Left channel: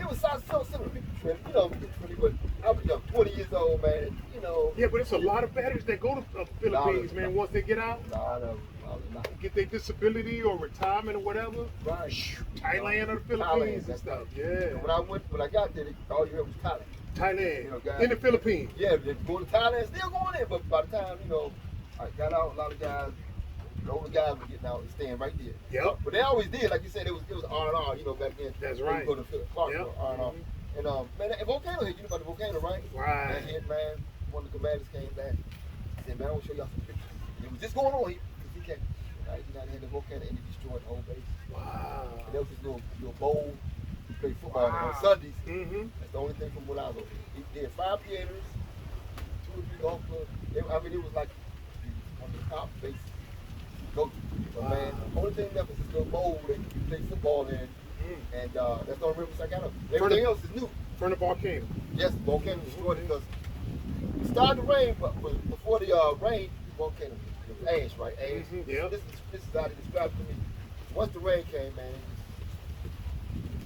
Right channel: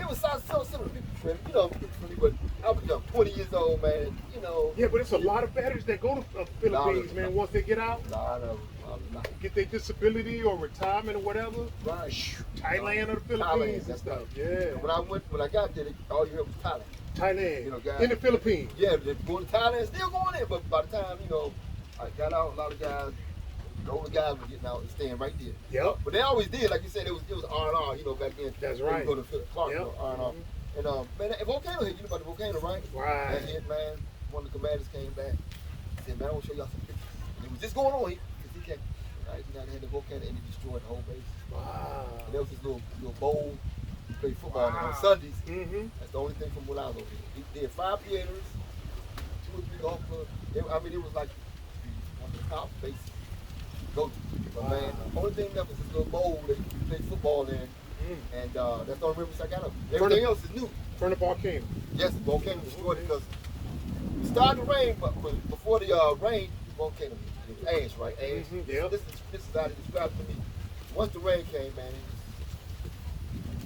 it was so similar. Man, you know, but I was 20 years old, man. You know. Yeah, but it's a lot of veterans that go to Philippines, man. Once they get out, get their disability or retirement or whatever. Right. Thailand or the Philippines and stuff. Yeah. When I got there, all you heard was Thailand. Thailand. You know, guys, in the Philippines. Yeah, they go to Thailand, still going in. But by the time I got out, a lot of guys. The older guys were getting out and staying right there. Yep. But they always did, like you said, it was R&R, back then. That's right. You go to Philip Clark, yep. R&R. And man, that volcano hit. You know about the volcano, right? Right. That hit, man. One of the commanders came back. He said, man, I want to show y'all some pictures. And it was just going on here. He came. Right? They had the volcano and it destroyed the whole base. Wow. And there was this little bowl. He played football on Sundays. Mm-hmm. That's the only thing from when I was over here. He did 5 theaters, 2 or 3 golf clubs. It was like the top base. Go to. But man, the only thing left is this little bowl that you play football in. And that's the only river I got of. Everything else is new. From the volcano. Yes, the volcano destroyed it because it started to rain, but before the rain, the volcano was ash, right? Ash. Mm-hmm. Yeah. This is how they described it to me. Once the rain came, man,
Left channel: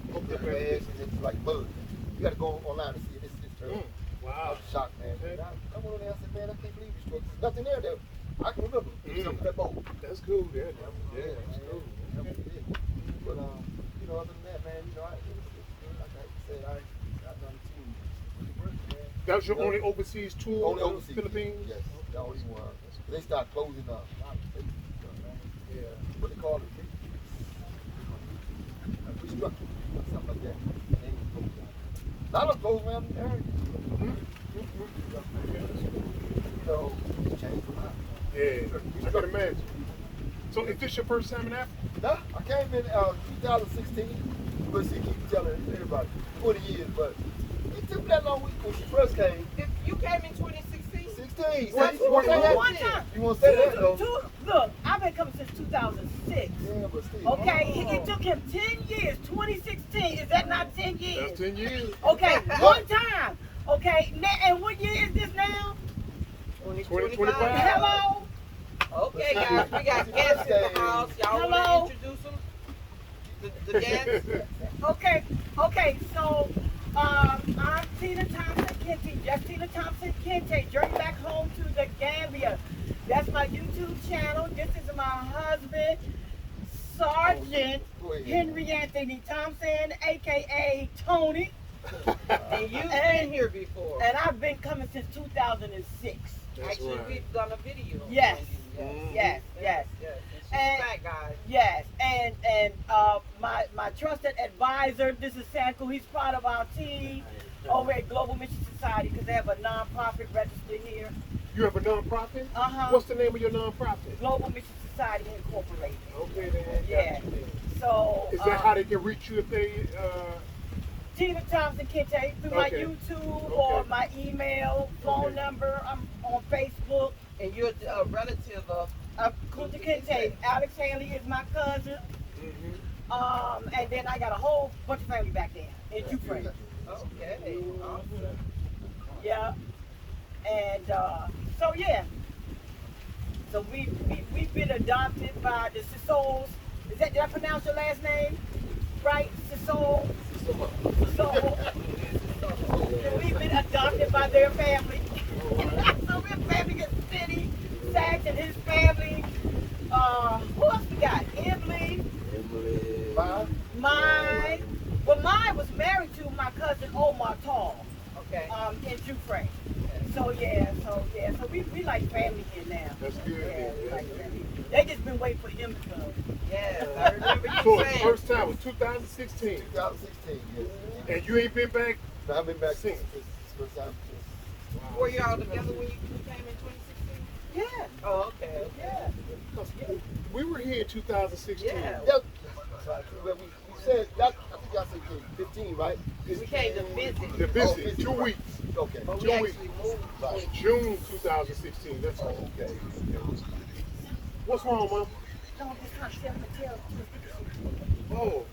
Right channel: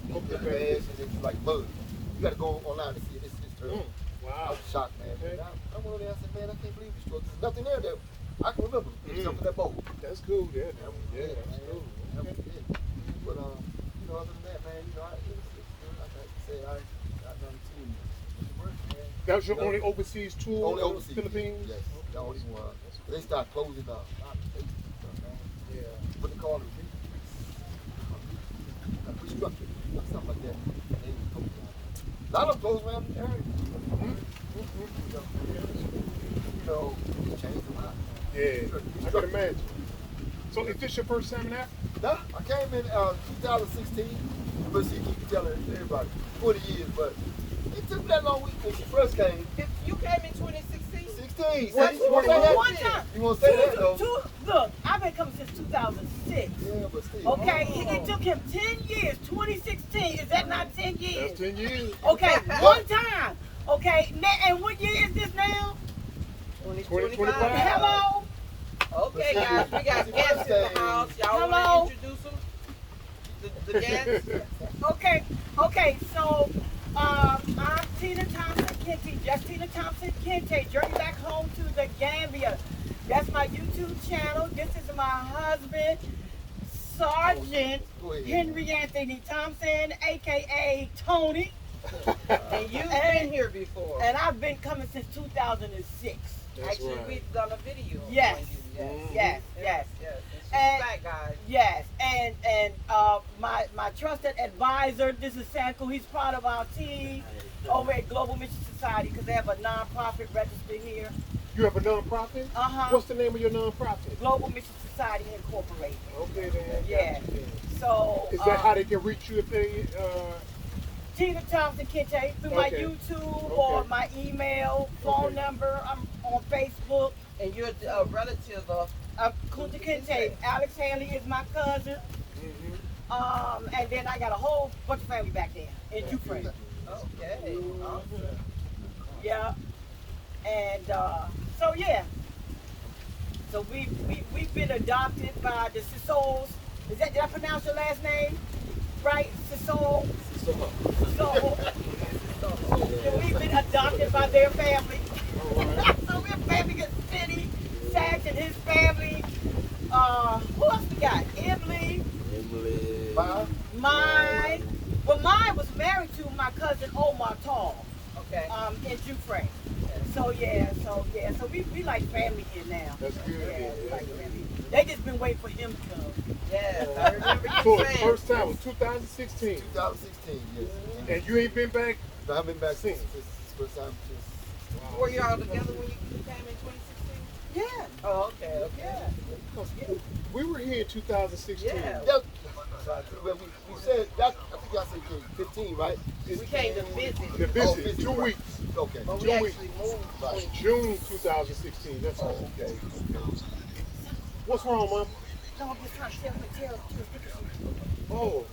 it was ash and it's like mud. You got to go online and see it. It's terrible. Wow. I was shocked, man. I went over there and said, man, I can't believe this truck. There's nothing there that I can remember. Jumping that boat. That's cool, yeah. Yeah, that's cool. But other than that, man, like I said, I've done 2 man. That was your only overseas tour? Only overseas. Philippines? Yes, the only one. They start closing up. Yeah. What they call it? Restructure. Something like that. A lot of them close around the country. They changed a lot. Yeah, I can imagine. So is this your first time in Africa? No, I came in 2016. But she keep telling everybody 20 years, but it took that long when she first came. You came in 2016? 16. That's one time. You want to say that though? Look, I've been coming since 2006. Yeah, but still. Okay, it took him 10 years. 2016, is that not 10 years? That's 10 years. Okay, one time. Okay, and what year is this now? 2025. Hello? Okay, guys, we got guests in the house. Y'all want to introduce them? The guests? Okay, so I'm Tina Thompson Kente, just Tina Thompson Kente, journey back home to the Gambia. That's my YouTube channel. This is my husband, Sergeant Henry Anthony Thompson, aka Tony. And you've been here before. And I've been coming since 2006. Actually, we've done a video. Yes. And she's back, guys. Yes, and my trusted advisor, this is Sanko. He's part of our team over at Global Mission Society because they have a non-profit registered here. You have a non-profit? What's the name of your non-profit? Global Mission Society Incorporated. Okay, then. Yeah. So is that how they can reach you if they? Tina Thompson Kente through my YouTube or my email, phone number. I'm on Facebook. And you're a relative of Kunta Kente. Alex Haley is my cousin. And then I got a whole bunch of family back there in Dufresne. Okay. Awesome. Yeah. And so we've been adopted by the Sissols. Did I pronounce your last name right? Sissol. So we've been adopted by their family. So we're family at City, Satch and his family. Who else we got? Emily. Mine was married to my cousin Omar Tall. Okay. In Dufresne. So we like family here now. That's good. Yeah, we like family. They just been waiting for him to come. Yeah, I remember you So the saying. first time was 2016. 2016, yes. And you ain't been back? I've been back since. First time. Were you all together when you came in 2016? Yeah. Oh, okay. Yeah. We were here in 2016. Yeah. Well, we said, I think y'all said 15, right? We came to visit. The visit, 2 weeks. Okay. But we 2 actually weeks. moved. June 2016, that's all. Okay. What's wrong, Mom? No, I'm just trying to tell Oh.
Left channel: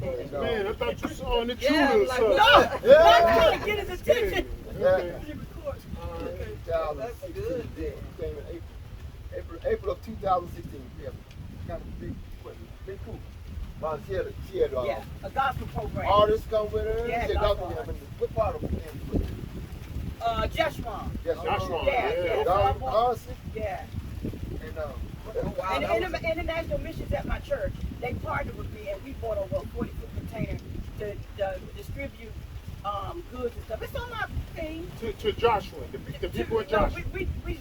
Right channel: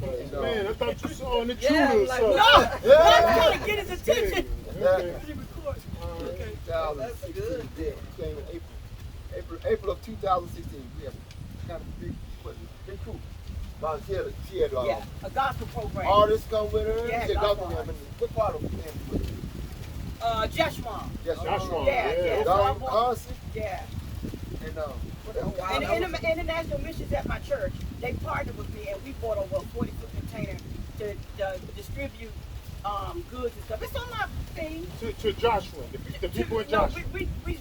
Man, I thought you saw an intruder Yeah, or like, something. No! I'm trying to get his attention. Okay. That's good. Yeah, we came in April of 2016. Yeah, kind of pretty cool. She had a gospel program. all this stuff with her. Yeah, She had gospel. What part of Kansas? Jeshurun. Jeshurun. Yeah. Yeah. And International Missions at my church, they partnered with me, and we bought over a 40-foot container to distribute goods and stuff. It's on my thing. To Joshua, the people in Joshua. No, we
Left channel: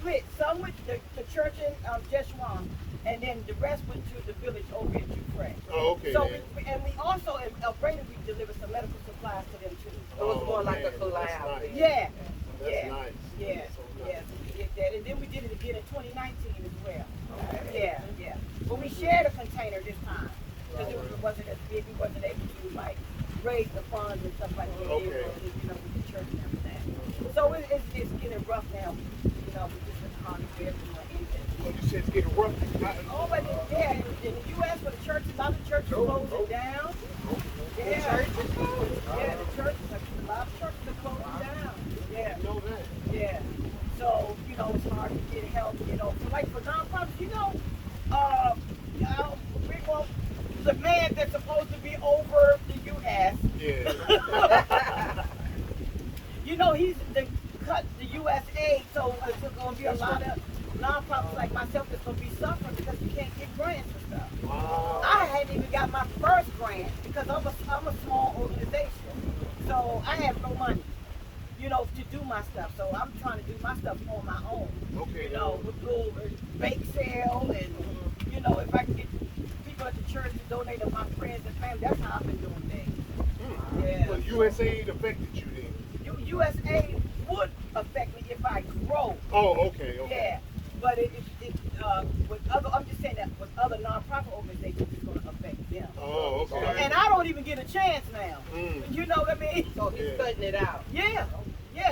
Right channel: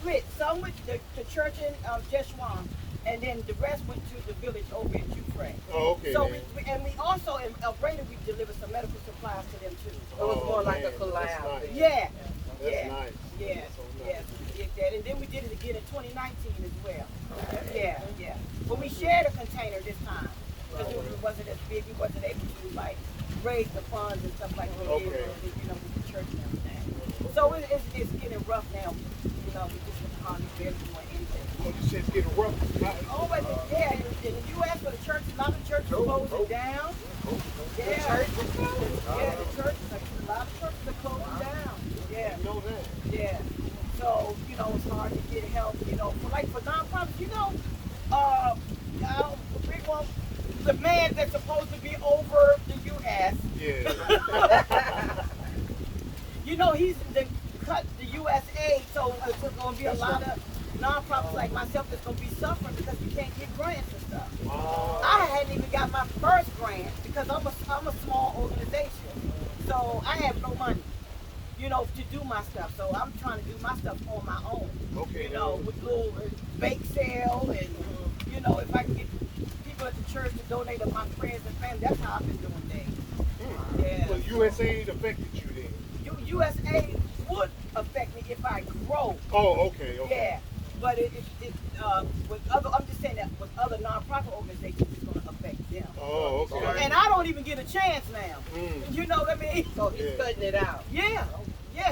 split. Some with the church in Jeshurun, and then the rest went to the village over in Ukraine. Oh, okay. So we also in El Breda, we delivered some medical supplies to them too. It was more like a collab. Nice. Yeah. That's nice. Yeah. We did that, and then we did it again in 2019 as well. Yeah. But we shared a container this time because it wasn't as big. It wasn't able to like raise the funds and stuff like that. Okay. With the church and everything. So it's getting rough now. We just everyone in there. You said it's getting rough. Oh, but in the U.S. for the church, a lot of churches closing down. Yeah. The church, a lot of churches are closing down. Yeah. You know that. Yeah. So, it's hard to get help, for nonprofits, the man that's supposed to be over the U.S. Yeah. He's cut the U.S. aid, so there's going to be a lot of nonprofits like myself that's going to be suffering because we can't get grants and stuff. Wow. I hadn't even got my first grant because I'm a small organization, so I have no money. To do my stuff. So I'm trying to do my stuff on my own. Okay. With little bake sale and, if I can get people at the church to donate to my friends and family, that's how I've been doing things. Yeah. So USAID affected you then? USA would affect me if I grow. Oh, okay. Yeah. But I'm just saying that with other nonprofit organizations, it's going to affect them. Oh, okay. And I don't even get a chance now. You know what I mean? So he's cutting it out. Yeah.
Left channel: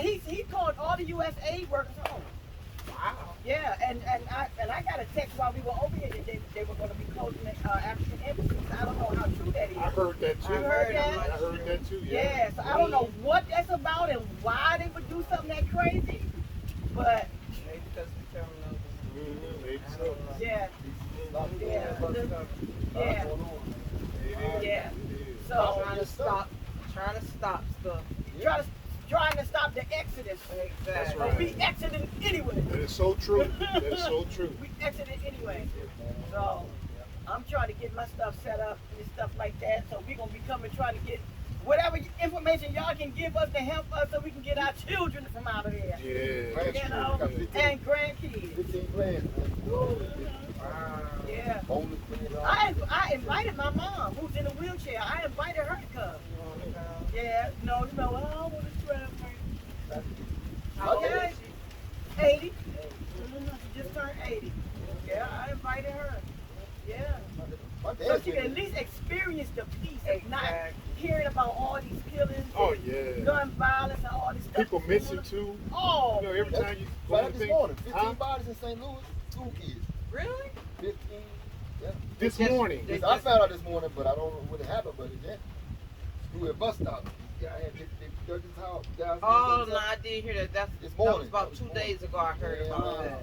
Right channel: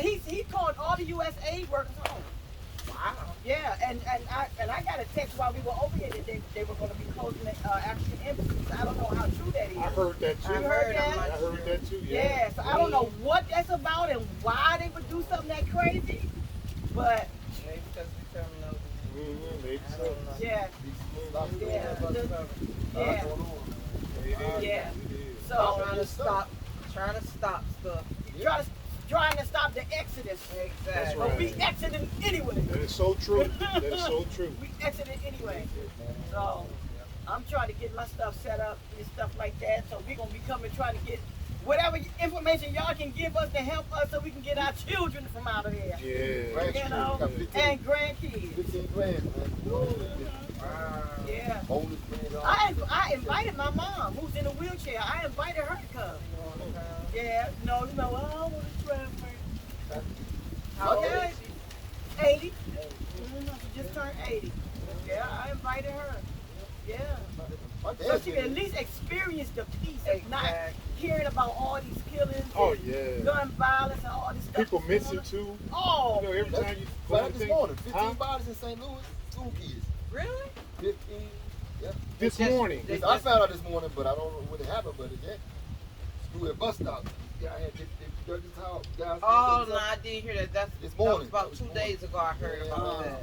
He called all the USAID workers home. Wow. Yeah, and I got a text while we were over here that they were going to be closing the African embassies. I don't know how true that is. I heard that too. You heard that? I heard that too. Yeah. So I don't know what that's about and why they would do something that crazy, but Maybe because the terminal. Maybe so. yeah. So Trying to stop stuff. trying to stop the exodus. That's But right. we exited anyway. That is so true. That is so true. We exited anyway. So I'm trying to get my stuff set up and stuff like that. So we're gonna be coming trying to get whatever information y'all can give us to help us so we can get our children from out of there. Yeah. And grandkids. 15 grand, Yeah. Bonus being I invited my mom, who's in a wheelchair. I invited her to come. Yeah, I don't want to travel. Okay. 80. She just turned 80. Yeah, I invited her. Yeah. So she can at least experience the peace of not hearing about all these killings, gun violence, and all this stuff. People missing too. Oh. Every time you But this morning, 15 bodies in St. Louis, school kids. Really? 15. Yeah. This morning. I found out this morning, but I don't know what happened. But yeah, school at bus stop. Yeah, I had Douglas House. Oh, no, I did hear that. That This was morning. about 2 days ago I heard about that.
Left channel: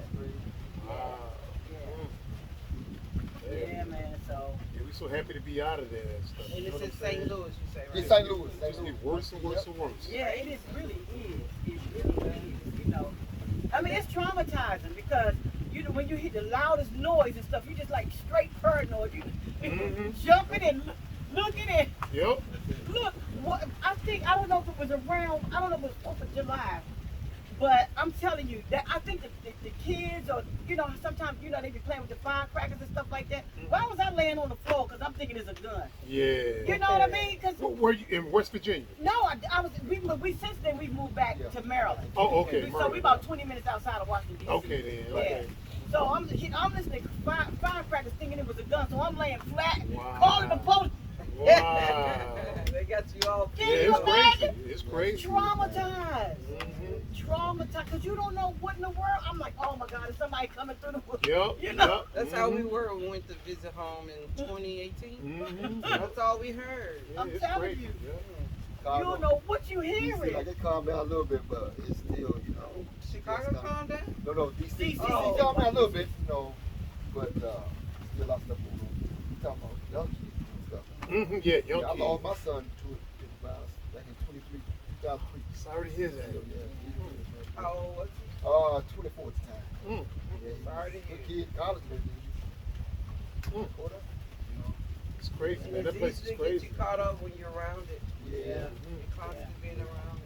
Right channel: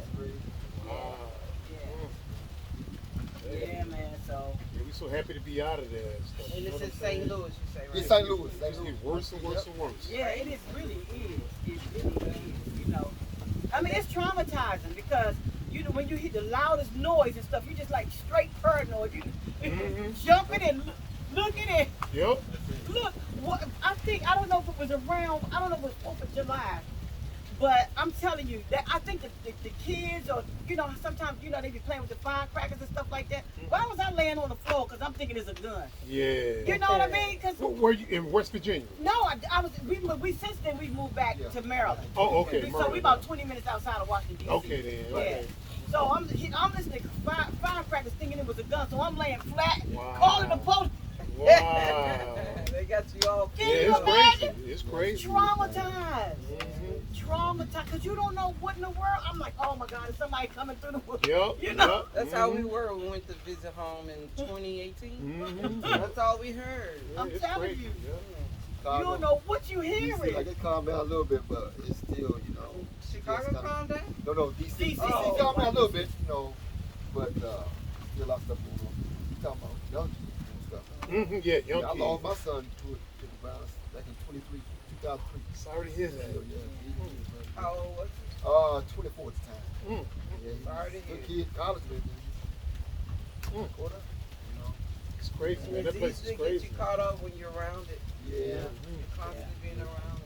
Yeah, man, so. Yeah, we so happy to be out of there. And it's in St. Louis, you say, right? It's St. Louis. It's getting worse and worse and worse. Yeah, it is really is. It really is, I mean, it's traumatizing because when you hear the loudest noise and stuff, you just like straight paranoid. You jumping and looking at. Yep. Look, I don't know if it was around, I don't know if it was 4th of July, but I'm telling you that I think the kids or, sometimes, they be playing with the firecrackers and stuff like that. Why was I laying on the floor? Because I'm thinking it's a gun. Yeah. You know what I mean? Were you in West Virginia? No, since then we moved back to Maryland. Oh, okay. So we about 20 minutes outside of Washington, D.C. Okay, then. Okay. Yeah. So I'm listening to firecrackers thinking it was a gun, so I'm laying flat, Wow. calling the police. Wow. They got you all. Can Yeah, you it's crazy. imagine? It's crazy. Traumatized. Traumatized, because you don't know what in the world. I'm like, oh my God, is somebody coming through the woods? Yep. That's how we were when we went to visit home in 2018. That's all we heard. I'm telling you. Chicago. You don't know what you hearing. Like it calmed down a little bit, but it's still, Chicago calmed down? No, DC. DC. DC calmed down a little bit, but still lots of stuff going on. You talking about young kids. Yeah, young I kid. lost my son to the violence back in 2003. Sorry to hear that. How old was you? 24 at the time. Sorry to Good hear. kid, college baby. It's crazy, man. That It's place easy is to get crazy. you caught up when you're around it. Yeah. Constantly being around it.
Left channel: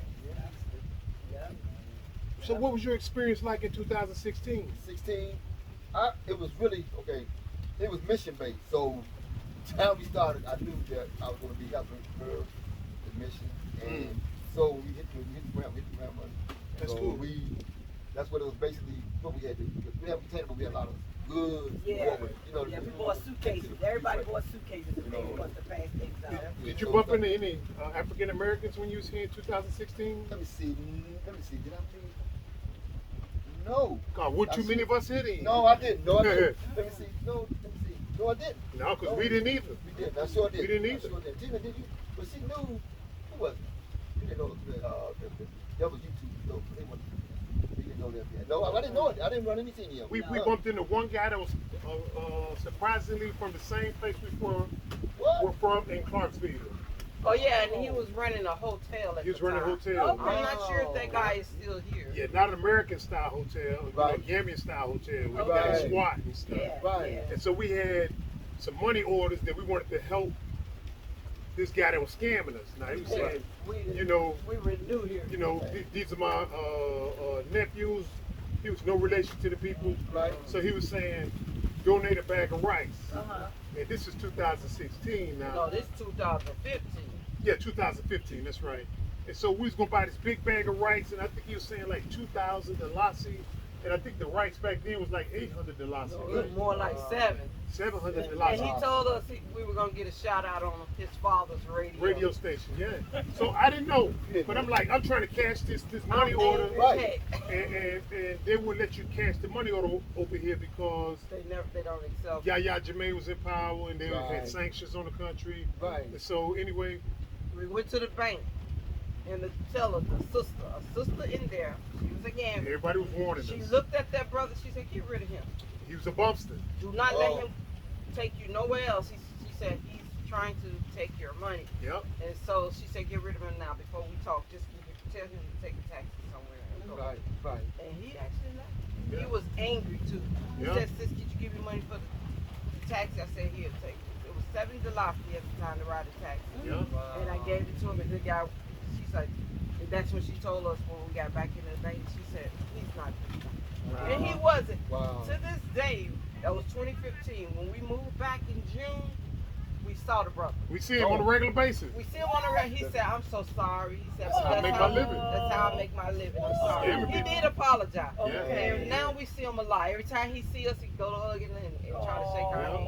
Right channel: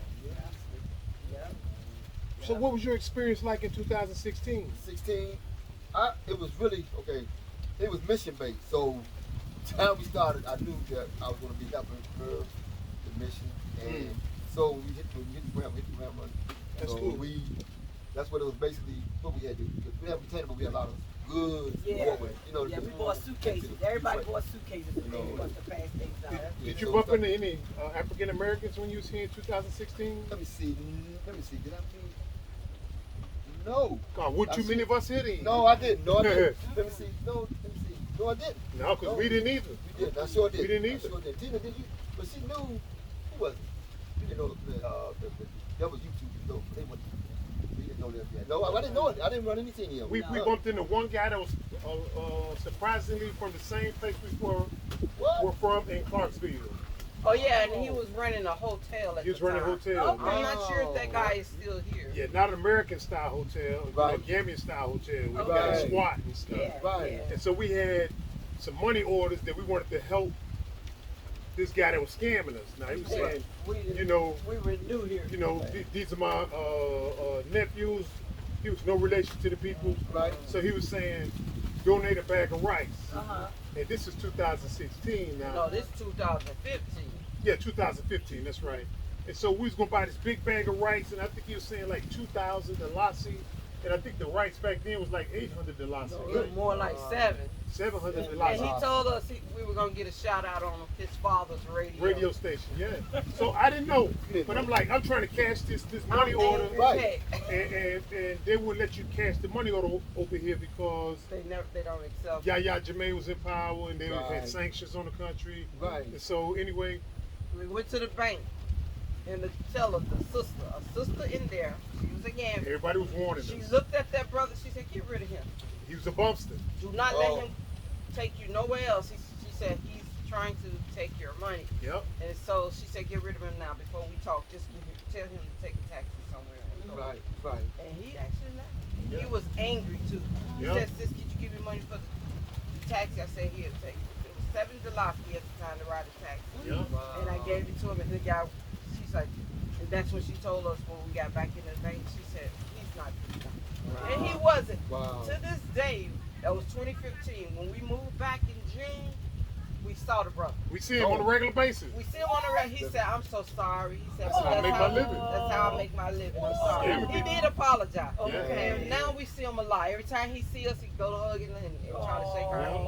So what was your experience like in 2016? 16, it was really, okay, it was mission based. So, the time we started, I knew that I was going to be helping her, the mission. And so, we hit the ground running. That's so cool. That's what it was basically, what we had to do. We had container, but we had a lot of goods. Yeah. You know, Yeah, we bought suitcases. Everybody bought suitcases when they want to pass things out. Did you bump into any African Americans when you was here in 2016? Let me see. Did I meet? No. God, weren't too many of us hitting? No, I didn't. No, I didn't. Let me see. No, I didn't. No, because we didn't either. We didn't. I sure did. We didn't either. I sure did. Tina, did you? But she knew who was it? We didn't know that was YouTube. So we didn't know that yet. No, I didn't know it. I didn't run anything yet. We bumped into one guy that was surprisingly from the same place we were from in Clarksville. Oh yeah, and he was running a hotel at He was the running a time. hotel. I'm not sure if that guy is still here. Yeah, not an American style hotel, Right. Gambian style hotel. We Right. got a SWAT and stuff. Yeah, Right. yeah. And so we had some money orders that we wanted to help this guy that was scamming us. Now he was saying, you know, We were new here. these are my nephews. He was no relation to the people. Right. So he was saying, donate a bag of rice. Uh-huh. And this is 2016 now. No, this is 2015. Yeah, 2015, that's right. And so we was gonna buy this big bag of rice, and I think he was saying like 2,000 dalasi, and I think the rice back then was like 800 dalasi. It was more like 7. 700 And dalasi. he told us we were gonna get a shout out on his father's Radio station, yeah. So I didn't know, but I'm like, I'm trying to cash this money order, Right. and they wouldn't let you cash the money order over here because They don't accept. Yahya Jammeh was in power, and they Right. had sanctions on the country. Right. And so anyway, We went to the bank, and the teller, a sister in there, she was a Gambian. everybody was warning She us. looked at that brother. She said, "Get rid of him. He was a bumpster. Do not let him take you nowhere else." She said, "He's trying to take your money." Yep. And so she said, "Get rid of him now before we talk. Just tell him to take a taxi somewhere." And so- Right. And he actually left. Yeah. He was angry too. He Yeah. said, "Sis, did you give me money for the taxi?" I said, "Here, take it." It was $7 at the time to ride a taxi. Yep. And I gave it to him, and the guy, she's like, and that's when she told us when we got back in the bank, she said, "He's not this guy." Wow. And he wasn't. Wow. To this day, that was 2015. When we moved back in June, we saw the brother. We see him on a regular basis. We see him on the road. He said, "I'm so sorry." He said, That's how I make my living. That's how I make my living. I'm sorry. Yeah. He did apologize. Yeah. And now we see him alive. Every time he see us, he go to hug and try to shake our hand.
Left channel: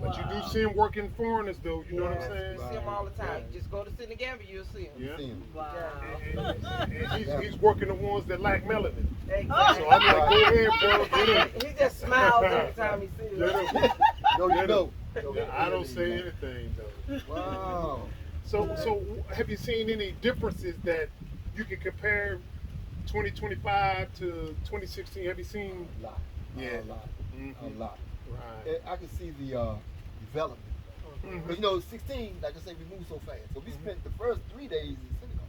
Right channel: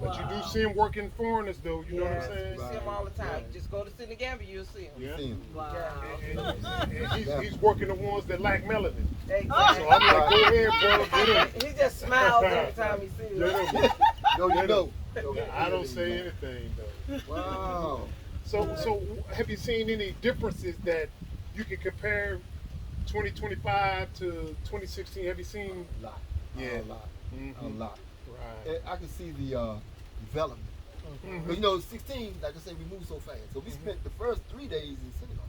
But you do see him working foreigners though, you know what I'm Yeah, saying? you see him all the time. Just go to Cynthia, Gambia, you'll see him. Yeah. Wow. And he's working the ones that lack melanin. Exactly. So I'm like, go ahead, bro, get him. He just smiles every time he sees Get us. him. No, you know. Yeah, I don't say anything though. Wow. So have you seen any differences that you can compare 2025 to 2016? Have you seen? A lot. Yeah. A lot. Mhm. A lot. Right. And I can see the development. Mhm. But you know, 16, like I said, we moved so fast. So we spent the first 3 days in Senegal.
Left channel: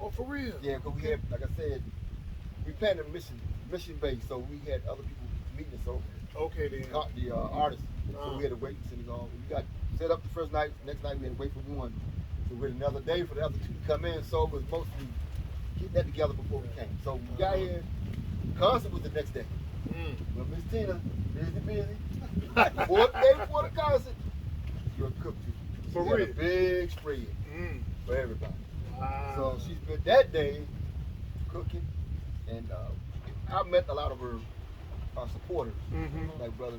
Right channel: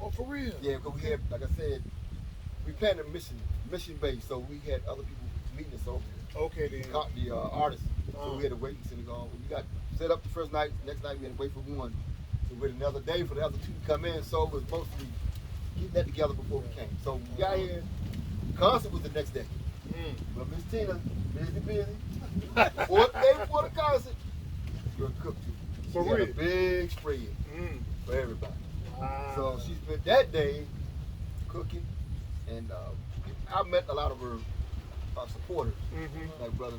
Oh, for real? Yeah, because we had, like I said, we planned a mission base, so we had other people meeting us over Okay then. the artists. So we had to wait in Senegal. We got set up the first night. Next night we had to wait for one. So we had another day for the other two to come in. So it was mostly getting that together before we came. So we got here. The concert was the next day. Mm. Well, Miss Tina, busy. 4 days before the concert, you're cooked too. She For got a real? big spread Mm. for everybody. Wow. So she spent that day cooking, and I met a lot of her supporters, Mhm. like brother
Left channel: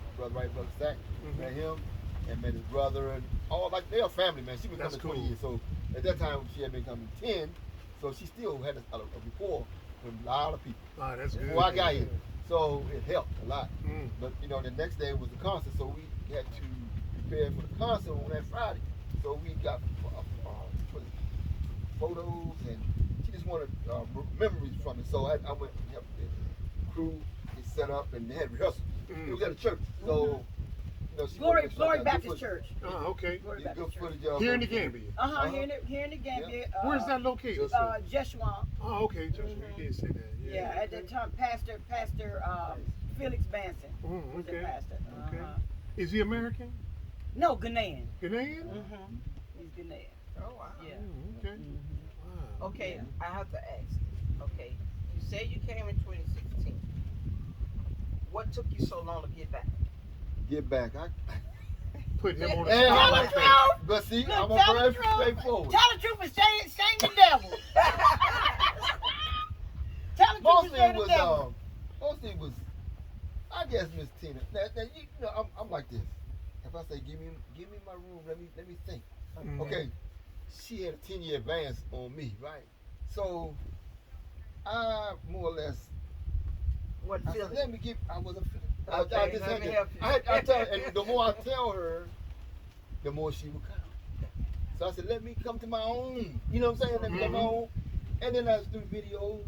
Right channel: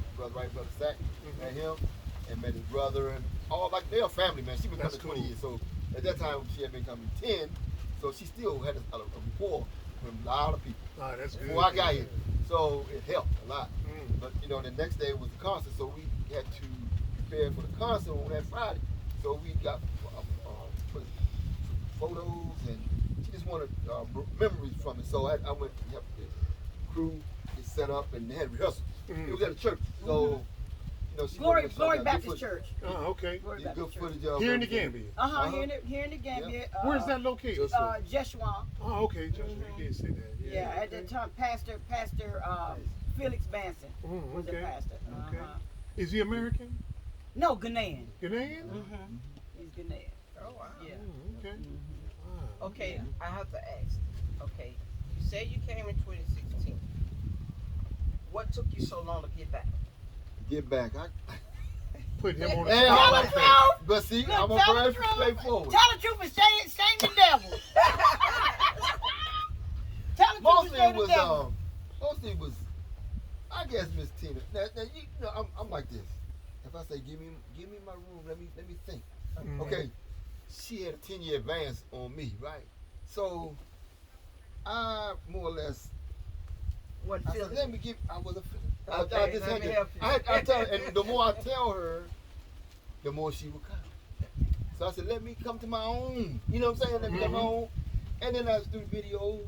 Sack, Mhm. met him, and met his brother, and all like they're a family, man. She been That's coming 20 cool. years, so at that time she had been coming 10, so she still had a rapport with a lot of people Ah, that's good. before I got here. So it helped a lot. Mm. But you know, the next day was the concert, so we had to prepare for the concert on that Friday. So we got photos, and she just wanted memories from it. So I went and helped the crew get set up, and they had rehearsal. Mm. It was at a church, so you she Glory got good Baptist footage. Church. Oh, okay. Glory Get good Baptist Church. footage of Here in her. the Gambia. Here in the Gambia. Where's that located? Jeshua. Oh, okay. Just, you did say that. Yeah, at the time, Pastor Felix Banson was the okay. pastor. Okay. Is he American? No, Ghanaian. Ghanaian? He's Ghanaian. Oh wow. Yeah. Okay. Wow. Okay, I have to ask. Okay, you said you came in 2016. What took you so long to get back? Get back. Put him on the And spot all like that that. stuff. But see, Look, I'm tell very the truth. straightforward. Tell the truth and shame the devil. Tell the truth Mostly and it shame the was, devil. mostly it was, I guess, Miss Tina. Now you know, I'm like this. If I say give me my room, let me think. Okay, she had a 10-year advance on me, right? So I more or less. What I said, feeling? let me give. I wasn't feeling. Okay, I just let had me to. help you. I tell, and the more I tell her, the more she would come. So I said, let me come to my own. You know what I'm saying? Let me come my own. And then as through videos,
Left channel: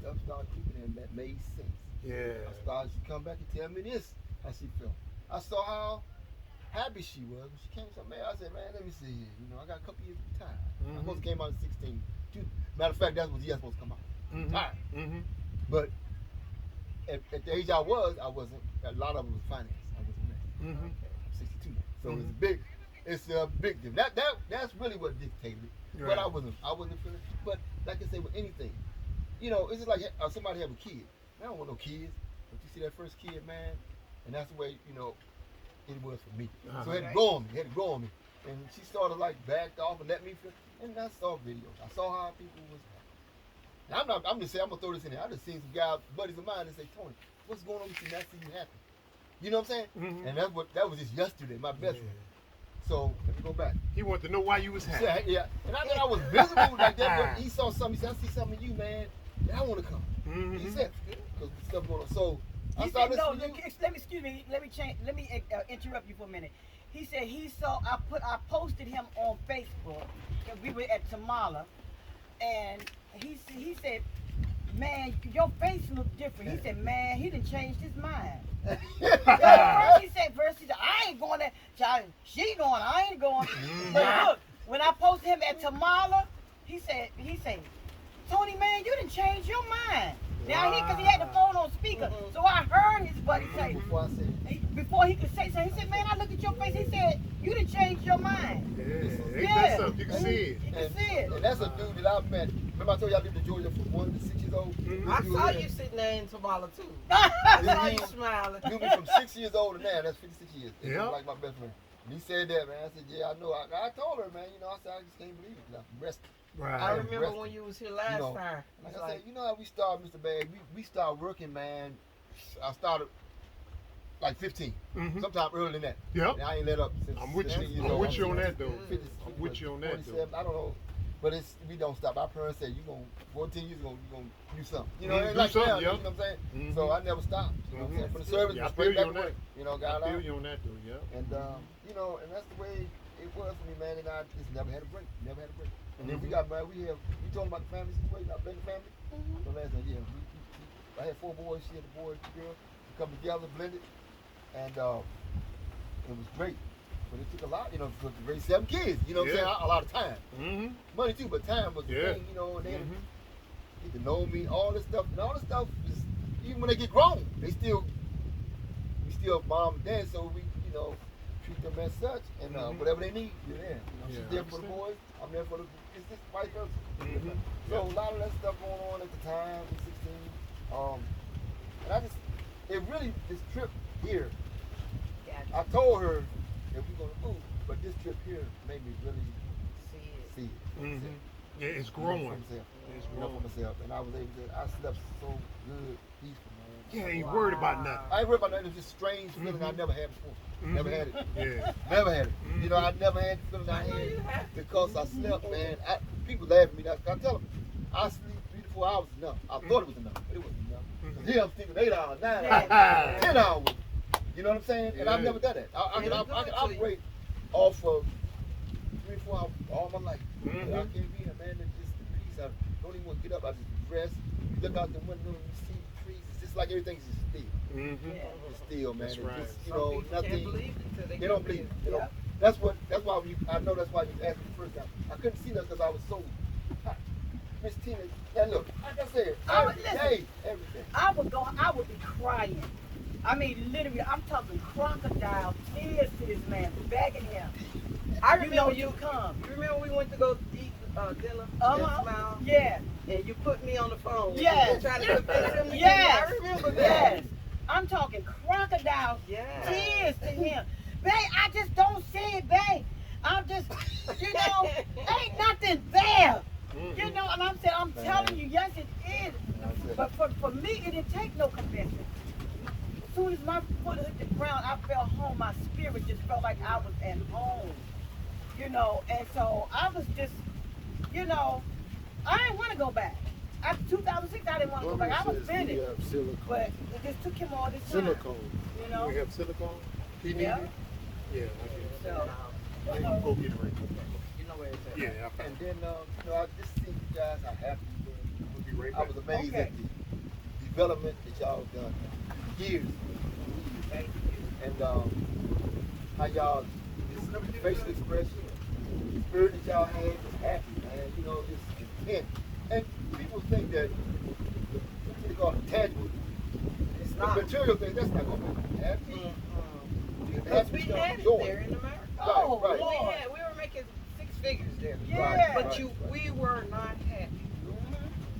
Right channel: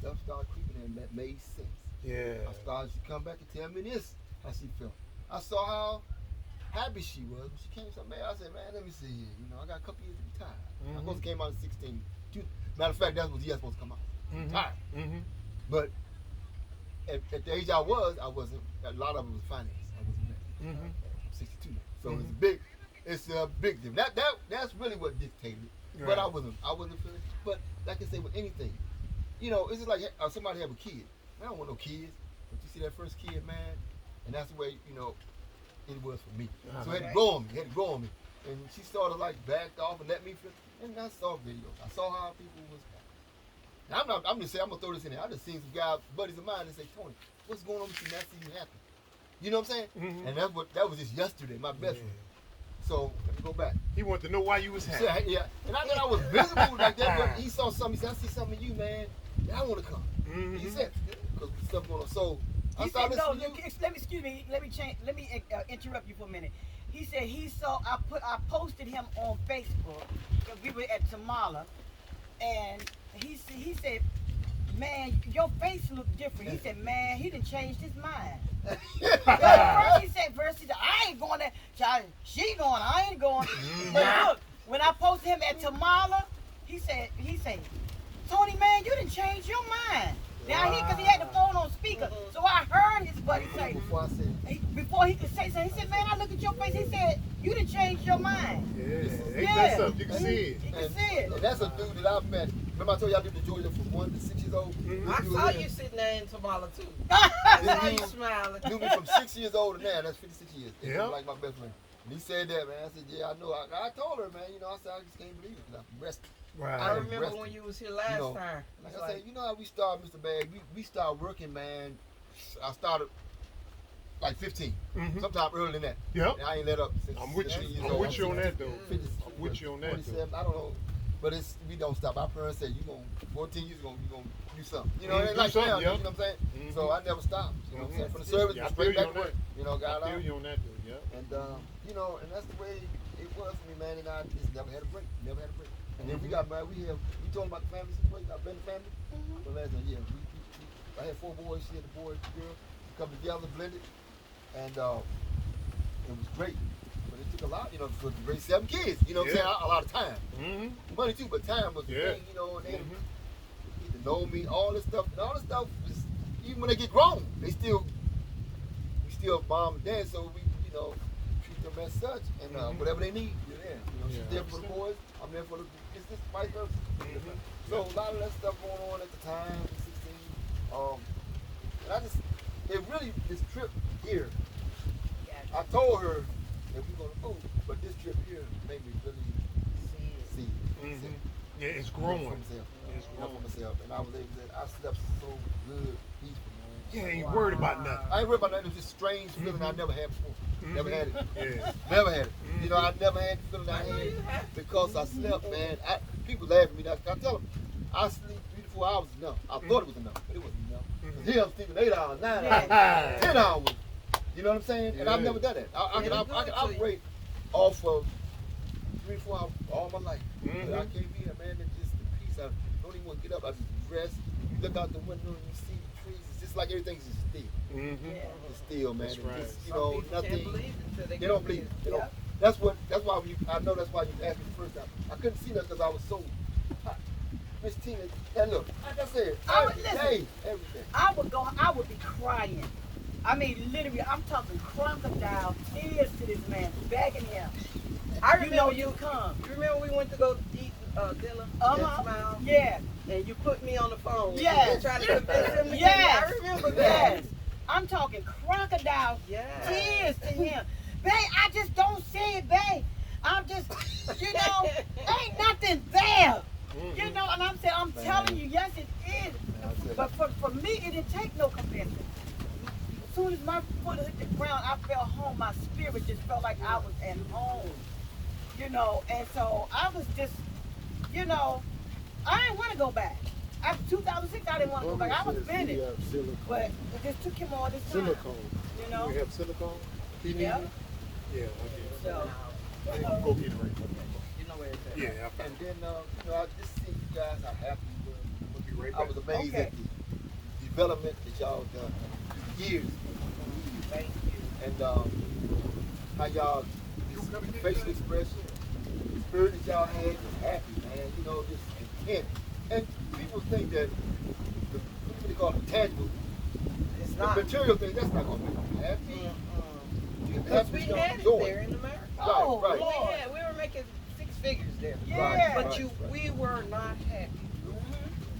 stuff started creeping in that made sense. Yeah. I started. She come back and tell me this. How she felt. I saw how happy she was when she came. So man, I said, man, let me see here. You know, I got a couple years to retire. I supposed to came out at 16. Matter of fact, that's what supposed to come out. Retire. But at the age I wasn't. A lot of it was finance. I wasn't there. I'm 62 now, so it's a big. It's a big deal. That's really what dictated. Right. But I wasn't feeling. But like I said, with anything, you know, it's just like somebody have a kid. I don't want no kids. But you see that first kid, man, and that's the way it was for me. So it had to grow on me. And she started like backed off and let me feel. And I saw videos. I saw how people was. Now, I'm just saying, I'm gonna throw this in there. I just seen some guys, buddies of mine, and say, Tony, what's going on with you? Not seeing you happy. You know what I'm saying? And that was just yesterday, my best friend. So let me go back. He wanted to know why you was happy. Yeah. And I thought I was visible like that, but he saw something. He said, I see something in you, man. Yeah, I want to come. He said, because stuff going on. So I He started said, no, listening. excuse me, let me interrupt you for a minute. He said he saw, I posted him on Facebook, because we were at Tamala, and he said, man, your face look different. He said, man, he done changed his mind. First he said, I ain't going there. She going, I ain't going. But look, when I posted him at Tamala, he said, Tony, man, you done changed your mind. Now because he had the phone on speaker, so I heard his buddy say, before he could say something, he said, man, I look at your face, he said, you done changed your mind. That's up. You can see it. You can see it. And that's a dude that I met. Remember I told you I did the Georgia from 1 to 6 years old? I saw you sitting there in Tamala too. I saw you smiling. Knew me from 6 years old to now. That's 56 years. He Yeah. was like my best friend. And he said that, man. I said, yeah, I know. I told her, man, I said, I just can't believe it. Like, rest. Right. I remember when you was here last time. Like I said, you know how we started, Mr. Bag? We started working, man. I started like 15. Sometime earlier than that. Yep. And I ain't let up since I'm with 16 years you. I'm old. with you on that though. 50, I'm with you on that 27, though. I don't know. But we don't stop. Our parents say, 14 years, you're going to do something. You know, Do it's like something, now, yeah. you know what I'm saying? So I never stopped. You know what I'm saying? For the service, Yeah, I straight feel you back on to work. that. You know, got I feel out. you on that though. Yeah. And, and that's the way it was for me, man. And I just never had a break. Never had a break. And then we got married. We talking about the family situation, our blended family. The last one, yeah. I had 4 boys. She had a boy, 2 girls. We come together, blended. And it was great. But it took a lot, to raise 7 kids. You know what I'm saying? A lot of time. Money too, but time was the thing, and they get to know me, all this stuff. And all this stuff is, even when they get grown, we still mom and dad, so we, treat them as such. And whatever they need, we're there. She's there for the boys, I'm there for the business, vice versa. So a lot of that stuff going on at the time, I was 16. And this trip here, I told her that we're going to move, but this trip here made me really see it. Yeah, it's growing. It's growing for myself. And I was able to, I slept so good, peaceful, man. Yeah, ain't worried about nothing. I ain't worried about nothing. It was just a strange feeling I never had before. Never had it. Yeah. Never had it. I never had the feeling I had because I slept, man. People laugh at me. I tell them, I sleep 3 to 4 hours is enough. I thought it was enough, but it wasn't enough. Because here I'm sleeping 8 hours, 9 hours, 10 hours. You know what I'm saying? And I've never done that. I can operate off of 3 to 4 hours all my life. But I can't be a man that just peace. I don't even want to get up. I just dress, look out the window, and you see the trees. It's just like everything's just still. It's still, man. That's and right. just, Some people nothing. can't believe it until They don't believe it. They don't. That's why I know that's why you asked me the first time. I couldn't see that because I was so Miss Tina, and look, like I said, everything. I would be crying. I mean, literally, I'm talking crocodile tears to this man, begging him. I remember you come. You remember we went to go eat dinner at Smile? Yeah. And you put me on the phone. Yes. Trying to convince him. Yes. I remember that. Yes. I'm talking crocodile tears to him. Babe, I just don't see it, babe. I'm just, ain't nothing there. You know, and I'm telling you, yes, it is. But for me, it didn't take no convincing. As soon as my foot hit the ground, I felt home. My spirit just felt like I was at home. You know, and so I was just, I didn't want to go back. After 2006, I didn't want to go back. I was finished. But it just took him all this time. Silicone. You have silicone? Yeah. Yeah, I do. So, Go get it right now. You know where it's at. Yeah, I found And then, I just see you guys how happy you were. We'll be right I back. was amazed at the development that y'all done. Years. And how y'all facial expression, the spirit that y'all had was happy, man. Just intent. And people think that what they call intangible, It's the not. material thing, that's not going to be happy. Because we had it there in America. Oh, right. Lord. We were making 6 figures there. Yeah. But we were not happy.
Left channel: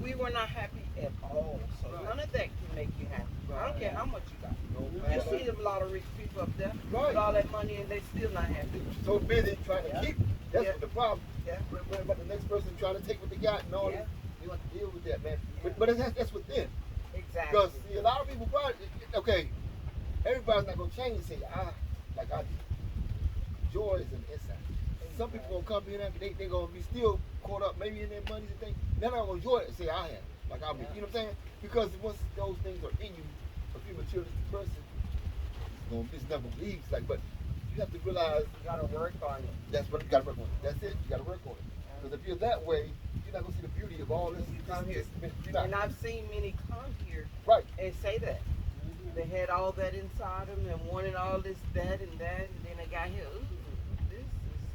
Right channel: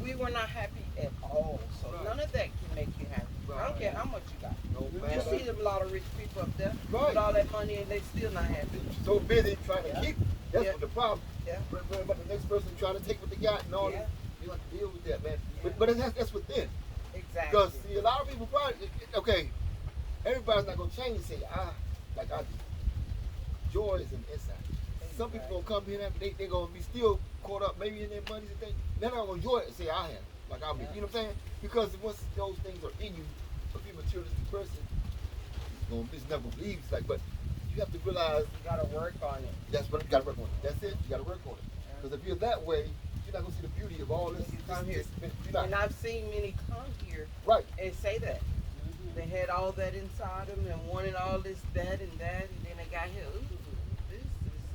We were not happy at all. So none of that can make you happy. I don't care how much you got. No, You man. see a lot of rich people up there Right. with all that money and they still not happy. So busy trying to keep it. That's what the problem. Yeah. But the next person trying to take what they got and all Yeah. this. You have to deal with that, man. But that's within. Exactly. Because see, a lot of people probably everybody's not gonna change and say, like I did. Joy is an inside. Some people gonna come in after they gonna be still caught up maybe in their money and things. They're not gonna enjoy it and say I have it. Like I would. You know what I'm saying? Because once those things are in you, if you're a materialistic person, it's never gonna leave. It's like, but you have to realize You gotta work on it. that's what you gotta work on it. That's it. You gotta work on it. Because if you're that way, you're not gonna see the beauty of all this. You come here. You're not. And I've seen many come here Right. and say that. They had all that inside them and wanted all this, that, and then they got here. Ooh, this is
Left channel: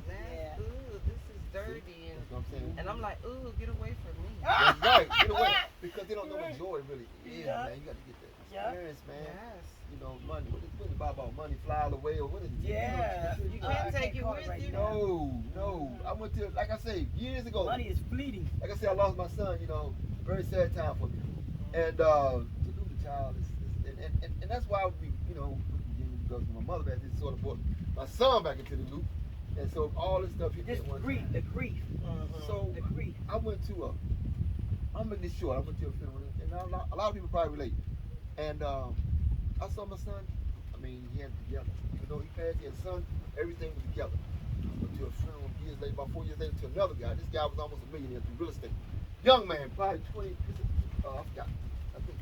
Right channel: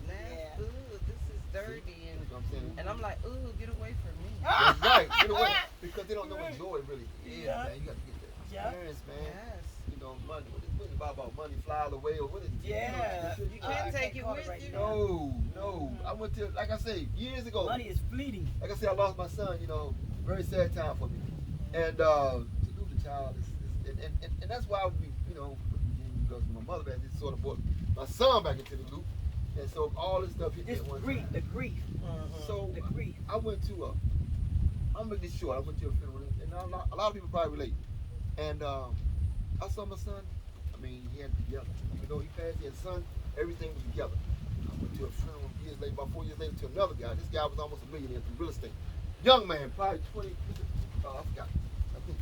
nasty. Yeah. Ooh, this is dirty. That's what I'm saying. And I'm like, ooh, get away from me. That's right. Get away. Because they don't know what joy really is, Yeah. man. You gotta get that Yeah. experience, man. Yes. Money. What is it about money fly away or what is it? Yeah. You can't take it with you. No. I went to, like I say, years ago. Money is fleeting. Like I said, I lost my son, very sad time for me. And to lose a child and that's why we, because my mother had this sort of brought my son back into the loop. And so all this stuff hit me This at one grief, time. the grief. So The grief. I went to I'm making this short. I went to a funeral, and a lot of people probably relate. And I saw my son. I mean, he had it together. He passed. He had a son. Everything was together. I went to a funeral years later, about 4 years later, to another guy. This guy was almost a millionaire through real estate. Young man, probably 20. I forgot. I think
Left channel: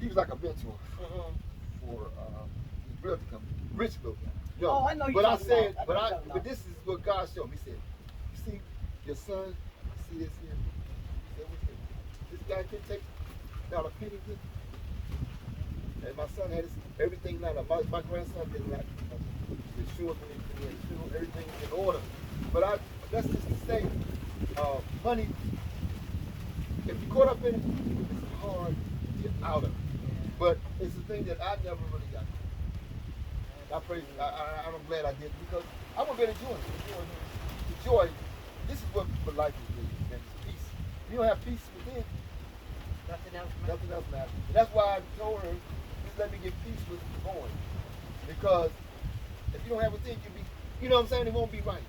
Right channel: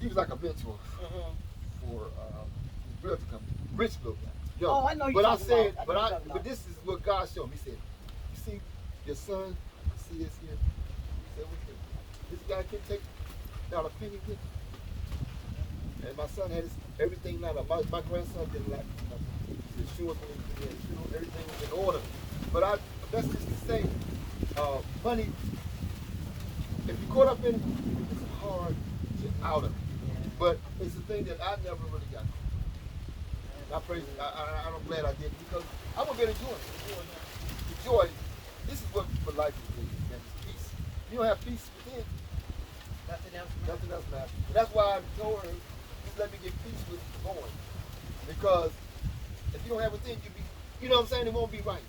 he was like a mentor for his realty company. Rich little guy. Young. Oh, I know you're But I talking said, about. but this is what God showed me. He said, you see your son, see this here. He said, this guy can take not a penny with him. And my son had everything like my grandson didn't like the insurance, everything was in order. But that's just to say, money, if you're caught up in it, it's hard to get out of it. But it's a thing that I never really got. And I praise it. I'm glad I did because I'm gonna get enjoy it. The joy, this is what life is really, man. It's peace. You don't have peace within, Nothing else. nothing else matters. And that's why I told her, just let me get peace with the going. Because if you don't have within, you know what I'm saying, it won't be right.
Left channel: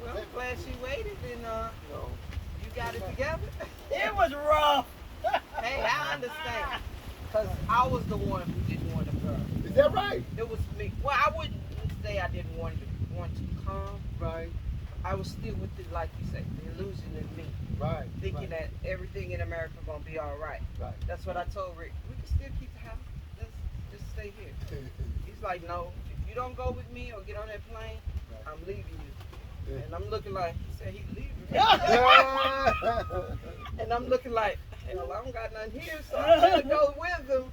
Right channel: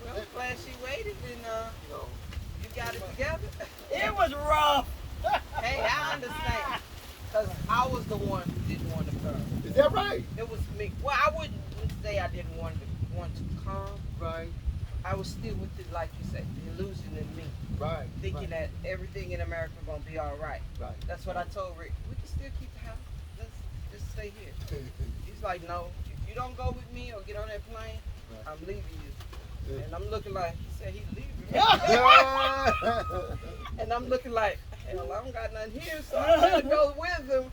Well, I'm glad she waited and No. you got it together. It was rough. Hey, I understand. Because I was the one who didn't want to come. Is that right? It was me. Well, I wouldn't say I didn't want to come. Right. I was still with it, like you said, the illusion in me. Right. Thinking that everything in America going to be all right. Right. That's what I told Rick. We can still keep the house. Let's just stay here. He's like, no, if you don't go with me or get on that plane, I'm leaving you. And I'm looking like, he said he's leaving. And I'm looking like, hell, I don't got nothing here, so I had to go with him.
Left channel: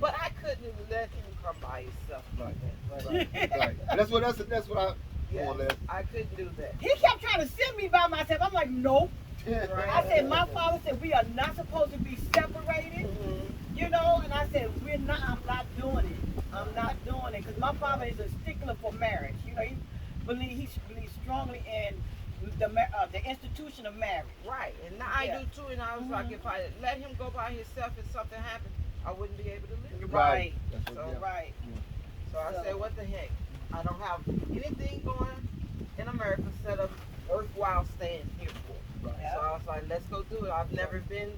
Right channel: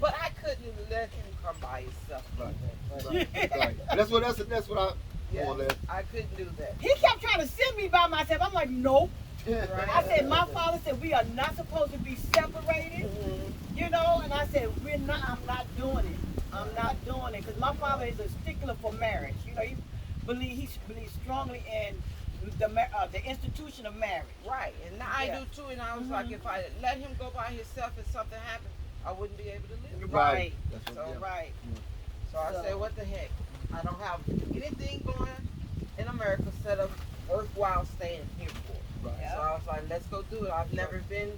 But I couldn't let him come by himself like that. But, Right. That's what I yeah, more or less. I couldn't do that. He kept trying to send me by myself. I'm like, nope. Yeah. I said, my father said we are not supposed to be separated, you know, and I said, I'm not doing it. I'm not doing it. Because my father is a stickler for marriage. You know, he believes strongly in the institution of marriage. Right, and now I do too. And I was like, if I let him go by himself and something happened, I wouldn't be able to live. Right. That's what, So, yeah. right. So I said, what the heck? I don't have anything going in America set up worthwhile staying here for. Right. Yeah. So I was like, let's go do it. I've never been.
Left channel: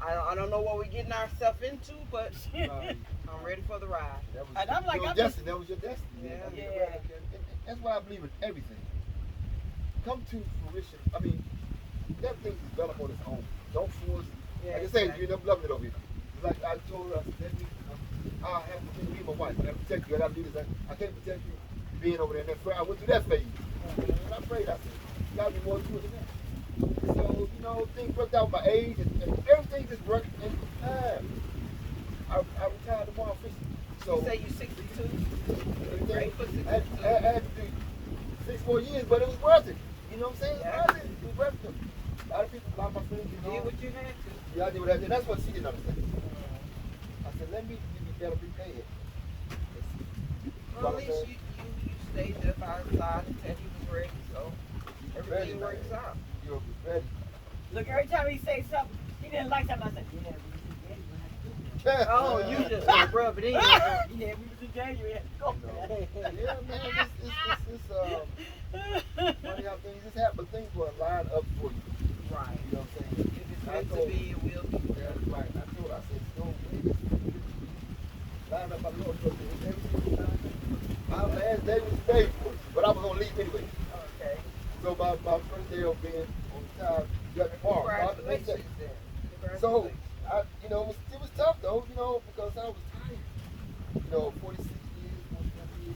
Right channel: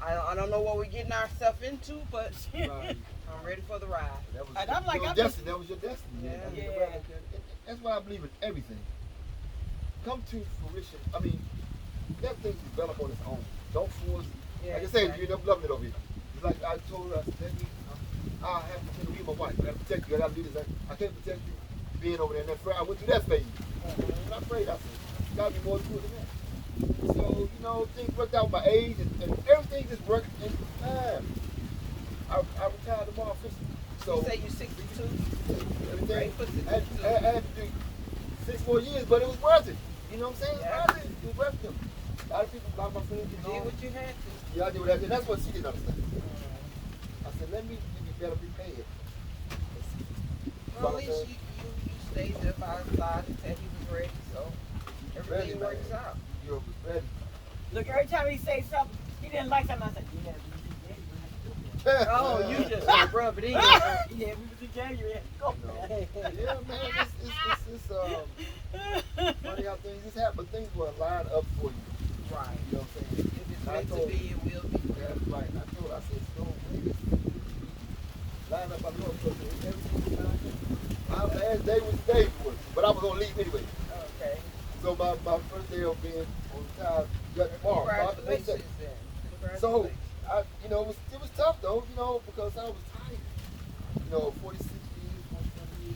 I don't know what we're getting ourselves into, but Right. I'm ready for the ride. That was, And I'm like, your I'm destiny. That was your destiny. Yeah. I mean, Yeah. That's why I believe in everything. Come to fruition. I mean, let things develop on its own. Don't force. Yeah, Like I say, exactly. you never loved it over here. It's like I told her, I said, baby, I have to be my wife. I have to protect you. I got to do this. I can't protect you being over there. And then I went through that phase. And I prayed. I said, got to be more to it than that. So, you know, things worked out with my age and everything just worked in time. I retired tomorrow officially. So, You say you're 62? everything, Great for 62. I had to do 6 more years, but it was worth it. You know what I'm saying? Yeah. It was worth it. It was worth it. A lot of people, a lot of my friends, You did what you had to. yeah, I did what I did. That's what she didn't understand. I said, let me give you better prepared. Well, at least you stayed there by his side until he was ready, so everything works out. You're ready. Look, every time he say something, he didn't like something, I said, yeah, Oh, you just gonna rub it in. yeah, we was together, you had to go. Yeah, man, it's funny how things just happen, but things will line up for you. Right. You know what I'm saying? If it's meant to be, it will be. That's right. I told her, I said, go line up, I know it's going to be. My last day was the day, but I was going to leave anyway. Okay. So my first day of being on time, got tomorrow. Congratulations then. So, it was tough though, because I was tired. 46 years, 47 years.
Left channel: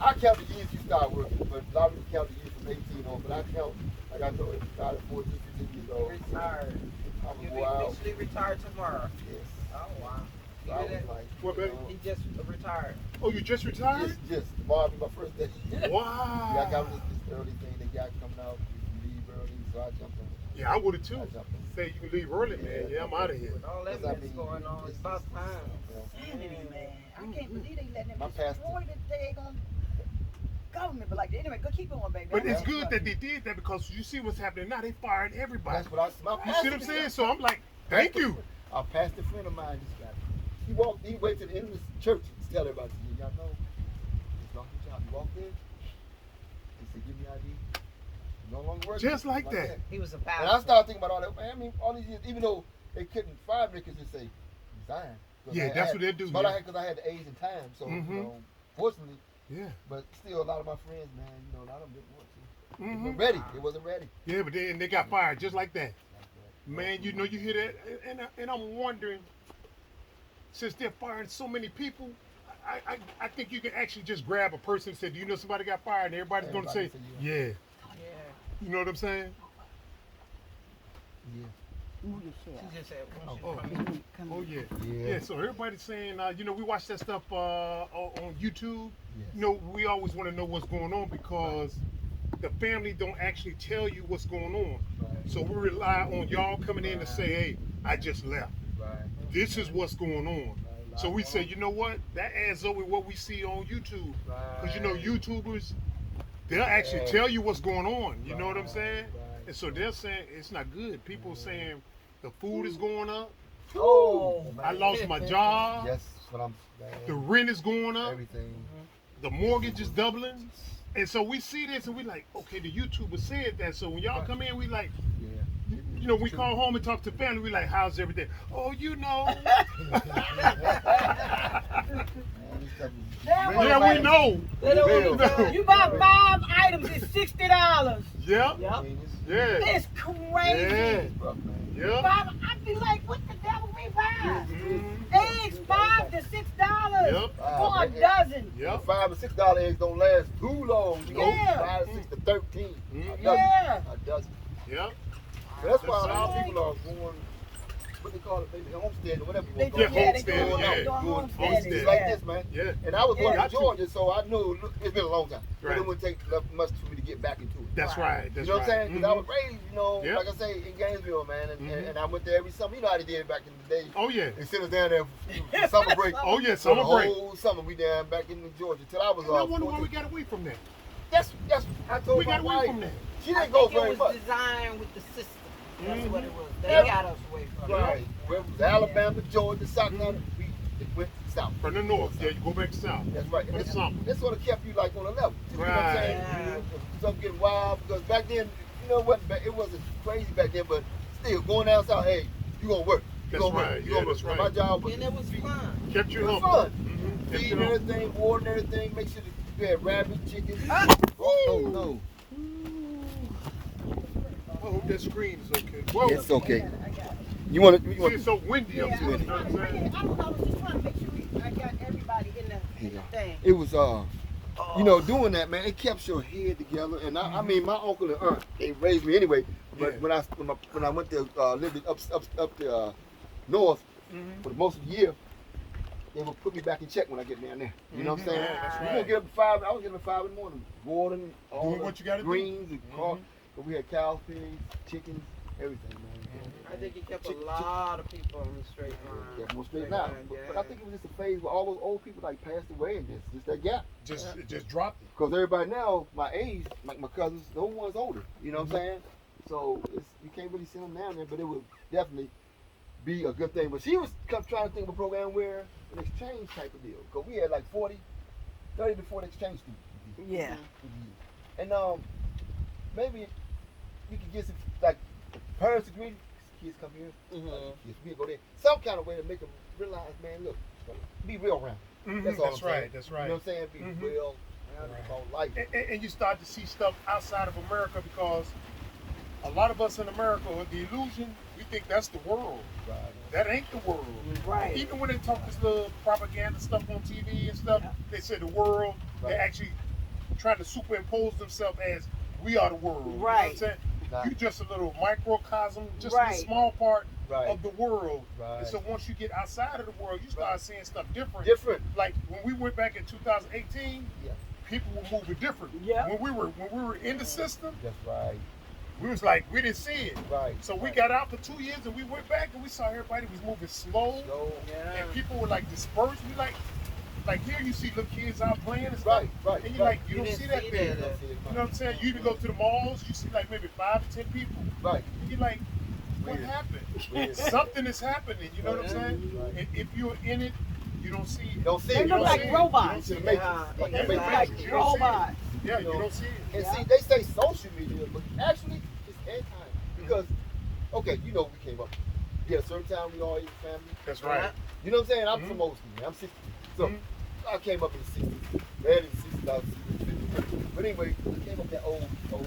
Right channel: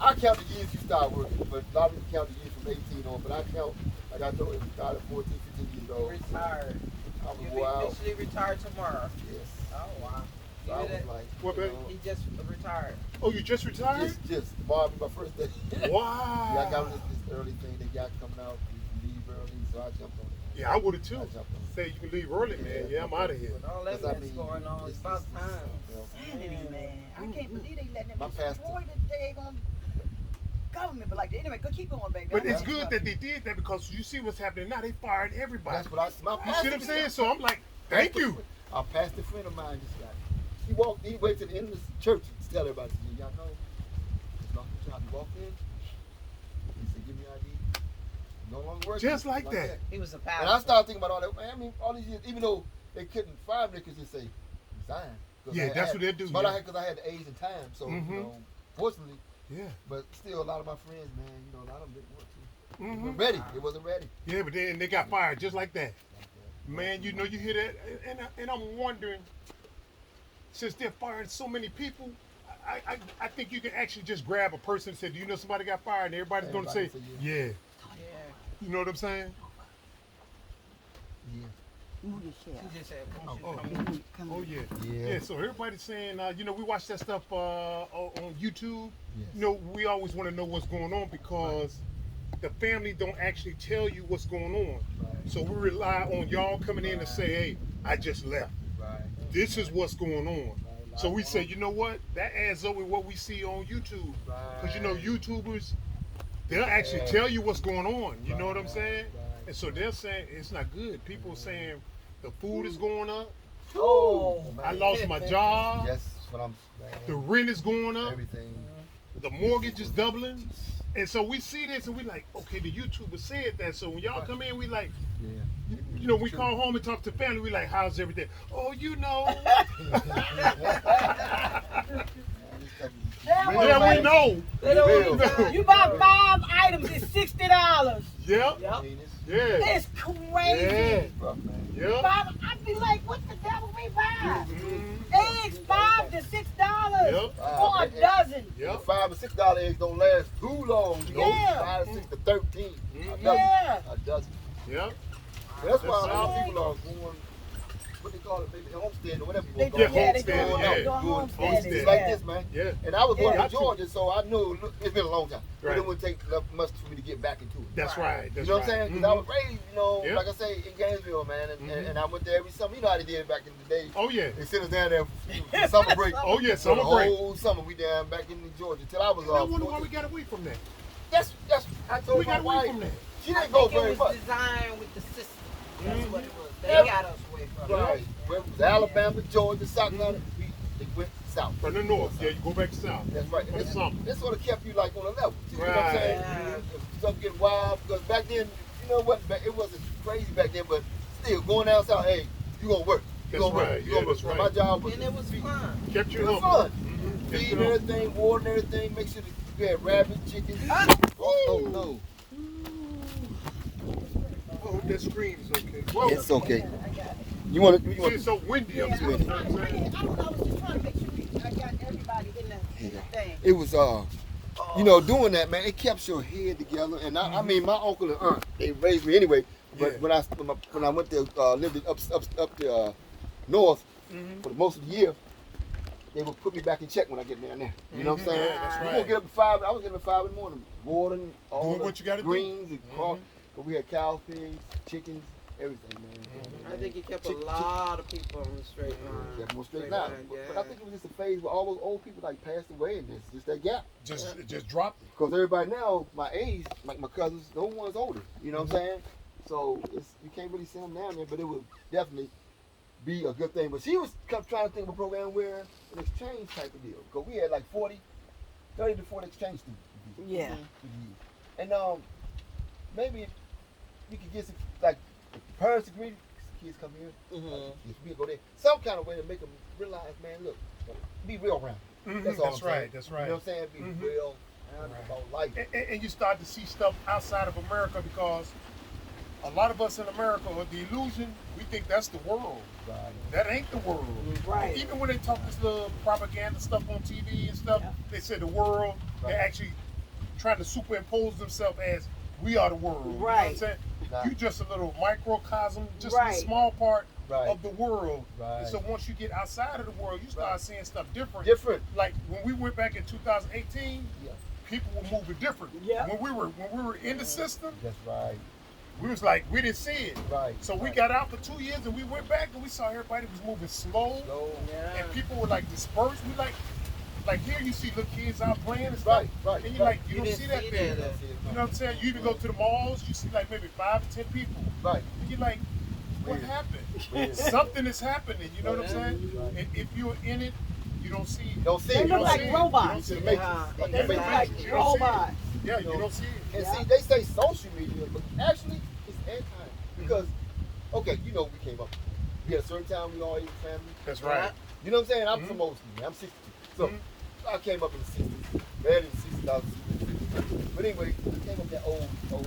I count the years you start working, but a lot of people count the years from 18 on, but I count, like I told you, I started 14, 15 years old. Retired. I was You'll be wild. officially retired tomorrow. Yes. Oh, wow. So I was like, What, baby? He just retired. Oh, you just retired? just tomorrow was my first day. Wow. Like I was this early thing they got coming out, you leave early, so I jumped on it. Yeah, I would have I too. jumped on it. Say you can leave early, man. Yeah, I'm out of here. With all that Yes, I that's mean, going on, it's about time. Man, I can't believe they letting My them pastor. destroy the daggone government. But like, anyway, go keep going, baby. But it's good that they did that because you see what's happening now. They fired everybody. That's what my You see what I'm saying? So I'm like, thank you. A pastor friend of mine just got it. He went to the end of the church to tell everybody, y'all know, it's not the job. He walked in, he said, give me ID. No longer working. Just like that. He was a pastor. And I started thinking about all that. Man, I mean, all these years, even though they couldn't fire me, they could just say, resign. Yeah, that's what they'll do, But yeah. because I had the age and time, so, Mhm. fortunately, Yeah. but still, a lot of my friends, man, a lot of them didn't want to. They Mhm. weren't ready. It wasn't ready. Yeah, but then they got fired just like that. Man, you hear that, and I'm wondering, since they're firing so many people, I think you can actually just grab a person and say, do you know somebody got fired? And everybody's going to say, Everybody say yeah. Yeah. You know what I'm saying? Yeah. She just said, Oh, yeah. Yeah. Yeah, so everybody's saying, we watch that stuff on YouTube. Yes. We always want to know what's going on because the family don't actually tell you what's going on. Right. So we rely on y'all coming in and say, hey, I just left. Right. This is what's going on. So we say, you know what? That adds up with what we see on YouTube. Because YouTubers, they'll actually tell you what's going on. You know what I'm saying? Right. And so they're saying it's not good. People saying the food is going up. Oh, I lost my job. Yes, that's what I'm The rent is going up. everything. The mortgage is doubling. And so we see this and we like, okay, the YouTuber said that. So when y'all come in, we like, Yeah. we call home and talk to family. We like, how's everything? Oh, yeah, we know. you buy 5 items, it's $60. Yep. Yep. Yeah. It's crazy. Yep. I'd be like, what the devil we buy? Mhm. Eggs, $5 to $6 Yep. for a dozen. Yep. $5 and $6 eggs don't last too long. Yeah. 5 to 6 to 13. Mhm. A dozen. Yeah. A dozen. Yep. So that's why a lot of people are going what they call it, maybe homestead or whatever you They want do, to call yeah, it. they do. Homestead, They're yeah. doing homesteading. It's Homestead. like Yeah. this, man. Yeah. And I was born Yeah. in Georgia, so I knew it's been a long time. But Right. it wouldn't take much for me to get back into it. That's right. That's You know what I'm right. saying? Because I was raised, Yeah. like I say, in Gainesville, man, and, Mhm. and I went there every summer. You know how they did back in the day. Oh yeah. They sent us down there for summer break. Oh yeah. So the Summer break. whole summer we down back in Georgia till I was And I wonder why we 14. got away from that. That's I told We my got away wife. from that. She I didn't go think it very was much. designed with the system. That's Mhm. what it was. They Yeah. got us away from it. Right. Where it was Alabama, Georgia, South Carolina, we went south. From the north, yeah, you go back south. That's right. And That's something. this sort of kept you like on a level. You know what I'm Right. saying? Yeah. Stuff getting wild because back then, you know what? It wasn't crazy back then, but still going down south. Hey, you gonna work. You That's gonna work. right. You Yeah, gonna work. that's So right. my job was And it was fun. Kept you it was humble. fun. Mhm. Kept Feeding you humble. everything, watering everything. Make sure that you had rabbit, chicken. Oh no, I hope that screen is okay. Whoa. it's okay. You want to? It's so windy up Yeah, here. You know I what I'm saying? don't know. I was just trying to make sure I got everybody in the thing. It was doing that, man. It kept your head together. And I mean, my uncle and aunt, they raised me anyway. But Yeah. when I went to live up to north Mhm. for most of the year, they would put me back in check when I get down there. You know what I'm saying? Yeah, that's You right. gonna get up at 5. I was getting up at 5 in the morning, watering all Doing the what you gotta do. greens and Mhm. cause we had cows, pigs, chickens, everything, man. I think it kept Chick- a lot of people on the straight line. Kept them straight line. But I think it was just a phase where all those old people like passed away and just that gap. It just dropped it. Because everybody now, my age, like my cousins, no one's older. You know what I'm saying? So you can't really send them down there, but it would definitely be a good thing. But she was trying to think of a program where an exchange type of deal. Because we had like 30 to 40 exchange students. Yeah. And maybe we could get some, like, parents agree, kids come here, yes, we go there. Some kind of way to make them realize, man, look, be real around. Mhm. That's all That's I'm saying. right. That's You right. know what I'm saying? Be Mhm. real around Right. about life. And you start to see stuff outside of America because a lot of us in America, the illusion, we think that's the world. Right. That ain't the world. Right. Even when they talk this little propaganda stuff on TV and stuff, they say the world, Right. they're actually trying to superimpose themselves as we are the world. You know what I'm Right. saying? Right. You just a little microcosm, just a Right. small part Right. of the world. Right. And so once you get outside of the world, you start Right. seeing stuff different. Different. Like when we went back in 2018, Yeah. people were moving different. Yeah. When we were in the system, That's right. we was like, we didn't see it. Right. So we right. got out for 2 years and we went back and we saw everybody was moving slow Go. Yeah. and people were like dispersed. We like here you see little kids out playing and stuff. Right. Right. And you're right. like, you You don't didn't see that see there. that. You know what I'm saying? You can go to the malls, you see like maybe 5 to 10 people. Right. And you're like, what Weird. happened? Weird. Something is happening, you know what I'm saying? Right. And if you're in it, you don't see it. Don't see They it. look You like don't see it. robots. You don't see the matrix. Yeah. Like They the look matrix. like You don't see it. robots. Yeah, you don't see it. And Yeah. see, they say social media, but actually it's anti. Because, okay, you know, we came up. We had a certain time we all ate family. That's right. You know what I'm saying? I'm Mhm. from old school, man. I'm 62. So Mhm. I came up in the 60s. Early 60s, I was 60s. But anyway, I came up that old stuff.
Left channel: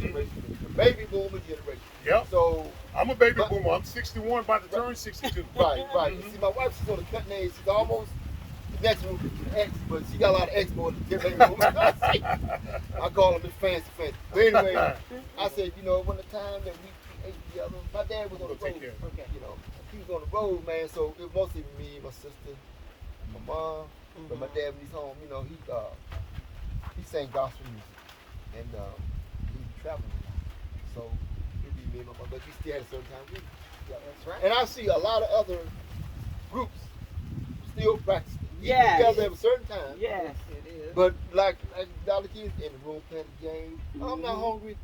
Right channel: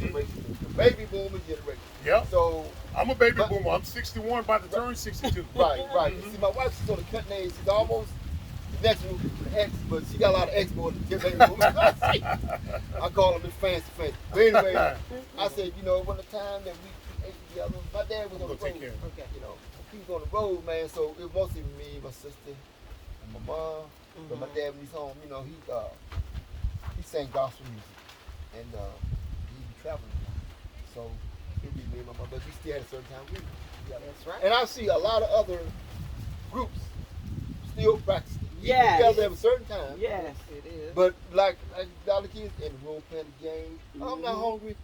Generation. The baby boomer generation. Yep. So, I'm a baby But- boomer. I'm 61, about to turn 62. right. Mhm. See, my wife, she's on the cutting age. She's almost the next one, X, but she got a lot of X more than baby boomers. I call them the fancy. But anyway, I said, you know, when the time that we ate together, my dad was on the Go take road. care. Okay, you know, he was on the road, man. So it was mostly me, my sister, and my mom. But my dad, when he's home, you know, he sang gospel music, and he traveling a lot. So it'd be me and my mom, but we still had a certain time group. That's right. And I see a lot of other groups still practicing. We Yes. get together at a certain time. Yes. It is. But like Dollar Kids in the room playing the game. I'm not hungry.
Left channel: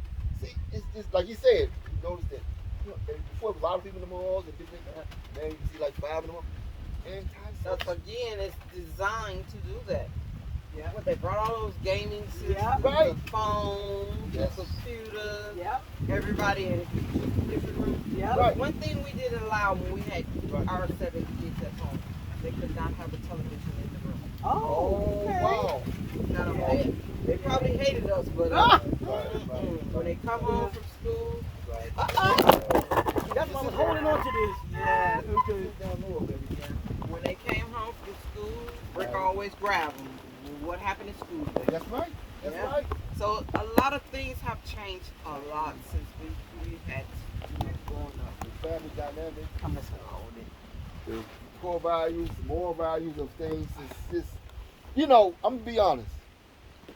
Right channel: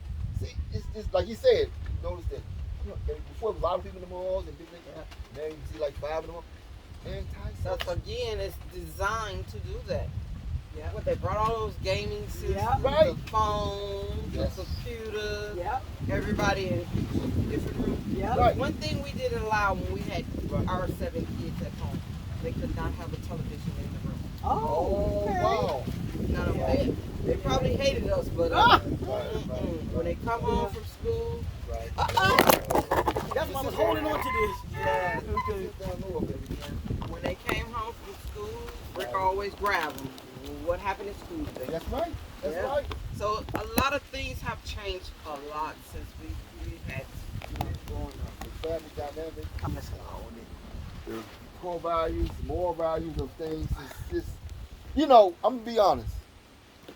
See, it's like you said. You notice that before there was a lot of people in the malls and big things. Now you see like 5 in the mall. So again, it's designed to do that. Yeah. What they brought all those gaming systems, Yeah. Right. the phones, Yes. the computers, Yep. everybody in different rooms. Yep. Right. One thing we didn't allow when we had Right. our 7 kids at home, they could not have a television in the room. Oh. Okay. Wow. Now, they probably hated us, but Ah! when they come home from school, Right. That's why I was holding on to this. yeah, Okay. Down low, baby. when they came home from school, Rick always grabbed them. What happened in school today? That's right. That's Yeah. right. So a lot of things have changed a lot since we had growing up. family dynamic. I'm listening. The core values, the moral values of things. It's just, you know, I'm gonna be honest.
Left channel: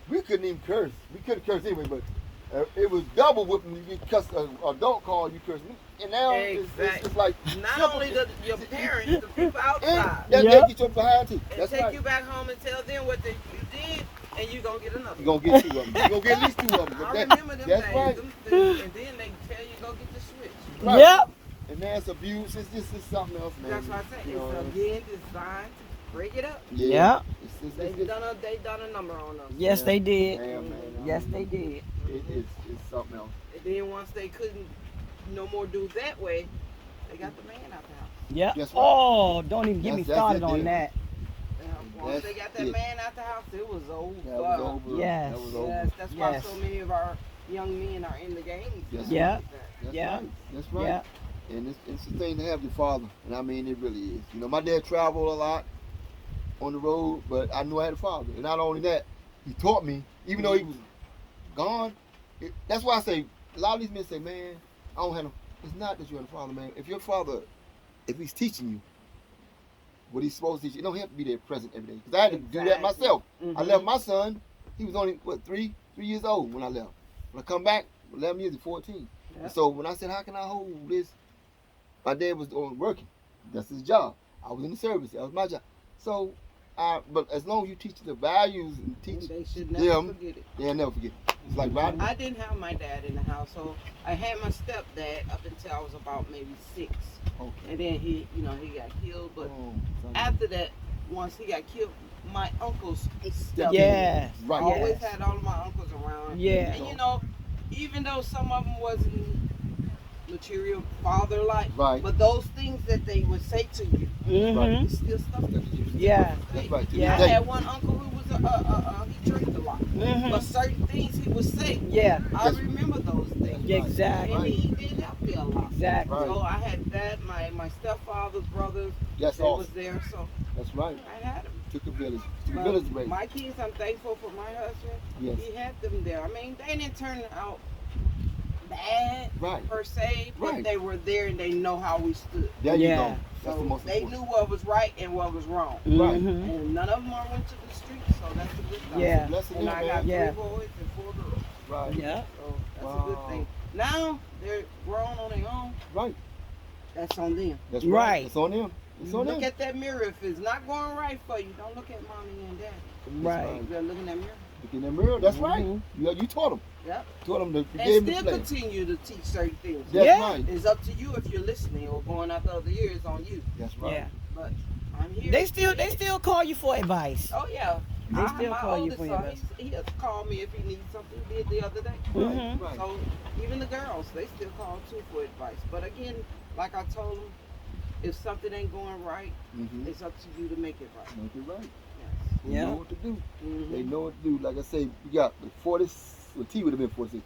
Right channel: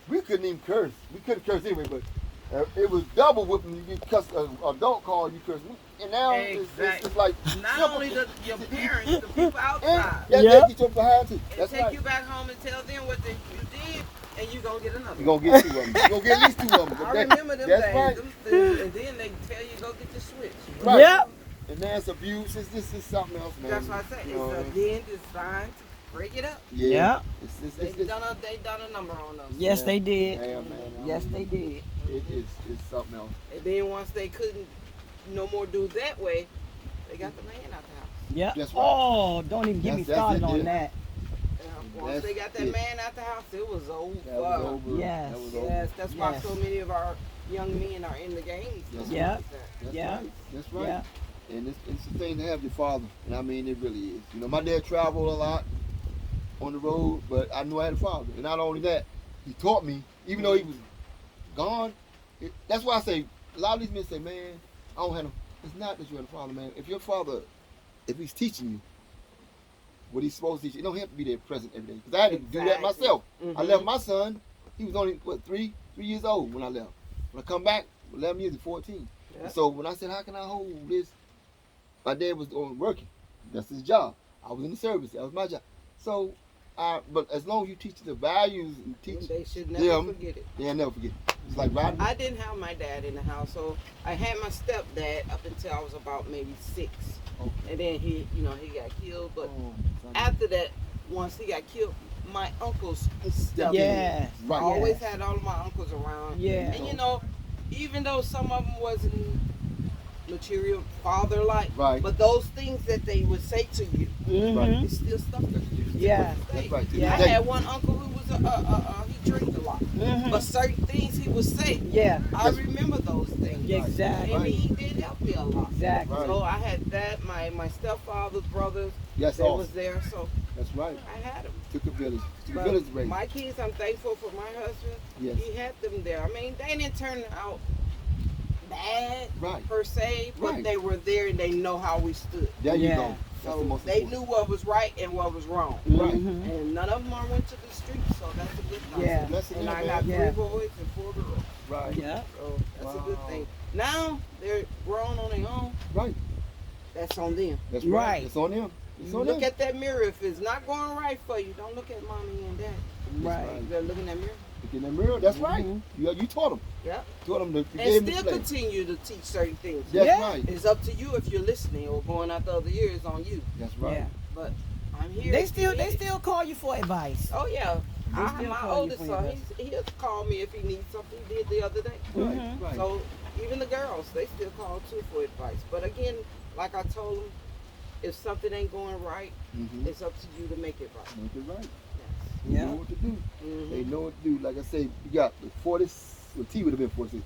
We couldn't even curse. We couldn't curse anyway, but it was double whipping. You cuss an adult call, you curse. And now it's like Not only your parents, the people outside. And they get your behind too. And That's take right. you back home and tell them what you did, and you gonna get another. You're gonna get 2 of them. You're gonna get at least 2 of them. But I remember them that's days, right. and then they tell you go get the switch. Right. Yep. And that's abuse. It's just something else, man. That's what I said. It's again designed to break it up. Yeah. They done a number on us. Yes, they did. Yeah, man. Yes, they did. It's something else. And then once they couldn't no more do it that way, they got the man out the house. Yep. That's right. Oh, don't even get me That's started it, on yeah. that. Once they got that man out the house, it was over. That was over. Yes. That was Yes, over. that's why so many of our young men are in the games. Yes. Yeah. That's Yeah. right. That's right. Yeah. And it's the thing to have your father. And I mean, it really is. You know, my dad traveled a lot on the road, but I knew I had a father. And not only that, he taught me, even though he was gone. That's why I say, a lot of these men say, man, I don't have no. It's not that you have a father, man. If your father, if he's teaching you what he's supposed to teach you, don't have to be there present every day. Because I had to do that myself. I left my son. He was only, 3 years old when I left. When I come back, 11 years, 14. Yeah. And so when I said, how can I hold this? My dad was working. That's his job. I was in the service. That was my job. So, but as long as you teach the values and teach They should never them, forget it. they'll never forget it. It's like riding. I didn't have my dad in the house, so I had my stepdad up until I was about maybe 6. Okay. And then he got killed. But Oh, after that, once he got killed, my uncles stepped Yes. in. Right. I always had all of my uncles around. Yeah. And you know, even though some of them wasn't material father-like, Right. but those things that they would say to you, Right. Mm-hmm. it's still stuff that you Yeah. That's right. To Yeah. this I day. had one uncle who was he drank a lot, but certain things he would say, Yeah. I remember those things. Exactly. And he did help me a lot. Exactly. Right. So I had that, my stepfather's brothers Yes, that was awesome. there, so That's right. I had them. Took a village. Took a But village to raise. my kids, I'm thankful for my husband. Yes. He had them there. I mean, they didn't turn out bad Right. per se, but Right. they were there and they know how we stood. There you Yeah. go. That's the So most they important. knew what was right and what was wrong. Right. Mhm. And none of them are went to the streets, so that's a good thing. Yeah. Blessing And them, I got man. Yeah. 3 boys and 4 girls. Right. Yeah. So that's a Wow. good thing. Now they're grown on their own. Right. That's on them. That's Right. right. It's on them. It's on Look them. at that mirror. If it's not going right for you, don't look at mommy and daddy. Right. You better look in that mirror. Look in the mirror. That's right. Mhm. You taught them. Yep. Taught them to And gave them still the play. continue to teach certain things. That's Yeah. right. It's up to you if you're listening or going after other ears on you. That's right. Yeah. But I'm here. They still call you for advice. Oh yeah. They still My call you oldest for son, advice. he'll call me if he needs something. He did the other day. Right. Mhm. Right. So even the girls, they still call too for advice. But again, like I told them, if something ain't going right, Mm-hmm. it's up to you to make it right. Make it right. They Yeah. know what to do. Mhm. They know what to do. Like I say, we got the 40, well, T would have been 46,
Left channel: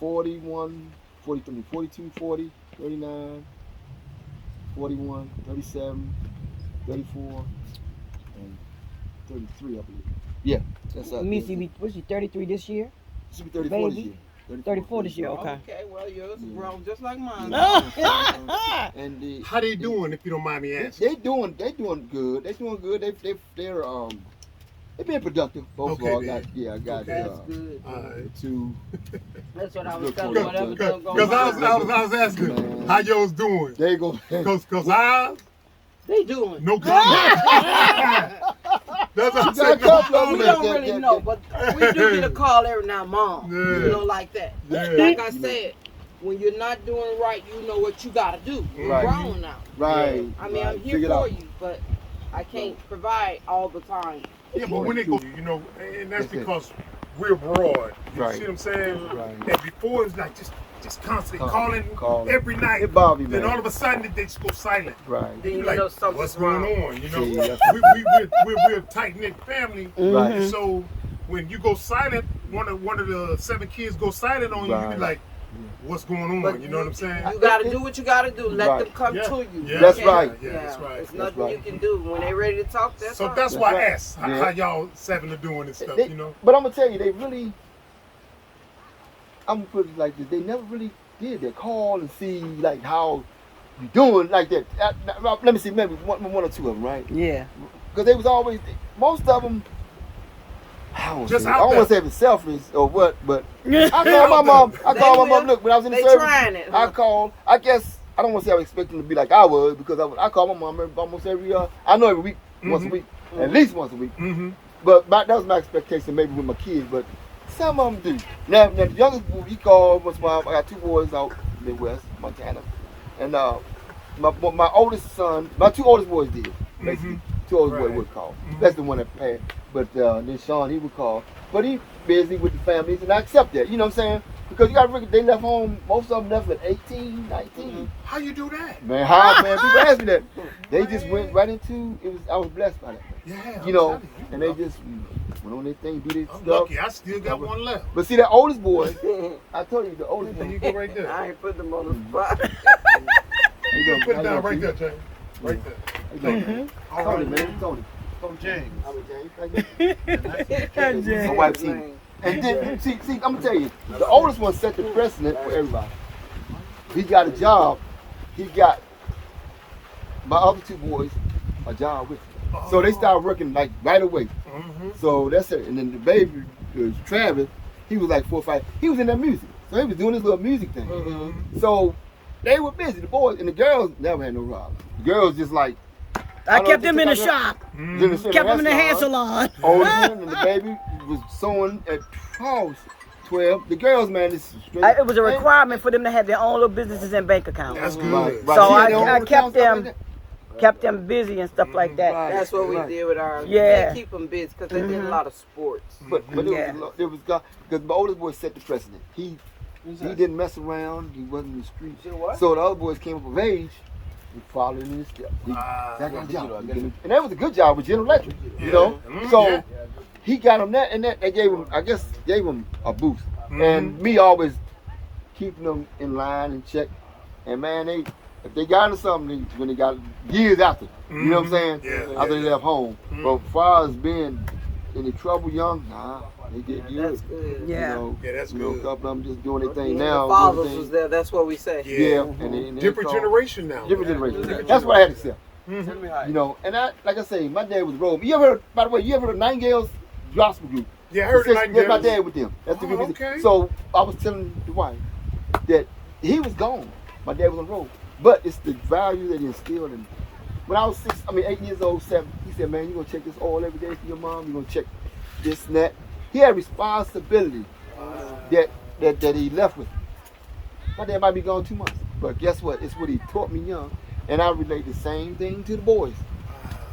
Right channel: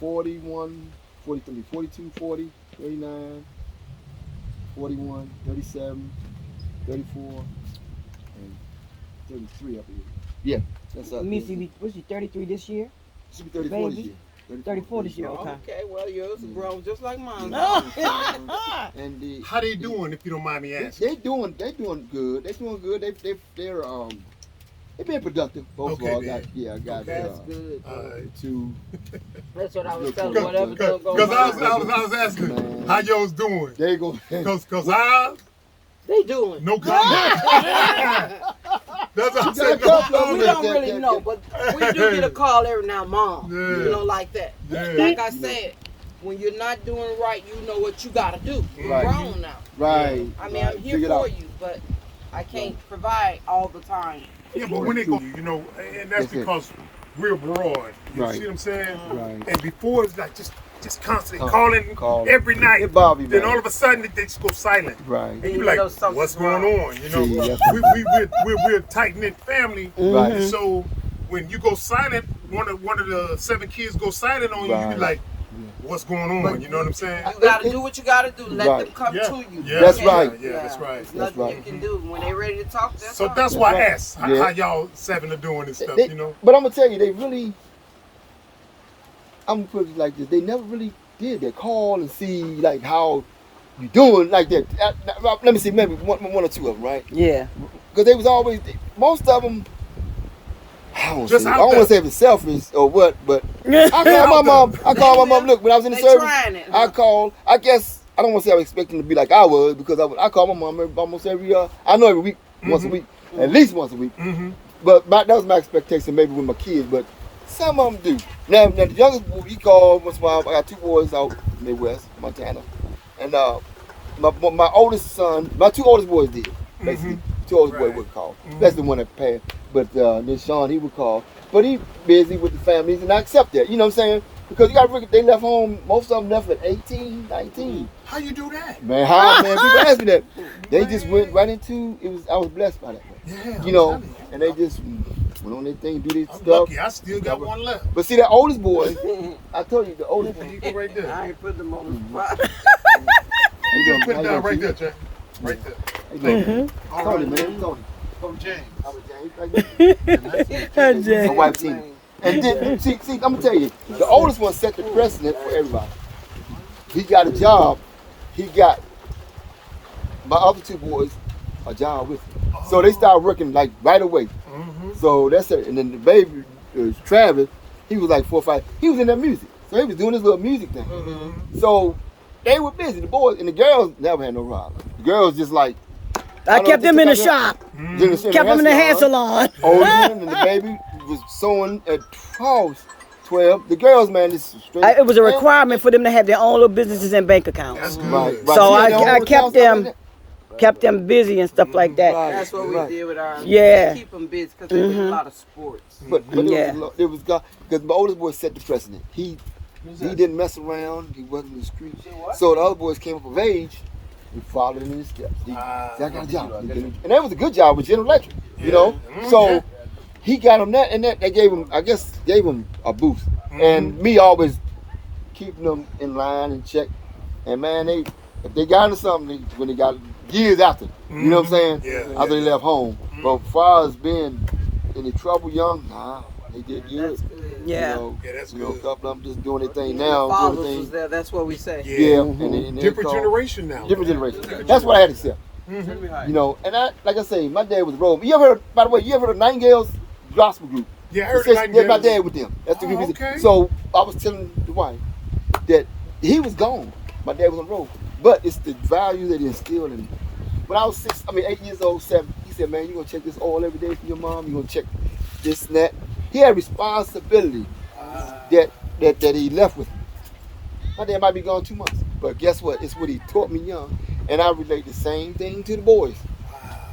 41, 43, 42, 40, 39, 41, 37, 34, and 33, I believe. Yeah, that's up. Missy, was she 33 this year? Should be 34 this baby? year. 34 this year, okay. Okay, well yours is grown just like mine. And the How they doing, if you don't mind me asking? they doing good. They doing good. They're being productive. Both Okay, of all then. I got That's good. two. That's what I was Good telling for you. you. Whatever Because go I was asking how y'all's doing. They go. Because I, they doing. no comment. That's what I'm saying. Yeah, come on, We Yeah, don't yeah, really yeah, know, yeah. but we do get a call every now, Mom. Yeah. You know, like that. Yeah. Like I said, when you're not doing right, you know what you gotta do. You're Right. grown now. Right. I mean, right. I'm here Figure it for out. you, but I can't provide all the time. Yeah, but when they go, you know, and that's That's it. because we're abroad. You Right. see what I'm saying? Right. And before it's like just constantly calling Calling. every night. It bother you, Then man. all of a sudden they just go silent. Right. And Then you you like, know something's what's going wrong. on? You know, Yeah. we're a tight knit family. Right. So when you go silent, one of the 7 kids go silent on you. You be Right. like, what's going on? But you know what I'm saying? You gotta do what you gotta do. Let Right. them come Yeah. to you. Yeah. That's Okay? right. Yeah, that's right. There's That's nothing right. you can do when they ready to talk. That's So all. that's why I right. asked Yeah. how y'all 7 are doing and stuff. They- You know. But I'm gonna tell you, they really. I'm gonna put it like this: they never really did. They call and see like how you doing like that? Let me see, maybe one or two of them, right? Yeah. Because they was always, most of them, I don't Just want out to there. say if it's selfish or what, but I called my mom, look, when I was in the They service, trying it, huh? I called, I guess, I don't want to say I was expecting to be like I was, because I called my mom almost every, I know every week, once a week, at least once a week. Mm-hmm. But that was my expectation, maybe with my kids, but some of them do. Now the youngest boy, he called once in a while. I got two boys out in the Midwest, Montana. And my oldest son, my two oldest boys did, basically. Two oldest boys would call. That's the one that passed. But then Sean, he would call. But he busy with the families, and I accept that. You know what I'm saying? Because you got to they left home, most of them left at 18, 19. How you do that? Man, how, man, people ask me that. They just went right into, I was blessed by that. Yeah, You know, I'm telling you. and they just went on their thing, do their I'm stuff. lucky. I still got one left. But see, that oldest boy, I told you, the oldest boy, You go right there. I ain't put them on the spot. You just put it down right there, James. Right there. Thank you. All Tony, right, man, man. Tony. From James. I was James, like James. my wife team. And then, see, I'm gonna tell you, the oldest one set the precedent for everybody. He got a job. He got my other two boys a job with him. So they started working like right away. So that's it. And then the baby, Travis, he was like 4 or 5. He was in that music. So he was doing his little music thing. So they were busy. The boys and the girls never had no problem. The girls just like, I kept them in the shop. Kept them in the hair salon. And the baby was sewing at 12. The girls, man, this is straight. It was a requirement for them to have their own little businesses and bank accounts. That's good. Right. So See, I their own kept accounts, them- stuff like Kept them busy and stuff like that. That's what we did with ours. Yeah. We keep them busy because they did a lot of sports. that. But Yeah. it was because my oldest boy set the precedent. He didn't mess around. He wasn't in the street. So the other boys came up of age. We followed in his steps. I got a job. And that was a good job with General Electric, you know? So he got him that, and that gave him, I guess, gave him a boost. And me always keeping them in line and check. And man, if they got into something, when they got years after, you know what I'm saying? Yeah. After they left home. But as far as being in the trouble young, nah, they did good. Yeah. You know, Yeah, that's you know, good. a couple of them just doing their thing The now. fathers Doing was their there. That's what we say. thing. Yeah, and they Different call- generation now. Different generation. That's what I had to say. You know, and like I say, my dad was rolling. You ever heard, by the way, you ever heard of Nightingale's gospel group? Yeah, I heard That's Nightingale. my dad with them. That's the Oh, people. okay. So I was telling the wife that he was gone. My dad was on the road. But it's the value that he instilled in me. When I was 8 years old, 7, he said, man, you're gonna check this oil every day for your mom, you're gonna check this and that. He had responsibility that he left with me. My dad might be gone 2 months. But guess what? It's what he taught me young. And I relate the same thing to the boys.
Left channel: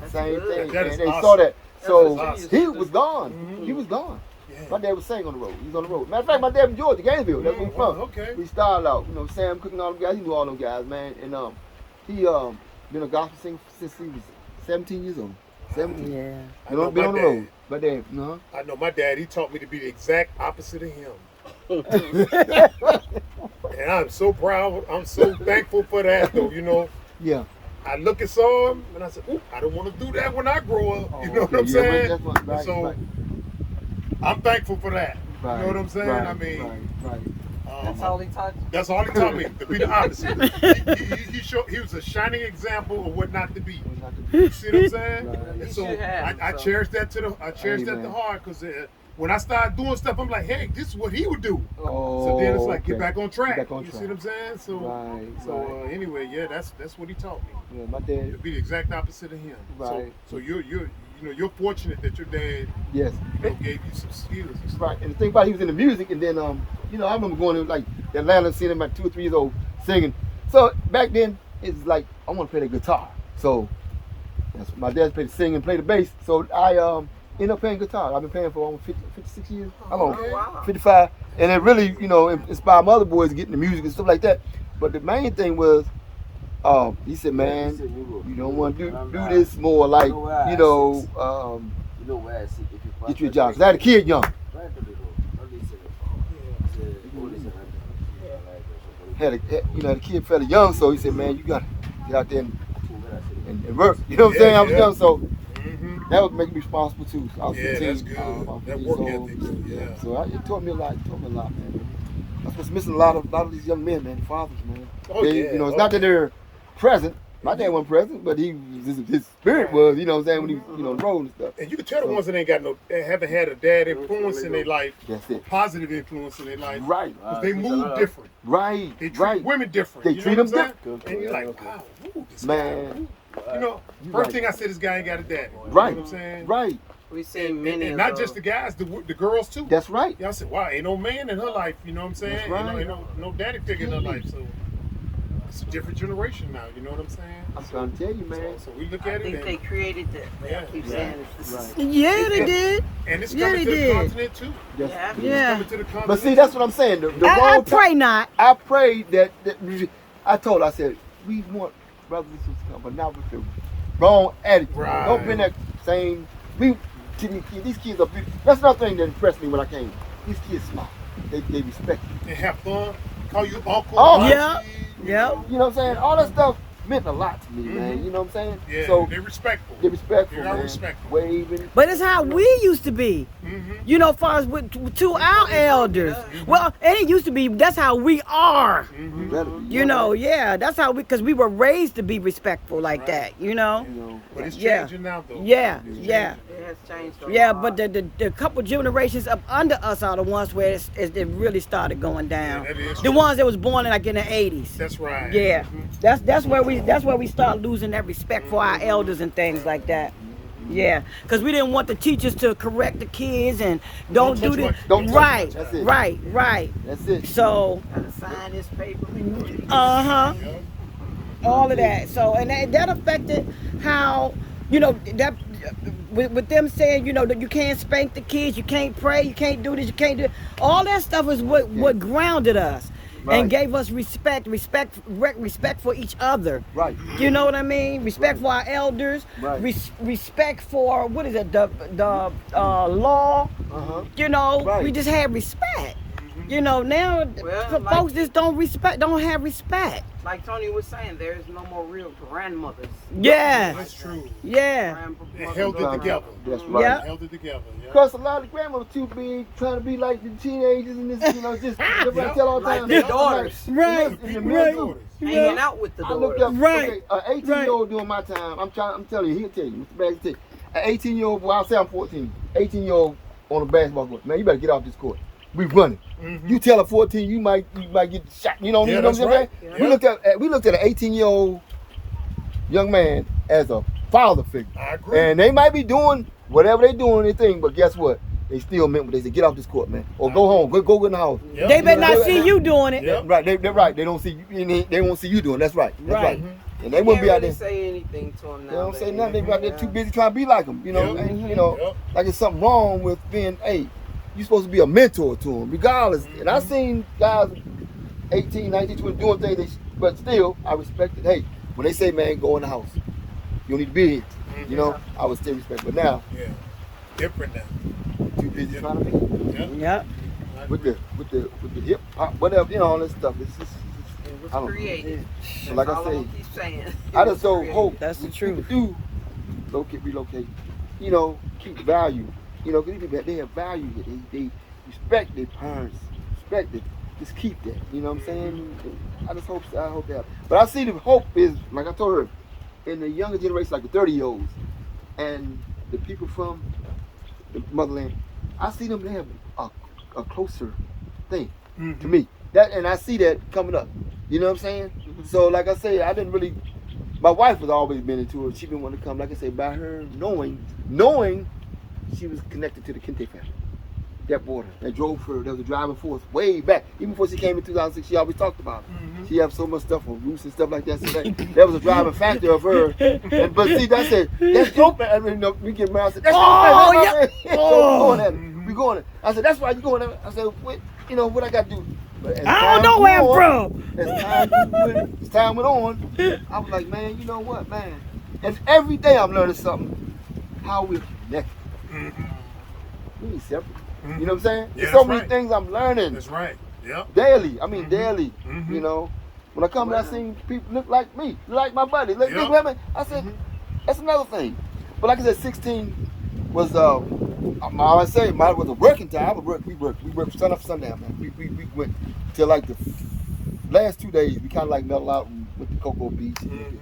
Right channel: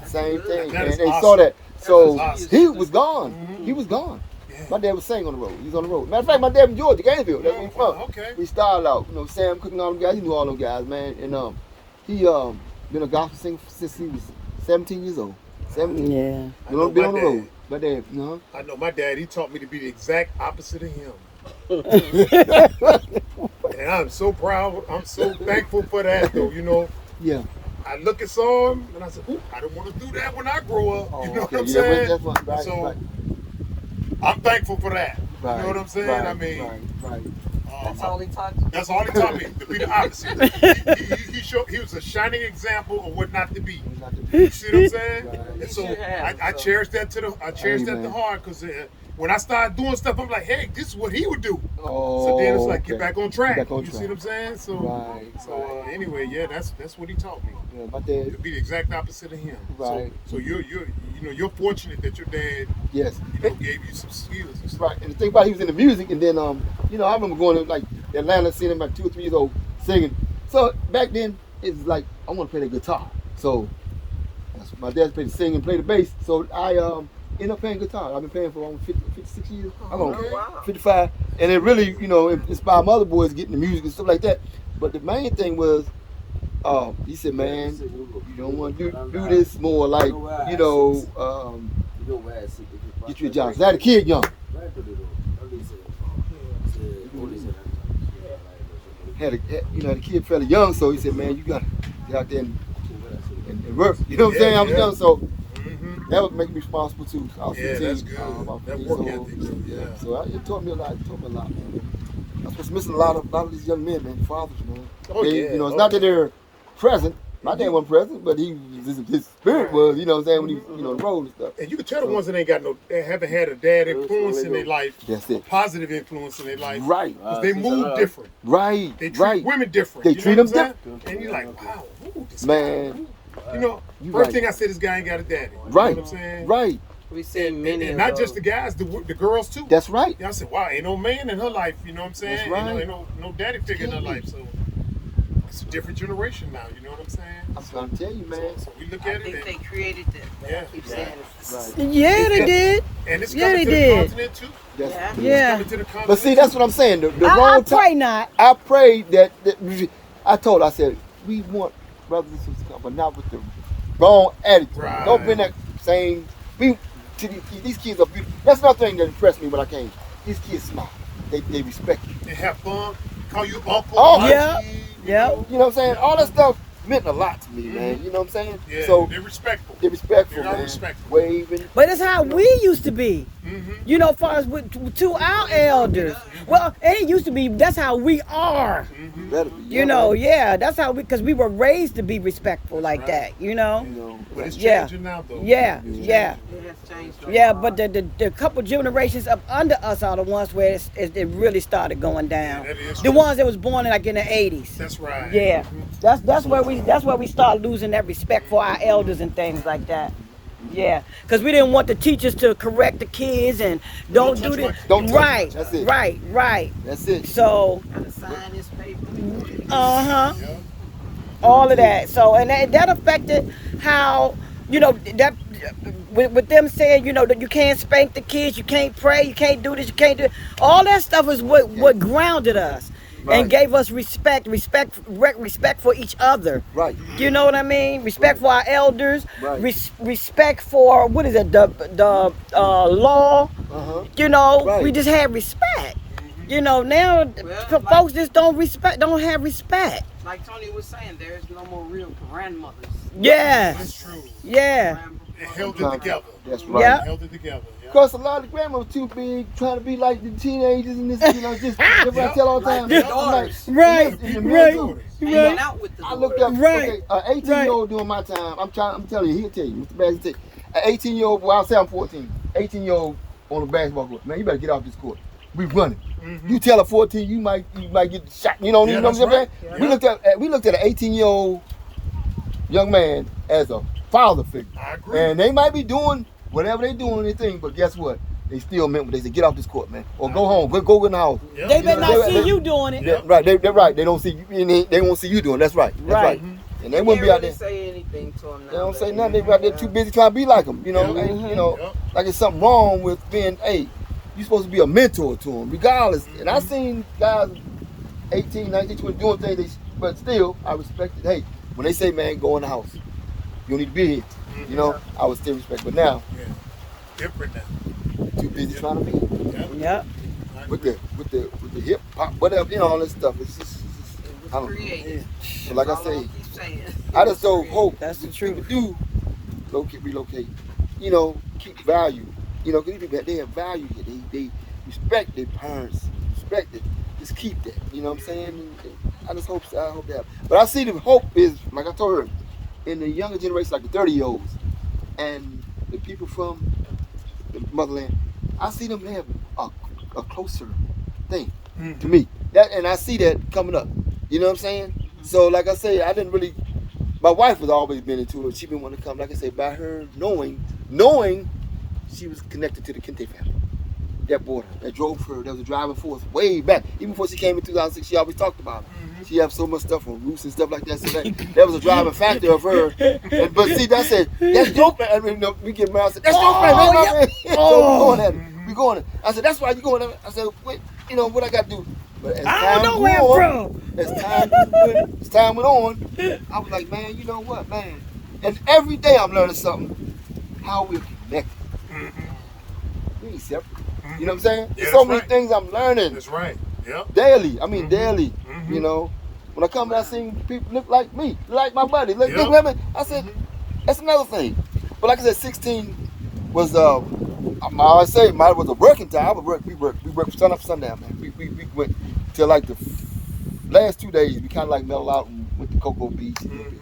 Same thing. That is and they saw awesome. that. So awesome. he was gone. He was gone. Yeah. My dad was saying on the road. He was on the road. Matter of fact, my dad from Georgia, Gainesville. That's where he's from. Okay. He started out, you know, Sam cooking all them guys. He knew all them guys, man. And he been a gospel singer since he was 17 years old. 17. Yeah. Been on the road. My dad, no. I know my dad, he taught me to be the exact opposite of him. And I'm so proud, I'm so thankful for that, though, you know. Yeah. I look at some and I said, "Ooh, I don't want to do that when I grow up." You know what okay. I'm Yeah, saying? that's my- right, so right. I'm thankful for that. Right, You know what I'm saying? right, I mean, right. That's all he taught you. that's all he taught me, to be the opposite. He was a shining example of what not to be. You see what I'm saying? And You so should have, I so. cherish that to the heart, because when I started doing stuff, I'm like, hey, this is what he would do. So then it's like, get back on track. Get back on You track. see what I'm saying? So, Right, anyway, yeah, that's what he taught me. You know, my dad, To be the exact opposite of him. Right. So you're fortunate that your dad, yes. gave you some skills and stuff. Right, and the thing about he was in the music, and then you know, I remember going to like Atlanta, seeing him at 2 or 3 years old singing. So back then, it's like I want to play the guitar. So that's my dad played the sing and play the bass. So I ended up playing guitar. I've been playing for almost 56 years. How long? Okay. Wow. 55. And it really, you know, inspired my other boys to get into music and stuff like that. But the main thing was, he said, man, you don't want to do this more like, you know, get you a job. 'Cause I had a kid young. Had a kid fairly young, so he said, man, you got to get out there and work. You know what I'm saying? I was young, so that would make me responsible too. I was Yeah, 15, that's good. about That 15 work years old. ethic, yeah. So it taught me a lot. Man. I was missing a lot of these young men, man, fathers, man. Oh, They, yeah. you know, it's not that they're present. My dad wasn't present, but his spirit was, you know what I'm saying, when he was, on the road and stuff. And you can tell the ones that ain't got haven't had a dad influence in their life, That's a it. positive influence in their life. Right. Because they move different. Right. They treat right. women different. They you treat know them what I'm saying? different. And you're like, wow, ooh, this Man. guy. Ooh. You know, You first right. thing I said, this guy ain't got a daddy. You Right. know what I'm saying? Right. We see And, many and of not those. just the guys, the girls too. That's right. I said, wow, ain't no man in her life, you know what I'm saying? That's right. Ain't no daddy figure in her life. So it's a different generation now, you know what I'm saying? I'm trying to tell you, man. So we look I at think it they and, created that. Yeah, I keep yeah. saying it's Yeah, they did. and it's Yeah, coming they to the did. continent too. That's- Yeah. Yeah. Coming to the continent But see, that's too. what I'm saying. The I wrong pray time- not. I prayed that I told her, I said, we want brothers and sisters to come, but not with the wrong attitude. Right. Don't bring that same. These kids are big. That's another thing that impressed me when I came. These kids smile. They respect you. And have fun, call you uncle. Oh, auntie, yeah. you Yep. know? You know what I'm saying? All that stuff meant a lot to me, man. Mhm. You know what I'm saying? Yeah, So they're respectful. they respectful. They are man. respectful. Waving. But it's how we used to be. Mm-hmm. You know, as far as to our elders. Well, it ain't used to be. That's how we are. Mm-hmm. That'll be- You know, yeah. That's how because we were raised to be respectful like right. that. You know. But it's Yeah. changing now, though. Yeah, It's yeah. changing. It has changed. a Yeah, lot. but the couple generations up under us are the ones where it really started going down. Yeah, that is The true. ones that was born like in the 80s. That's right. Yeah, Mhm. that's where we start losing that respect for our elders and things like that. Yeah, because we didn't want the teachers to correct the kids and don't Don't do touch this. Don't touch Right, me. That's it. right. That's it. So, Sign this paper. uh-huh, Yeah. all of that. So, and that affected how, you know, that with them saying, you know, that you can't spank the kids, you can't pray, you can't do this, you can't do all that stuff is what grounded us. Right. And gave us respect for each other. Right. You know what I mean? Respect for our elders. Right. Respect for what is it? The law. Uh-huh. You know, Right. we just had respect. You know, now Well, folks just don't have respect. Like Tony was saying, there's no more real grandmothers. Yeah, That's true. yeah. They held it together. That's right. Yeah. They held it together. Yeah. Because a lot of the grandmas too big, trying to be like the teenagers and this, you know, just everybody tell all the Like time. their daughters. Right, Yeah, right, daughters. Hanging right. out with the I looked daughters. up, Right. okay, an 18 Right. year old during my time, I'm telling you, he'll tell you, Mr. Bags will tell you. An 18 year old, well, I'll say I'm 14, 18 year old on a basketball court, man, you better get off this court. We running. Mhm. You tell a 14, you might get shot. You know, Yeah, you know what I'm that's saying? right. We looked at an 18 year old young man as a father figure. I agree. And they might be doing whatever they doing, they think, but guess what? They still meant what they said. Get off this court, man, or go home. Go in the house. Yeah. They You better know, not see you doing it. Yeah. Right, they're right. They don't see you. They won't see you doing. That's right. That's Right. right. And they wouldn't be out Can't there. really say anything to them now. They don't say nothing. They out there too busy trying to be like them. You know, Yeah. and, you know, Yeah. like it's something wrong with being. Hey, you're supposed to be a mentor to them, regardless. And I've seen guys, 18, 19, 20, doing things, but still, I respect it. Hey, when they say, man, go in the house, you don't need to be here. You know, I would still respect. But now, Yeah. Different now. too busy trying to be Yeah. Yep. I with agree. the hip hop, whatever, you know, all this stuff. It's just It was I don't- created. like That's I all say. I'm keep saying. I It just was don't created. hope That's the these truth. people do relocate. You know, keep value. You know, because they have value. They respect their parents. Respect it. Just keep that. You know what I'm saying? I hope that. But I see the hope is, like I told her, in the younger generation, like the 30-year-olds and the people from the motherland. I see them have a closer thing Mhm. to me. And I see that coming up. You know what I'm saying? So like I say, I didn't really. My wife has always been into it. She been wanting to come. Like I say, by her knowing she was connected to the Kente family. That border that drove her. That was a driving force way back. Even before she came in 2006, she always talked about it. Mhm. She have so much stuff from roots and stuff like that. So that was a driving factor of her. But see, that's it. That's your family. I mean, no, we get married. I said, that's Oh, your yeah. family. Oh. We going there. I said, that's why you going there. I said, wait, you know what I got to do? But as I time don't know where I'm went on, from. As time went on, I was like, man, you know what, man? And every day I'm learning something. How we're connected. Mhm. We ain't separate. Mhm. You know what I'm saying? Yeah, There's that's so many right. things I'm learning That's right. Yep. daily. I mean, Mhm. daily. Mhm. You know, when I come and I see people look like me, like my buddy, look Yep. like me, I said, Mhm. that's another thing. But like I said, 16 was I always say mine was a working time. We worked from sun up to sundown, man. We went till like the last 2 days. We kind of like mellowed out and went to Cocoa Beach and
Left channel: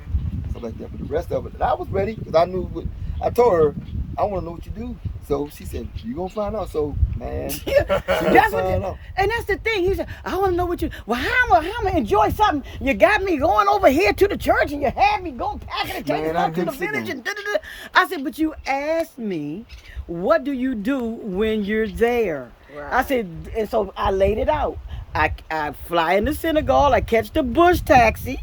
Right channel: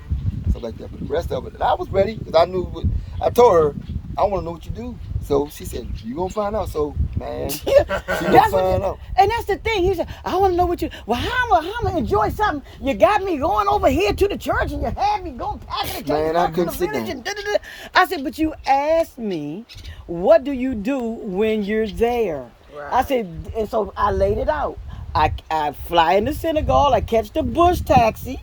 stuff like that. But the rest of it, and I was ready because I knew what I told her. I want to know what you do. So she said, "You gonna find out." So man, she gonna find out. And that's the thing. He said, "I want to know what you." Well, how am I enjoy something? You got me going over here to the church, and you had me going packing and taking up to the village, and da-da-da. I said, "But you asked me, what do you do when you're there?" Right. I said, and so I laid it out. I fly in the synagogue. I catch the bush taxi.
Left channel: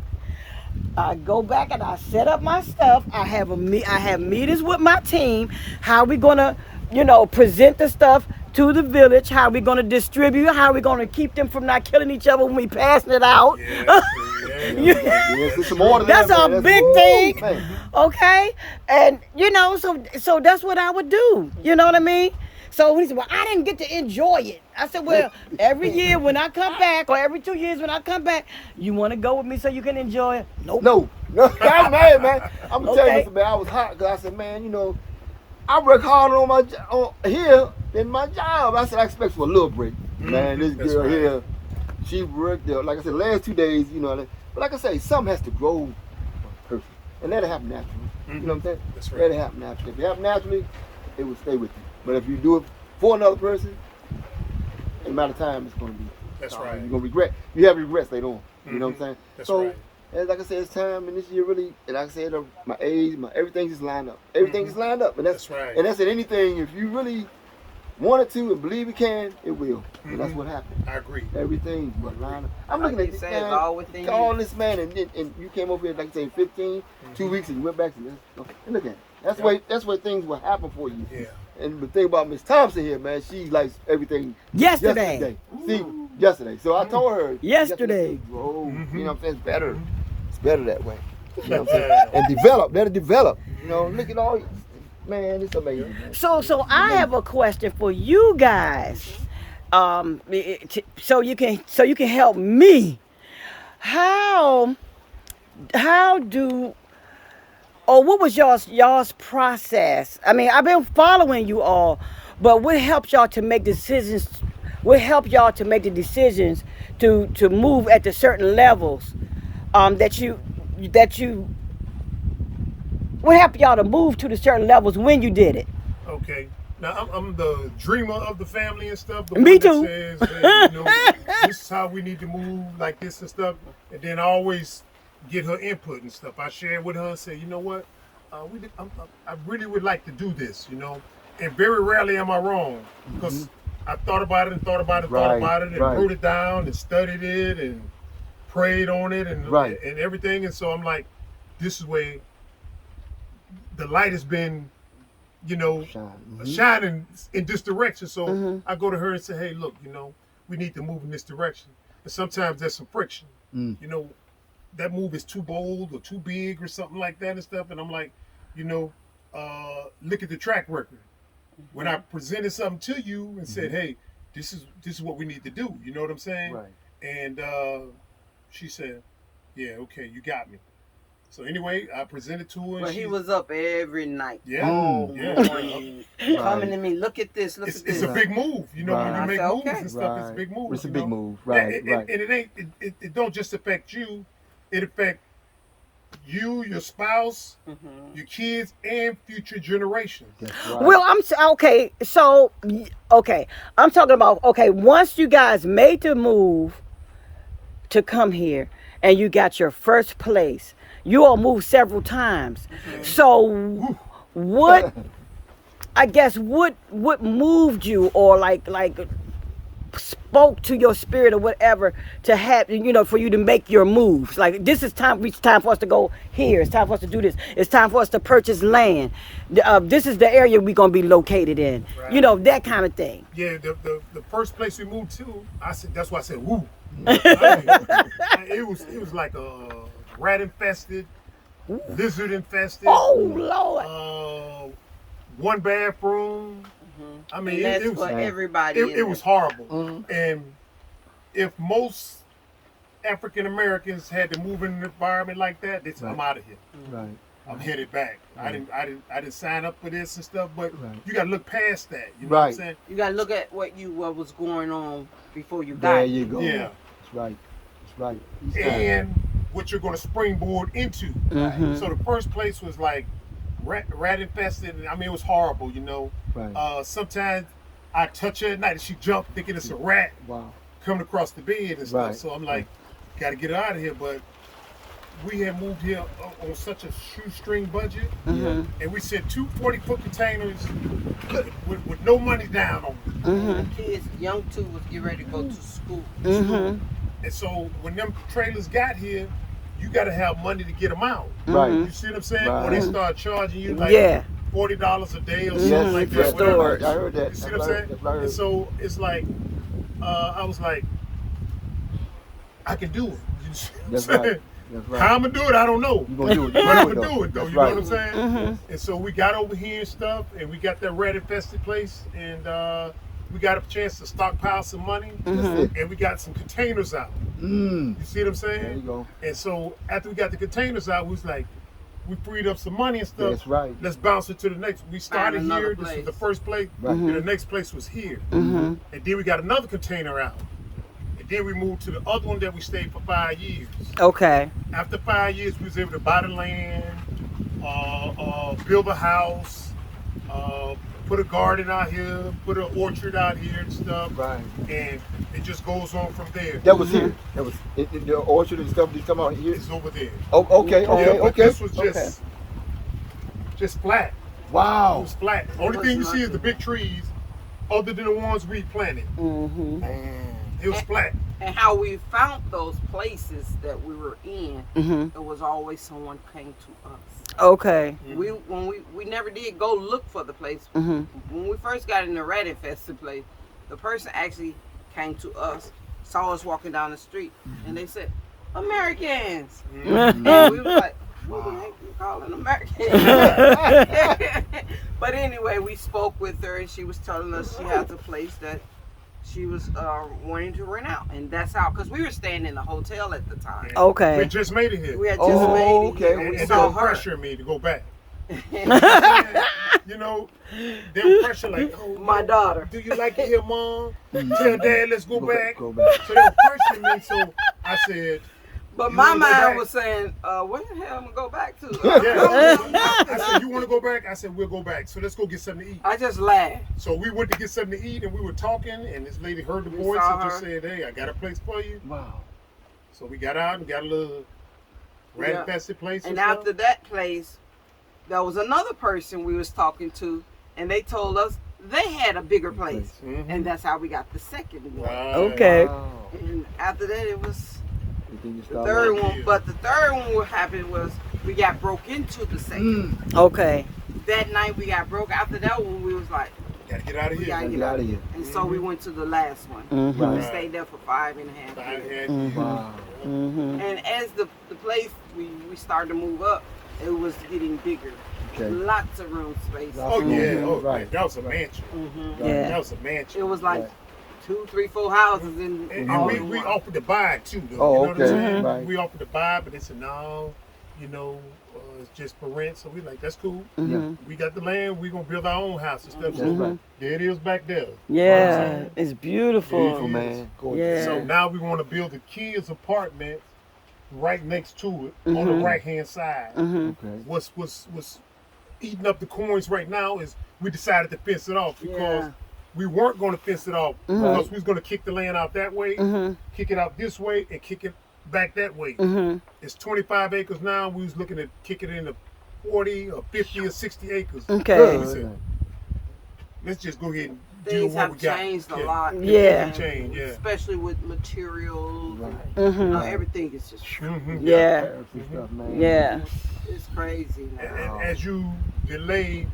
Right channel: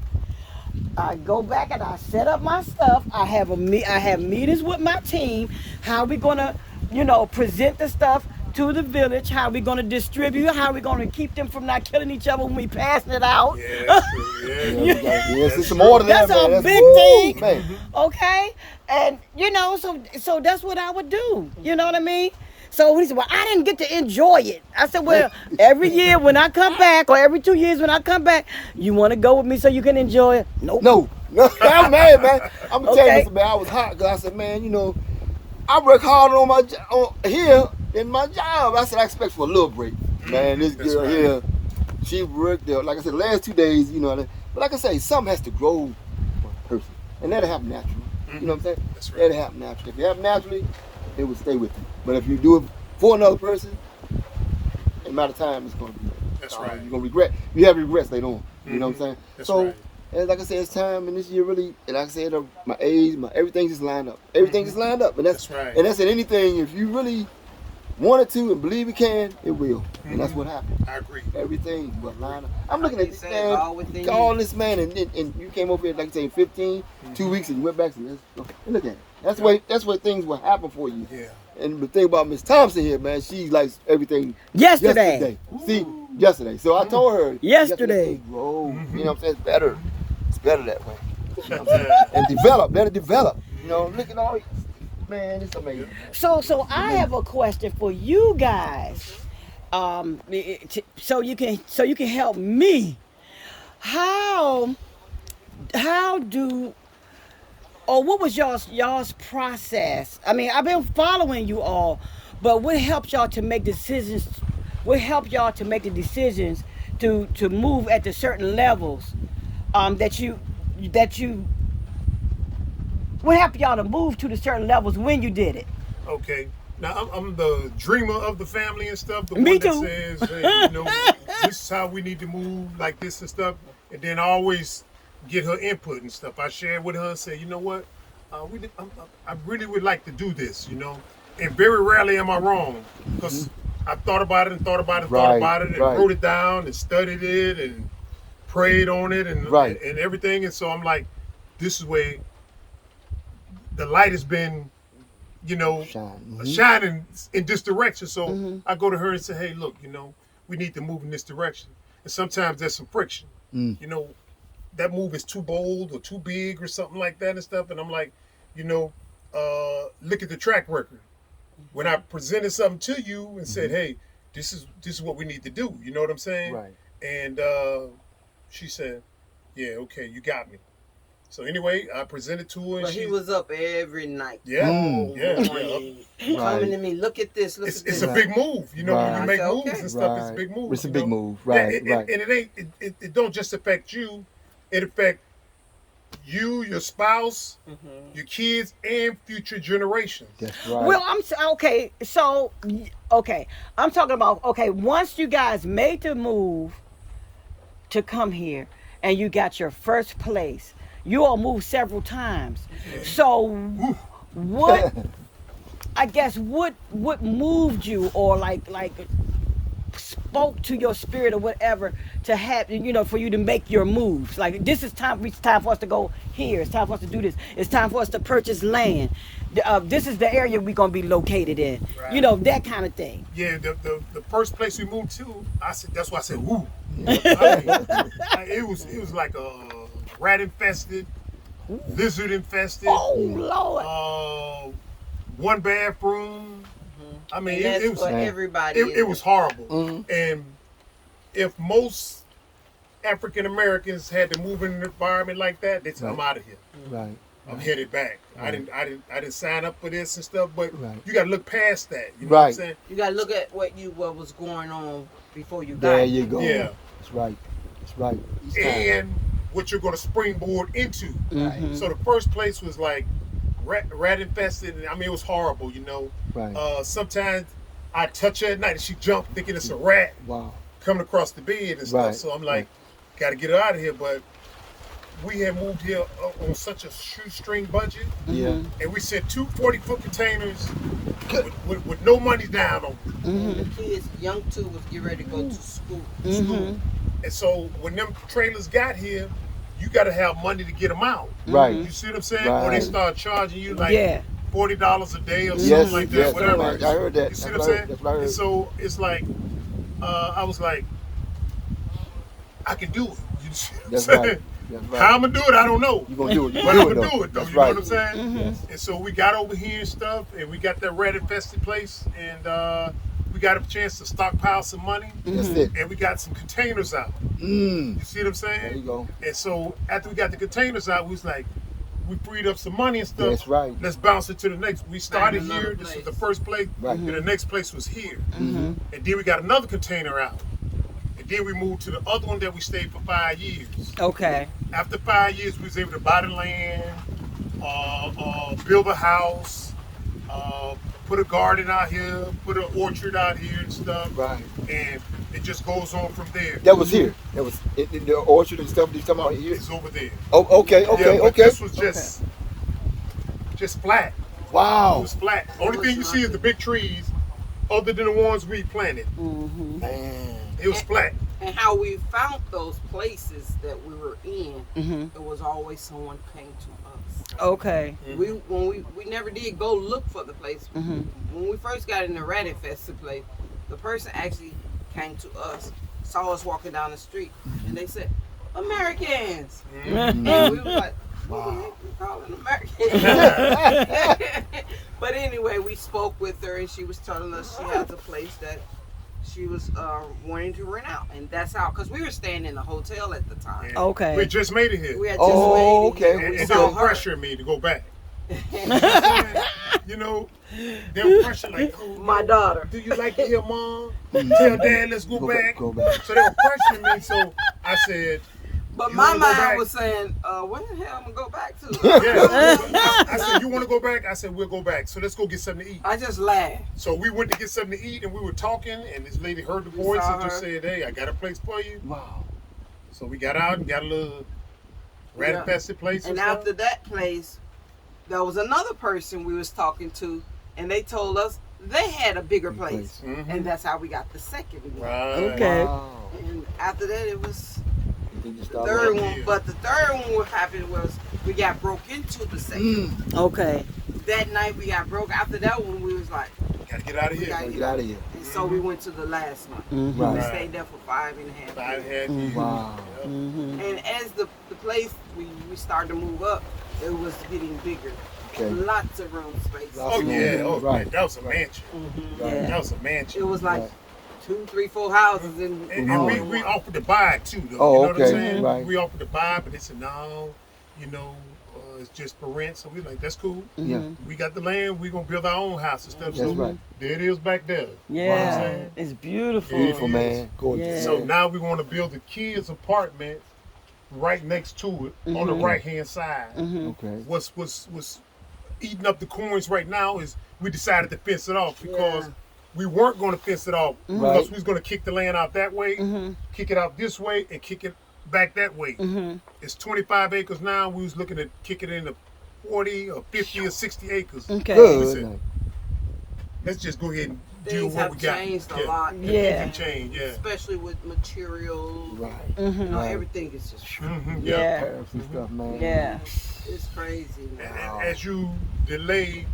I go back and I set up my stuff. I have meetings with my team. How we gonna, present the stuff to the village? How we gonna distribute? How we gonna keep them from not killing each other when we passing it out? Yeah, that's true. That's a big thing. Okay, and so that's what I would do. You know what I mean? So he said, "Well, I didn't get to enjoy it." I said, "Well, every year when I come back, or every 2 years when I come back, you want to go with me so you can enjoy it?" Nope. No. I'm mad, man. I'm gonna tell you, man. I was hot because I said, "Man, I work harder on here than my job." I said, "I expect for a little break." Man, this girl here, she worked there. Like I said, last 2 days, but like I say, something has to grow person, and that'll happen naturally. You know what I'm saying? That's right. That'll happen naturally. If it happen naturally, it will stay with you. But if you do it for another person, the amount of time it's going to be. That's right. You're going to regret. You have regrets later on. You know what I'm saying? That's right. And like I said, it's time, and this year really, and like I said, my age, everything just lined up. Everything just lined up. And that's right. And that's in anything. If you really wanted to and believe you can, it will. And that's what happened. I agree. Everything you got lined up. I'm looking at this, man, all this, man, and you came over here, like I say, 15, 2 weeks, and you went back to this. And look at it. That's where things will happen for you. Yeah. And the thing about Miss Thompson here, man, she likes everything yesterday. See, yesterday. So I told her yesterday. Oh, you know what I'm saying? It's better that way. You know what I'm saying? And let it develop. Look at all, man, it's amazing. So I have a question for you guys. So you can help me. What was y'all's process? I mean, I've been following you all, but what helped y'all to make decisions? What helped y'all to make the decisions to move at the certain levels that you what helped y'all to move to the certain levels when you did it? Okay. Now I'm the dreamer of the family and stuff. The Me one too. that says, hey, this is how we need to move, like this and stuff. And then I always get her input and stuff. I share with her and say, you know what, I really would like to do this, And very rarely am I wrong, because I thought about it and thought about it and wrote it down and studied it and prayed on it and everything. And so I'm like, this is where the light has been, shining in this direction. So I go to her and say, hey, look, we need to move in this direction. And sometimes there's some friction. That move is too bold or too big or something like that and stuff. And I'm like, look at the track record. When I presented something to you and said, hey, this is what we need to do. You know what I'm saying? Right. And she said, yeah, okay, you got me. So anyway, I presented to her. But he was up every night. Yeah. Coming to me, look at this, look at this. It's a big move. When you make moves and stuff, it's a big move. It's a big move, right? And it don't just affect you. It affects you, your spouse, your kids, and future generations. Right. Well, I'm talking about, once you guys made the move to come here and you got your first place, you all moved several times. So what moved you, or like spoke to your spirit or whatever to have, for you to make your moves? Like, this is time. It's time for us to go here. It's time for us to do this. It's time for us to purchase land. This is the area we're gonna be located in. Right. That kind of thing. Yeah. The first place we moved to, I said, that's why I said, woo. It was like a rat infested, lizard infested. Oh Lord. One bathroom. I mean, it was for everybody. It was horrible. And if most African Americans had to move in an environment like that, they said, I'm out of here. Right. I'm headed back. I didn't sign up for this and stuff, but you got to look past that. You know what I'm saying? You got to look at what was going on before you got there. There you go. Yeah. That's right. And what you're going to springboard into. So the first place was like rat infested. And, I mean, it was horrible, you know. Right. Sometimes I touch her at night and she jumped thinking it's a rat coming across the bed and stuff. Right. So I'm like, got to get her out of here. But we had moved here on such a shoestring budget. Yeah. And we sent 2 40-foot containers with no money down on them. Kids, young two was getting ready to go to school. And so when them trailers got here, you got to have money to get them out. Right. You see what I'm saying? Or they start charging you like $40 a day or something Yes, like that. yes, Whatever. I heard that. You see what I'm saying? And so it's like, I was like, I can do it. You see what I'm That's saying? right. That's right. How I'm going to do it, I don't know. You gonna do it. But I'm going to do it though, That's you know right. what I'm saying? And so we got over here and stuff, and we got that rat infested place, and we got a chance to stockpile some money, and we got some containers out. You see what I'm saying? There you go. And so after we got the containers out, we was like, we freed up some money and stuff. That's right. Let's bounce it to the next. We started Find another here. This was place. the first place, Right. and the next place was here. And then we got another container out. And then we moved to the other one that we stayed for 5 years. Okay. After 5 years, we was able to buy the land, build a house, put a garden out here, put an orchard out here and stuff. Right. And it just goes on from there. That was here. That was in the orchard and stuff. You talking about here? It's over there. Oh, okay, Yeah, okay, but okay. this was just flat. It Wow. was flat. Only thing you see is the big trees, other than the ones we planted. Man. It was flat. And how we found those places that we were in, it was always someone came to us. Okay. We never did go look for the place. When we first got in the rat infested place, the person actually came to us, saw us walking down the street, and they said, Americans. And we were like, what the heck you calling Americans? But anyway, we spoke with her, and she was telling us she has a place that she was wanting to rent out, and that's how, because we were staying in a hotel at the time. Okay. We just made it here. We had just made it okay. here, and And we they saw were her. pressuring me to go back. You know, they were pressuring like, oh, My daughter. do you like it here, Mom? Tell Dad, let's go back. Go back. So they were pressuring me, so I said, But You my wanna go back? mind was saying, where the hell am I gonna go back to? yeah. I said, you want to go back? I said, we'll go back. So let's go get something to eat. I just laughed. So we went to get something to eat, and we were talking, and this lady heard the We voice saw and just her. said, hey, I got a place for you. Wow. So we got out and got a little rat-infested place And stuff. after that place, there was another person we was talking to, and they told us they had a bigger place. Mhm. And that's how we got the second one. Right. Okay. Wow. And after that, it was And then you the started- third Yeah. one. But the third one what happened was we got broke into the second. Okay. That night we got broke. After that one, we was like, Gotta get out of we here. gotta Get get out out of here. And so we went to the last one. And we Right. stayed there for 5.5 I years. had Wow. And as the place we started to move up, it was getting bigger. Okay. Lots of room space. Oh yeah, oh Right. man, that was a mansion. Yeah. That was a mansion. It was like Right. 2, 3, 4 houses in And all we in one. offered to buy it too, though. Oh, you know what I'm okay. saying? Right. We offered to buy, but they said no. You know, it's just for rent. So we like, that's cool. Yeah. We got the land. We gonna build our own house and stuff. That's So right. there it is back there. You know what I'm Yeah. saying? It's beautiful. Yeah. Oh, man. Gorgeous. Yeah. So now we want to build a kids' apartment right next to it on the right hand side. Okay. What's eating up the coins right now is we decided to fence it off because Yeah. we weren't going to fence it off because we was going to kick the land out that way, kick it out this way, and kick it back that way. It's 25 acres now. We was looking at kicking it into 40 or 50 or 60 acres. Okay. We said, let's just go ahead and do Things what have we got. changed a Yeah. lot. Yeah. And Change, yeah. Especially with materials. Right. You know, everything is just, Mhm, Yeah. Tariffs and stuff, man. Yeah. it's crazy now. And as you delay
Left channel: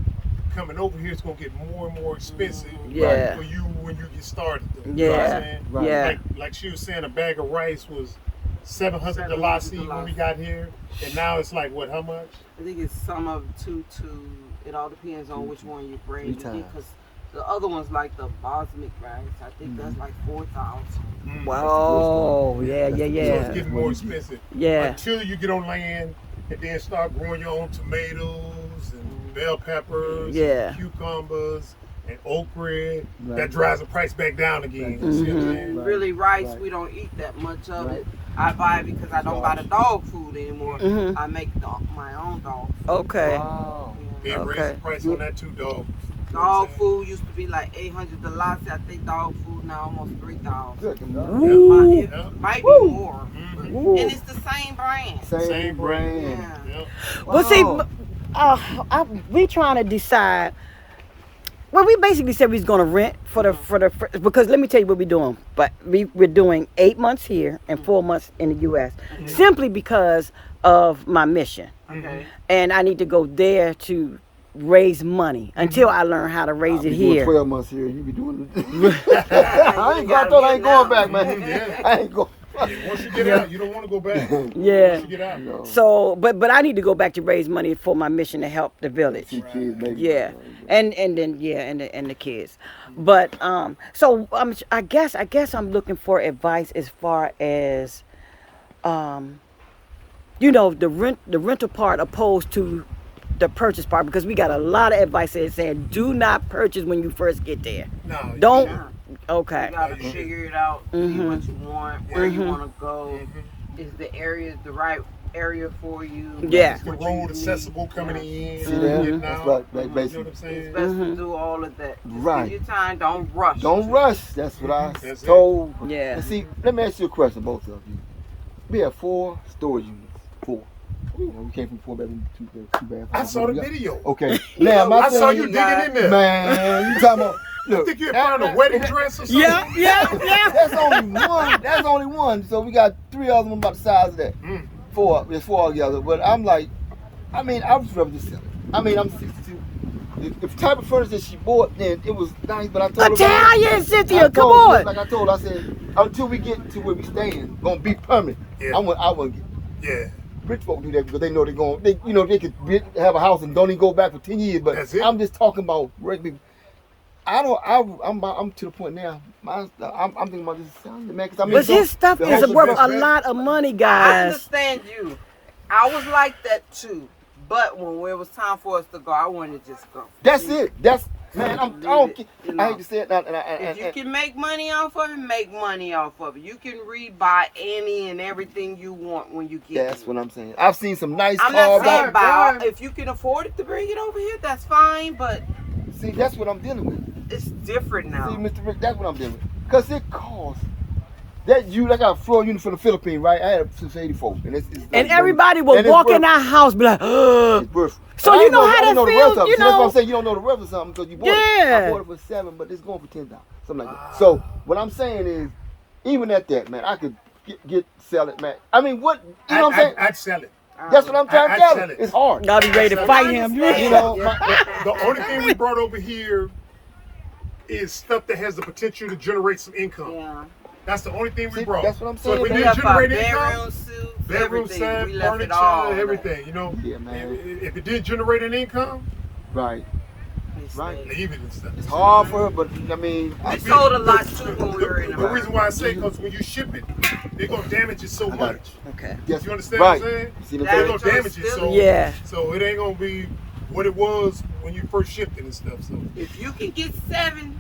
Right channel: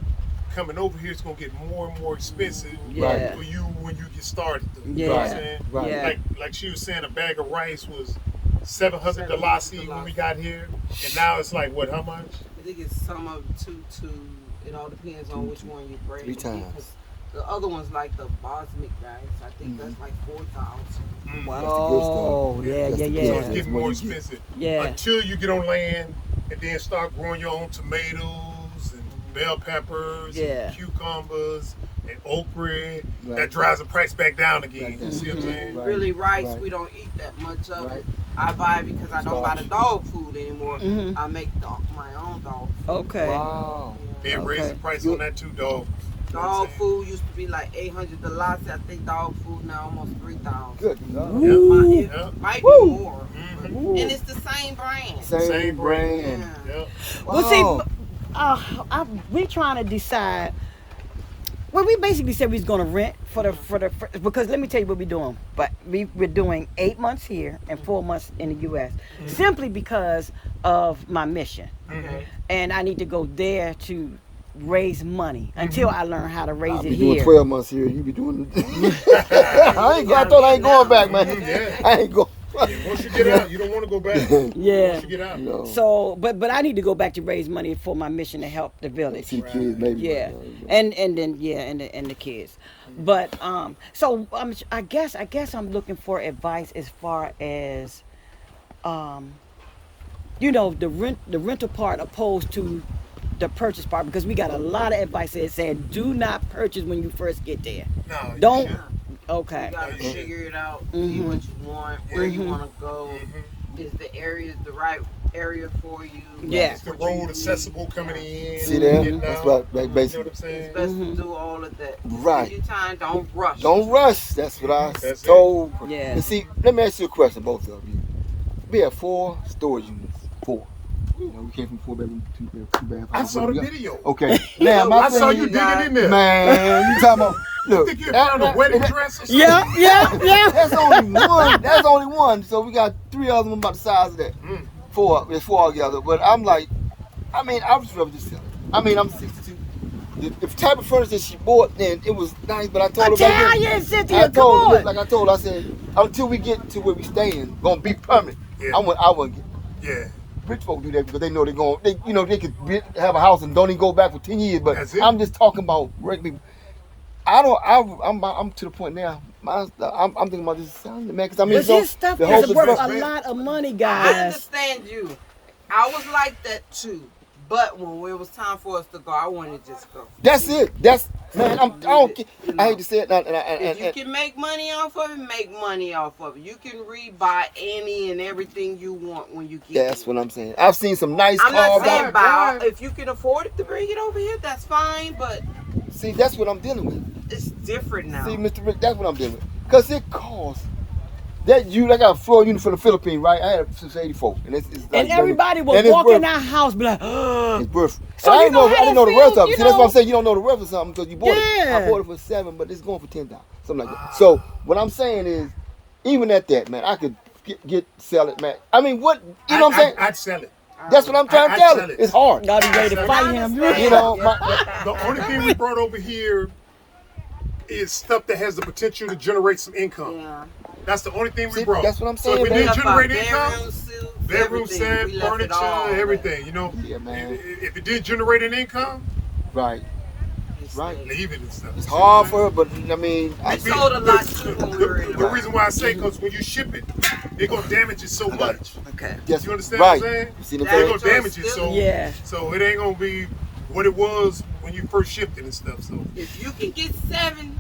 coming over here, it's gonna get more and more expensive Yeah. for you when you get started. Though. You know what I'm Yeah. saying? Right. Yeah. Like she was saying, a bag of rice was 700 dalasi when we got here, and now it's like what? How much? I think it's some of two to, it all depends on which one you bring. 3 times. Because the other one's like the basmati rice. I think that's like 4,000. Oh, yeah, yeah, So it's yeah. getting more expensive. Yeah. Until you get on land and then start growing your own tomatoes and bell peppers, Yeah. and cucumbers and okra. Right. That drives the price back down again. You see what I'm saying? Right. Really, rice, Right. we don't eat that much of it. I buy it because I don't got a dog food anymore. Mhm. I make my own dog. Okay. Yeah. They raised the price on that too, dog. Dog food used to be like $800. I think dog food now almost $3,000. Good. Ooh. It might be more. Ooh. And it's the same brand. Same brand. Yeah. Yep. Well, see, Wow. we trying to decide. Well, we basically said we was gonna rent for the because let me tell you what we're doing. But we're doing 8 months here and 4 months in the U.S. Simply because of my mission, Okay. and I need to go there to raise money until I learn how to raise it You doing here. 12 months here. You be doing. I ain't going back, man. Yeah. I ain't going. Once you get out, you don't want to go back. Yeah. Once you get out. No. So, but I need to go back to raise money for my mission to help the village. See kids, maybe. Yeah, and then and the kids, but so I guess I'm looking for advice as far as, the rental part opposed to the purchase part, because we got a lot of advice that saying do not purchase when you first get there. No. you Don't. shouldn't. Okay. You gotta Yeah. figure it out, see Mhm. what you want, where you Mhm. want to go. Is the area the right area for you? Yeah. Is the road accessible coming in? See that? getting That's out? what You know what basically. I'm saying? It's best Mhm. to do all of that. Just Right. give your time. Don't rush. Don't rush. That's what I That's it. told. Yeah. And see, let me ask you a question, both of you. We have 4 storage units. 4. We came from 4-bedroom, 2-bath I house. saw What we the got? video. Okay. Now my I saw thing you is, digging in there. man, you talking about? I Look, think you found a wedding dress or something. Yeah. That's only one. That's only one. So we got 3 other ones about the size of that. Mm. 4. There's 4 altogether. But I'm like, I would just rather just sell it. I'm 62. The type of furniture she bought, then it was nice. But I told her, Italian, Cynthia, come on. Like I told her, I said, until we get to where we staying, gonna be permanent. Yeah. I wouldn't get. Yeah. Rich folk do that because they know they're going. They could have a house and don't even go back for 10 years. But That's it. I'm just talking about regular people. I'm to the point now. I'm thinking about this selling, man. Because But his stuff the is whole- worth a best bet. lot of money, I guys. understand you. I was like that too. But when it was time for us to go, I wanted to just go. That's it. That's man. I don't. You know. I hate to say it. If you can make money off of it, make money off of it. You can rebuy any and everything you want when you get That's here. what I'm saying. I've seen some nice I'm not cars. saying out. buy. If you can afford it to bring it over here, that's fine. But See, that's what I'm dealing with. it's different now. See, Mr. Rich, that's what I'm dealing with. Because it costs. That I got a floor unit for the Philippines, right? I had it since '84, and it's And everybody will and it's walk in worth- our house be like, It's worth. So I you didn't know how I didn't that know the worth feels, of it. you See, that's what know? I'm saying. You don't know the worth of something because you bought it. Yeah. I bought it for $7, but it's going for $10, something like that. So what I'm saying is, even at that, man, I could sell it, man. I mean, what? You know what I'm saying? I'd sell it. That's what I'm trying I'd to tell sell you. it. It's hard. y'all be ready to fight him. You know, The only thing we brought over here is stuff that has the potential to generate some income. Yeah. That's the only thing we See, brought. that's what I'm So if saying, it man. didn't left our generate income, bedroom everything. set, We left it furniture, all, man. everything, you know. Yeah, man. If it didn't generate an income, right. It's Right. like- leave it and stuff. It's See what I'm hard for saying? her, but I mean, We sold a lot too when we were in The reason why I say because when you ship it, they're gonna damage it so much. Okay. yes, You understand right. what I'm saying? You see the That- They're thing? gonna damage it, so Yeah. so it ain't gonna be what it was when you first shipped it and stuff. So If you can get 7,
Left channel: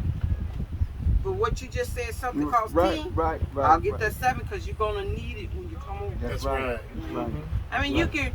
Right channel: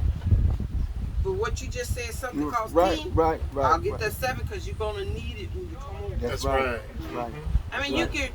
but what you just said, something costs right, 10, right, right. I'll get right. that 7 because you're gonna need it when you come over. that's right. I mean, you can.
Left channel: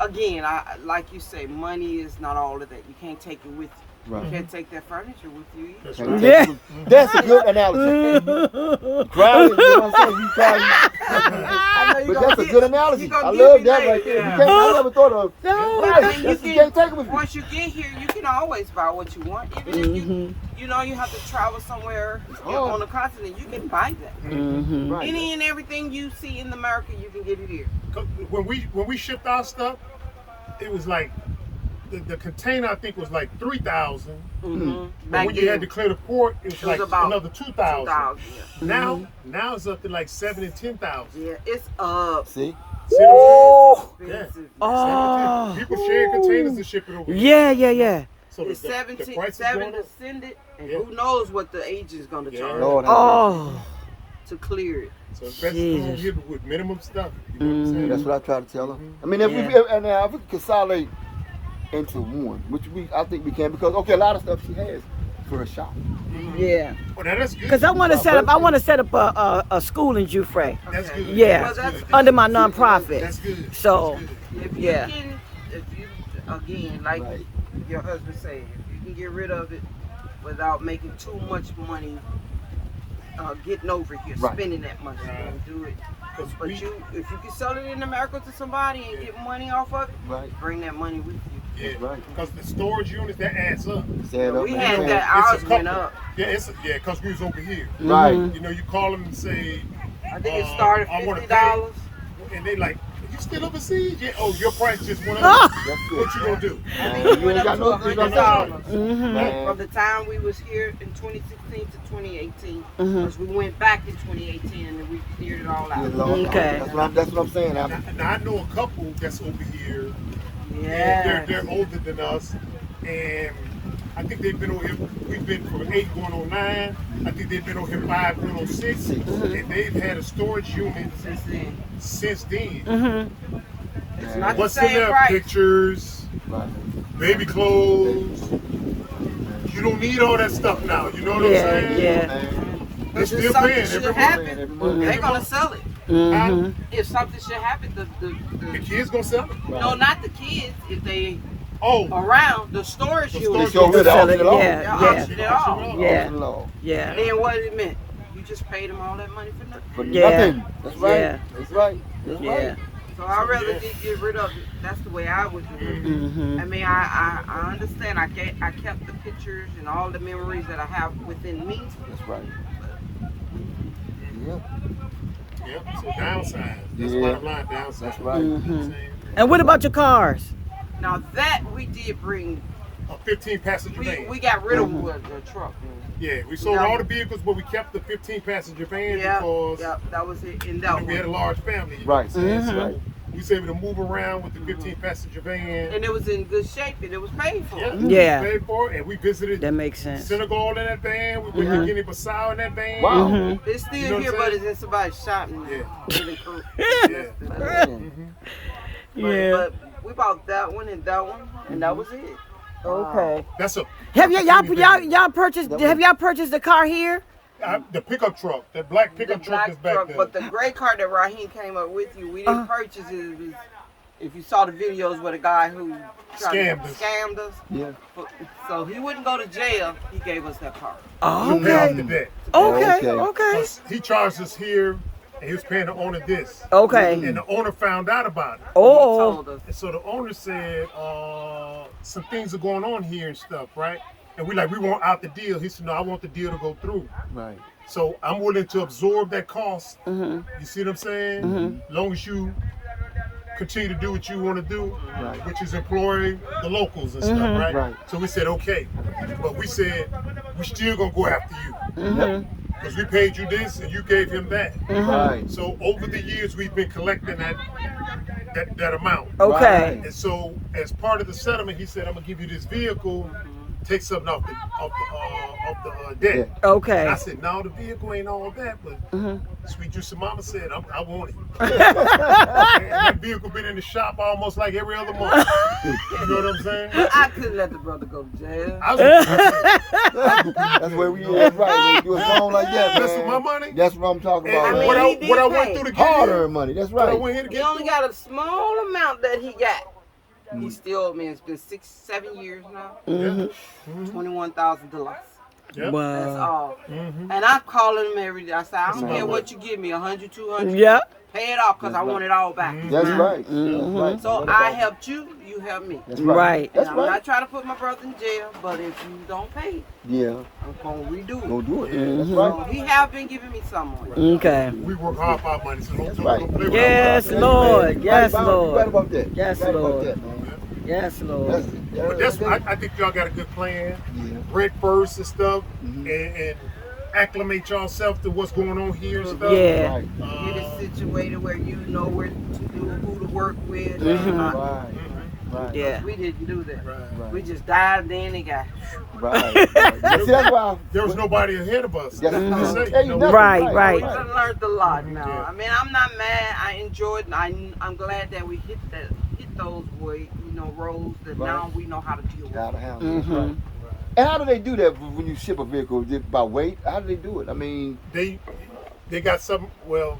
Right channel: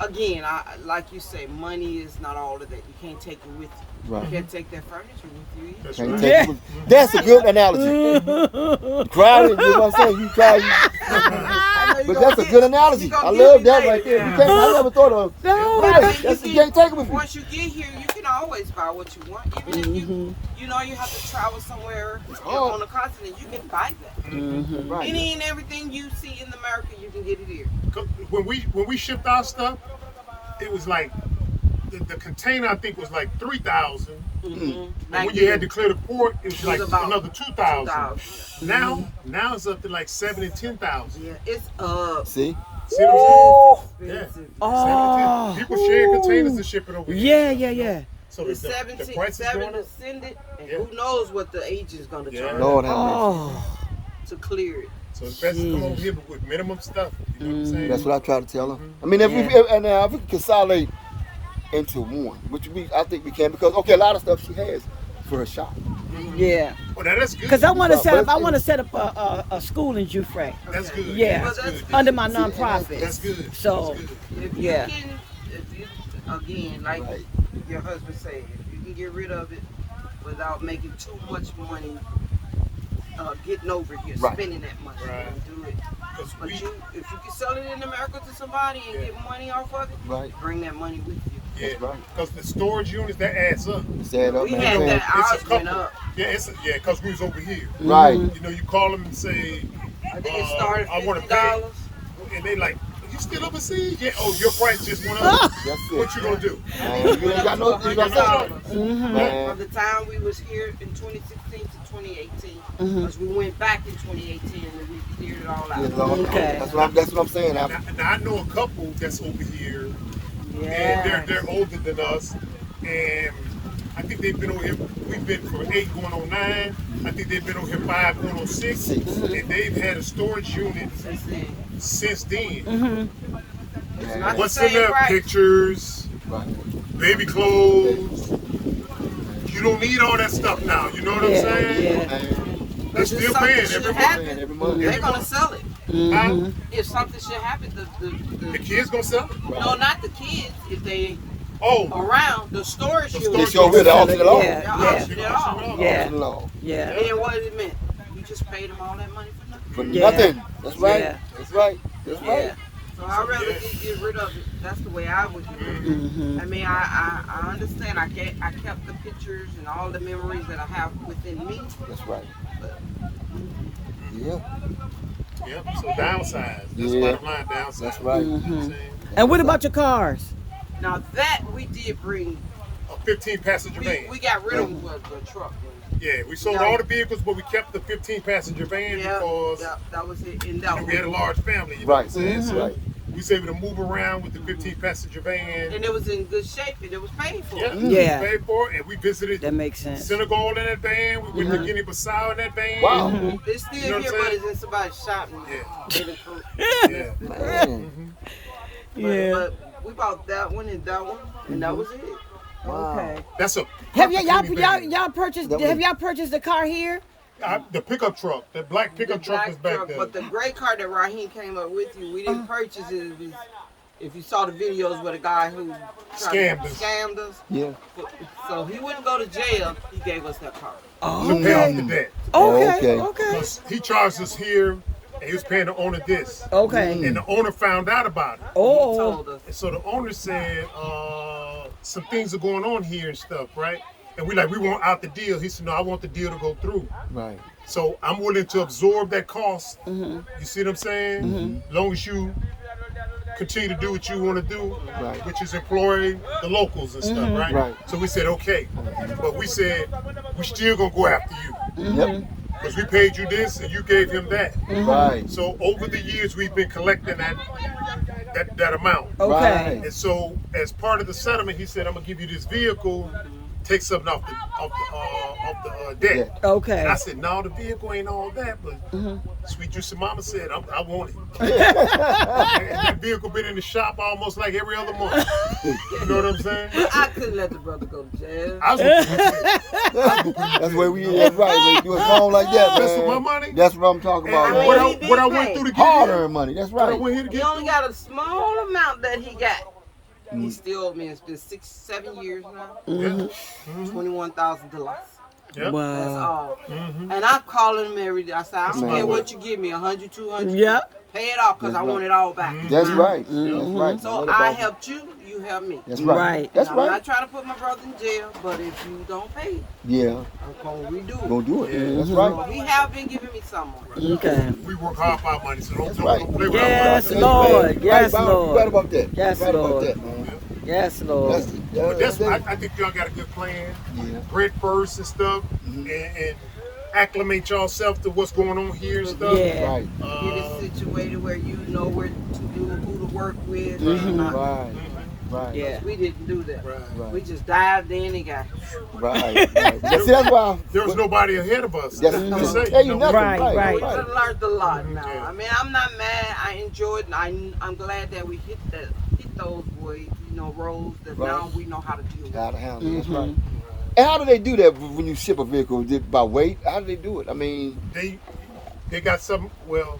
Again, like you say, money is not all of that. You can't take it with you. Right. You can't take that furniture with you either. That's Can't right. take Yeah. it. That's a good analogy. Crowded, you know what I'm saying? You try. I know you But gonna that's a get- good analogy. you gonna I get love me that later, right there. yeah. You can't I never thought of. No. I mean, That's- you you can't take it with you. once you get here, you can always buy what you want. Even if you, you know, you have to travel somewhere on the continent, you can buy that. Mm-hmm. Right. Any and everything you see in America, you can get it here. 'Cause when we shipped our stuff, it was like the container I think was like 3,000. But when you had to clear the port, it was like about another 2,000. 2,000. Now it's up to like 7,000 and 10,000. Yeah, it's up. See? See what I'm saying? Expensive. Oh. People share containers to ship it over here. Yeah. So It's the 17, price is 7 going to up. send it, and Yeah. who knows what the agent's gonna Yeah. charge Lord have Oh. to clear it. So it's best to come over here with minimum stuff. You know what I'm saying? That's what I try to tell her. I mean, if we can consolidate into one, which I think we can, because okay, a lot of stuff she has for her shop. Yeah. Oh, now that's good. Cause I want to set up a school in Jufre. That's good. Yeah. That's Well, good. Under my nonprofit. That's good. So, That's good. If Yeah. you can, if you, again, like Right. your husband said, if you can get rid of it without making too much money, getting over here, Right. spending that money, Right. and do it. 'Cause But we- if you can sell it in America to somebody and Yeah. get money off of it, Right. bring that money with you. Yeah, That's right. because the storage units that adds up. Stand up We and had say, that. It's Ours a went couple. up. Yeah, because we was over here. Right. You know, you call them and say, I think it started I wanna pay. $50. and they like, you still overseas? Yeah. Oh, your price just went Ah. up. That's it. What you gonna do? Man, It you went ain't up got to no $100 Man. from the time we was here in 2016 to 2018. Mhm. Because we went back in 2018 and then we cleared it all out. Okay. That's what I'm saying. Now, I know a couple that's over here. Yeah. And they're older than us, and I think they've been over here. We've been for 8 going on 9. I think they've been over here 5 going on 6, and they've had a storage unit Since then. since then. Mm-hmm. It's not What's the in same there? price. Pictures, Right. baby clothes. You don't need all that stuff now. You know what I'm Yeah, saying? yeah. They're But if still something paying should every month. happen, Every month. they're gonna sell it. Mm-hmm. If something should happen, The kids gonna sell it. no, not the kids. If they Oh, around the storage The unit, storage They show unit. good Sell it, at yeah, they'll yeah, auction it off. yeah, Law. yeah. And then what it meant, you just paid them all that money for nothing. For Yeah. nothing. That's right. Yeah. That's right. That's Yeah. right. So I'd rather Yeah. just get rid of it. That's the way I would do it. Mm-hmm. I mean, I understand. I kept the pictures and all the memories that I have within me. That's right. But Yeah. yep. So downsize. That's Yeah. bottom line. Downsize. That's right. You know what I'm Mm-hmm. saying? And what about your cars? now that we did bring, A 15 passenger van. we got rid of the truck. Yeah, we sold No. all the vehicles, but we kept the 15 passenger van Yeah, because yeah, that was it. In that we had a one, large family. You know Right. what I'm saying? Mhm. So we was able to move around with the 15 passenger van. and it was in good shape, and it was paid for. Yeah, Yeah. we paid for it, and we visited That makes sense. Senegal in that van. We went to Guinea-Bissau in that van. Wow. Mm-hmm. It's still You know what here, I'm but saying? it's in somebody's shop now. Yeah. Really cool. Yeah. Man. Yeah. But we bought that one and that one, and that was it. Okay. That's a Have perfect purchased? Have y'all purchased the car here? the pickup truck, that black pickup The truck black is back truck, there. But the gray car that Raheem came up with you, we didn't purchase it. It was, if you saw the videos with a guy who scammed us. Yeah. So he wouldn't go to jail. He gave us that car. Oh, to pay off okay. the debt. Okay. Okay. Okay. Because he charged us here, and he was paying the owner this. Okay. And the owner found out about it. He Oh. told us. And so the owner said, some things are going on here and stuff, right? And we want out the deal. He said, no, I want the deal to go through. Right. So I'm willing to absorb that cost. Mm-hmm. You see what I'm saying? As long as you continue to do what you want to do, which is employ the locals and stuff, right? Right. So we said, okay. But we said, we still going to go after you. Yep. Because we paid you this and you gave him that. Right. So over the years, we've been collecting that amount. Okay. And so, as part of the settlement, he said, "I'm gonna give you this vehicle, take something off the debt." And Okay. I said, "No, the vehicle ain't all that, but Sweet Juicy Mama said I want it." And that vehicle been in the shop almost like every other month. You know what I'm saying? I couldn't let the brother go to jail. I was That's where we at, right? When you was home like that, That's man. with my money? That's what I'm talking about, And I mean, when man. he I, did when I pay. went through the Hard-earned money. That's I right. went here to He get. only got a small amount that he got. He still, man, it's been 6-7 years now. $21,000. Yep. That's Wow. all. Mm-hmm. And I'm calling him every day. I say, I don't my care way. what you give me, 100, 200. Yeah. Pay it off because I want it all back. It's That's mine. right. Mhm. So I helped you, you helped me. That's Right. And That's I'm right. not trying to put my brother in jail, but if you don't pay, Yeah. I'm going to redo Gonna it. do it. Yeah. That's So right. he have been giving me some money. Okay. We work hard for our money, so don't play with Yes, our money. Lord. Yes, Right Lord. about that. Yes, Right about Lord. that, man. Yes, Lord. That's it. Yeah, But that's I think y'all got a good plan. Yeah. Rent first and stuff, and acclimate yourself to what's going on here and stuff. Yeah. Right. Get it situated where you know where to do, who to work with. Right. and not- Right. Right. Yeah. We didn't do that. Right. We just dived in and got. Right. Right. That's why. There was nobody ahead of us. That's To what I'm say, saying. you know, Right, right. We done learned a lot now. Yeah. I mean, I'm not mad. I enjoyed. I'm glad that we hit those roads that Right. now we know how to deal with. Gotta it. handle it. Mhm. And how do they do that when you ship a vehicle? Is it by weight? How do they do it? I mean, They got some. Well,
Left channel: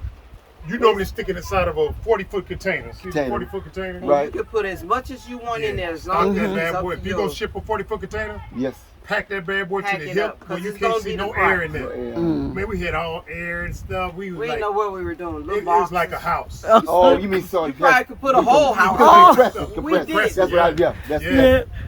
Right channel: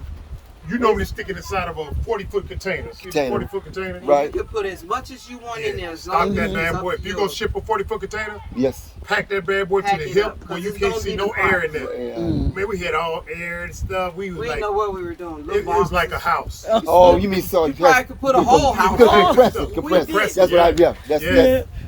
you normally stick it inside of a 40-foot container. See the 40-foot container? And Right. you can put as much as you want in there as Stock long that as it's bad up boy. to If you're gonna yours. ship a 40-foot container, yes. pack that bad boy Pack to the it hip up, 'cause where you it's can't gonna see be no the air in there. Yeah. Man, we had all air and stuff. We was We like, didn't know what we were doing. Little it was like a boxes. house. Oh, you mean so? You probably could put a whole house. Compressed. we did. That's what I, yeah. That's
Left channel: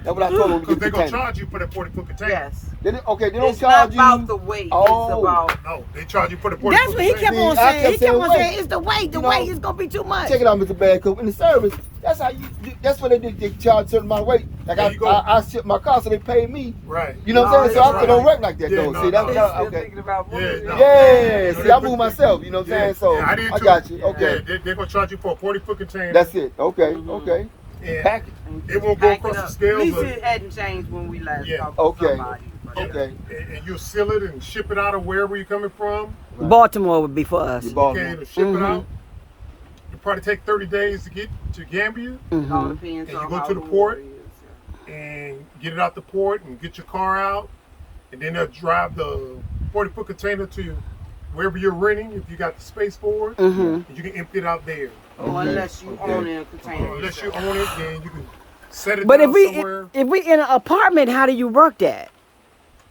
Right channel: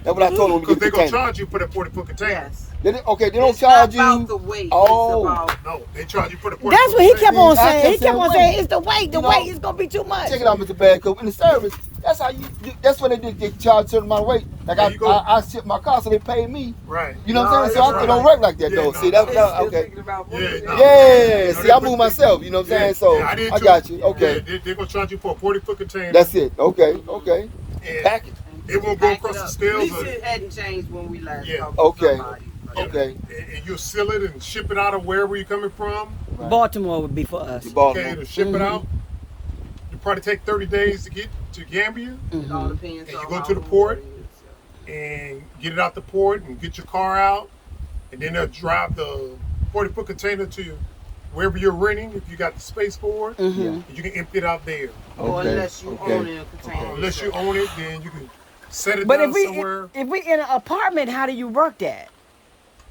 what I told them. Because they're gonna charge you for that 40-foot container. Yes. Okay, they don't It's not charge you. about the weight. Oh. It's about No, they charge you for the 40-foot That's what he kept container. on I saying. kept He kept on saying, saying it's the weight. The You know, weight is gonna be too much. Check it out, Mr. Bad Cook. In the service, that's how you. That's when they charge a certain amount of weight. Like There you go. I ship my car, so they pay me. Right. You know what I'm saying? So that's it don't right. work like that Yeah, though. no, See, no, that's no. still okay. thinking about Yeah, moving. no. Yeah, No, see, they I put- move myself. You know what I'm Yeah, saying? So yeah, I did I too. got you. Yeah, Okay, they're gonna charge you for a 40-foot container. that's it. Okay, Mm-hmm. okay. And Pack it. it won't go Pack across it the up. scales. At least or- it hadn't changed when we last Yeah. talked to Okay. somebody. But Yep. Okay. And you'll seal it and ship it out of wherever you're coming from. Baltimore would be for us. You bought Okay, it. to ship it Mhm. out. You probably take 30 days to get to Gambia it all depends And on you go how to the warm port? it is. and get it out the port and get your car out, and then they'll drive the 40-foot container to wherever you're renting if you got the space for it. And you can empty it out there. Or Okay. unless you Okay. own it in a container. Unless you own it, then you can set it But down if we somewhere. if we in an apartment, how do you work that?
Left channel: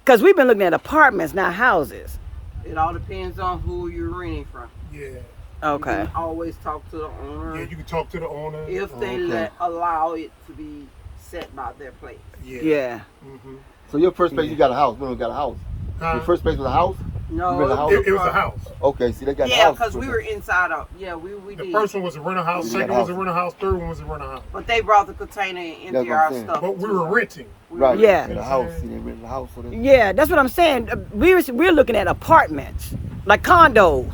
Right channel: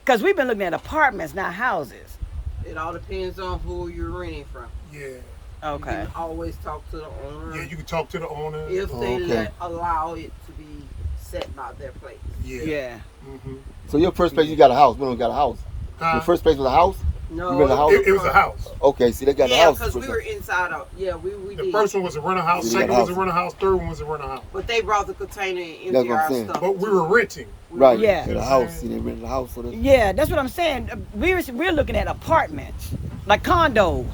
Because we've been looking at apartments, not houses. It all depends on who you're renting from. Yeah. You Okay. can always talk to the owner Yeah, you can talk to the owner. if they Okay. allow it to be set by their place. Yeah. Yeah. Mm-hmm. So your first place, you got a house. We don't got a house. Your first place was a house. No, You rent a house? It was a house. Okay, see, they got a Yeah, house. because we were inside out. Yeah, we The did. first one was a rental house. Yeah. Second was a rental house. Third one was a rental house. But they brought the container and That's empty what I'm our saying. stuff. But we were renting. We Right. were- Yeah. The house. See, they rented a house. So they, Yeah, that's what I'm saying. We're looking at apartments, like condos.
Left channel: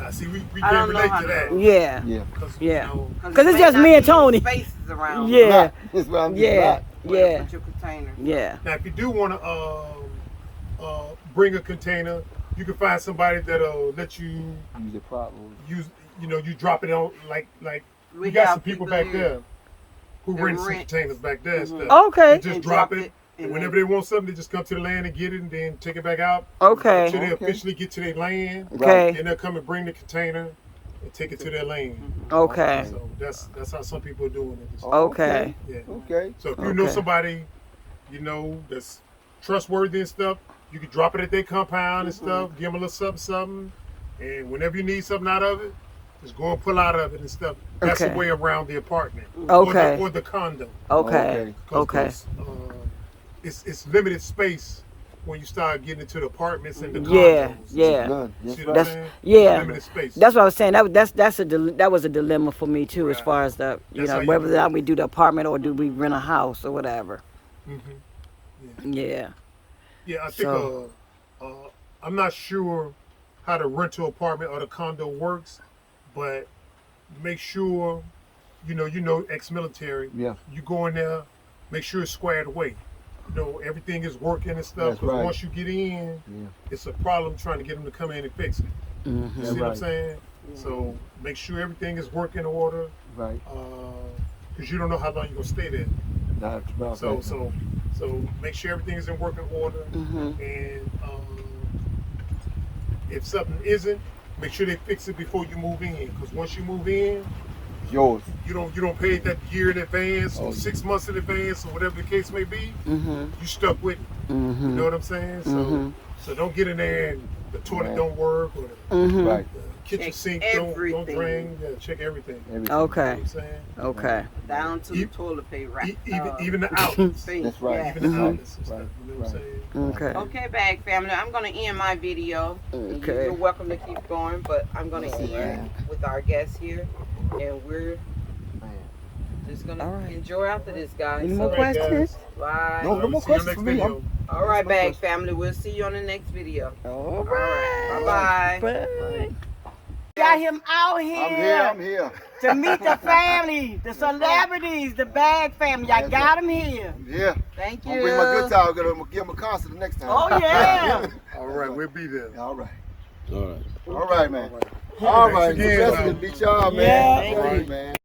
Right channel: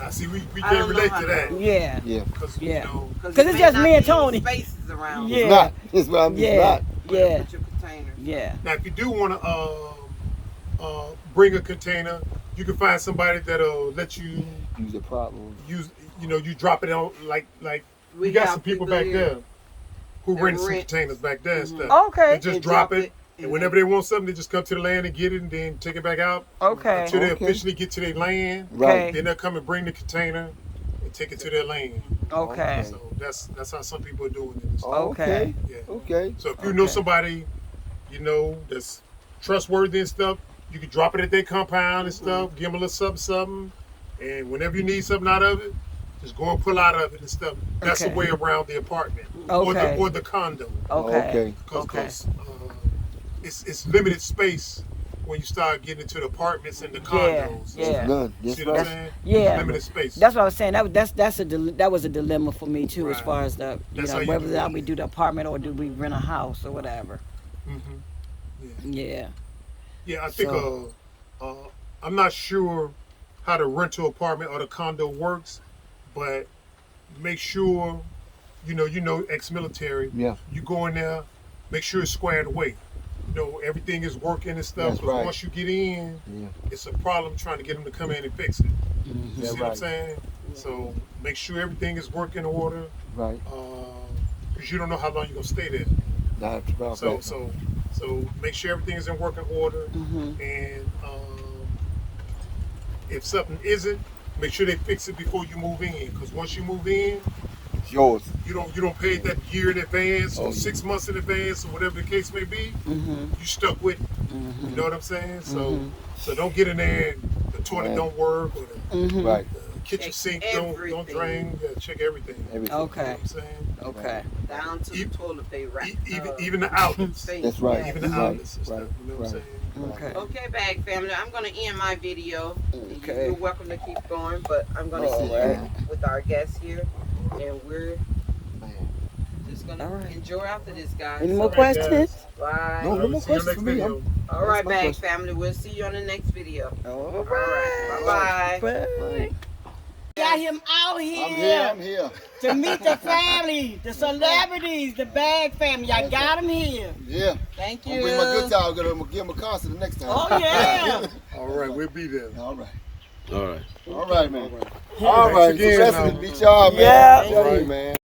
I see. We I can't don't know relate how to to that. do Yeah. yeah. Because Yeah. you know, 'Cause 'Cause it it's may just not me and be Tony. Spaces around. Yeah. Nah, that's what I'm Yeah. not. Where to Yeah. put your container. Yeah. now if you do want to bring a container, you can find somebody that'll let you Use it properly. use. You know, you drop it on like We we got have some people back here there who that rent some rent. containers back there and Mhm. stuff. Okay. They just And drop it. And and whenever they want something, they just come to the land and get it, and then take it back out Okay. until they Okay. officially get to their land. Okay. Then they'll come and bring the container and take it to their land. Okay. So that's how some people are doing it. Okay. Yeah. Okay. So if you know Okay. somebody, you know, that's trustworthy and stuff, you can drop it at their compound and stuff, give them a little something, and whenever you need something out of it, just go and pull out of it and stuff. That's the Okay. way around the apartment Okay. or the condo. Okay. Okay. Because it's limited space when you start getting into the apartments and the Yeah. condos. Yeah. Good. You Yes, see sir. what I'm That's- saying? yeah. Limited space. That's what I was saying. That was a dilemma for me too, as Right. far as the That's how you whether do it. we do the apartment or do we rent a house or whatever. hmm Yeah. Yeah, I think So- I'm not sure how the rental apartment or the condo works, but make sure you know ex-military. Yeah. You go in there, make sure it's squared away. You know everything is working and stuff. That's Because right. once you get in, Yeah. it's a problem trying to get them to come in and fix it. You Mhm. see what I'm Right. saying? So make sure everything is working in order, Right. because you don't know how long you're gonna stay there. Nah, it's So right. so make sure everything is in working order. Mhm. And if something isn't, make sure they fix it before you move in. Because once you move in, It's yours. you don't pay that year in advance Oh, or yeah. 6 months in advance or whatever the case may be. Mhm. You stuck with it. You Mhm. know what I'm saying? Mhm. So don't get in there and the toilet Right. don't work or the Mhm. Right. kitchen Check sink don't everything. drain. Yeah, check everything. You Everything. know Okay. what I'm saying? Okay. down to E- the toilet paper. Even the outlets. That's right. Yes. Even the Mhm. outlets and stuff. You know what I'm Right. saying? Okay. Okay, bag family. I'm gonna end my video. Okay. You're welcome to keep going, but I'm gonna All end with our guest here, and we're Man. just gonna All right. enjoy after this, guys. Any more All right, questions? Bye. No, no more See you questions next for me. video. All right, That's my bag question. family. We'll see you on the next video. All right. right. Bye-bye. Bye. Got him out here, I'm here. to meet the family, the celebrities, the Bag family. I got him here. Yeah. Thank I'm you. gonna bring my guitar. I'm gonna give him a concert the next time. Oh yeah. All right, we'll be there. All right. All right. All right, man. All right. Again, Blessings to meet y'all, man. Yeah. Tell you, man.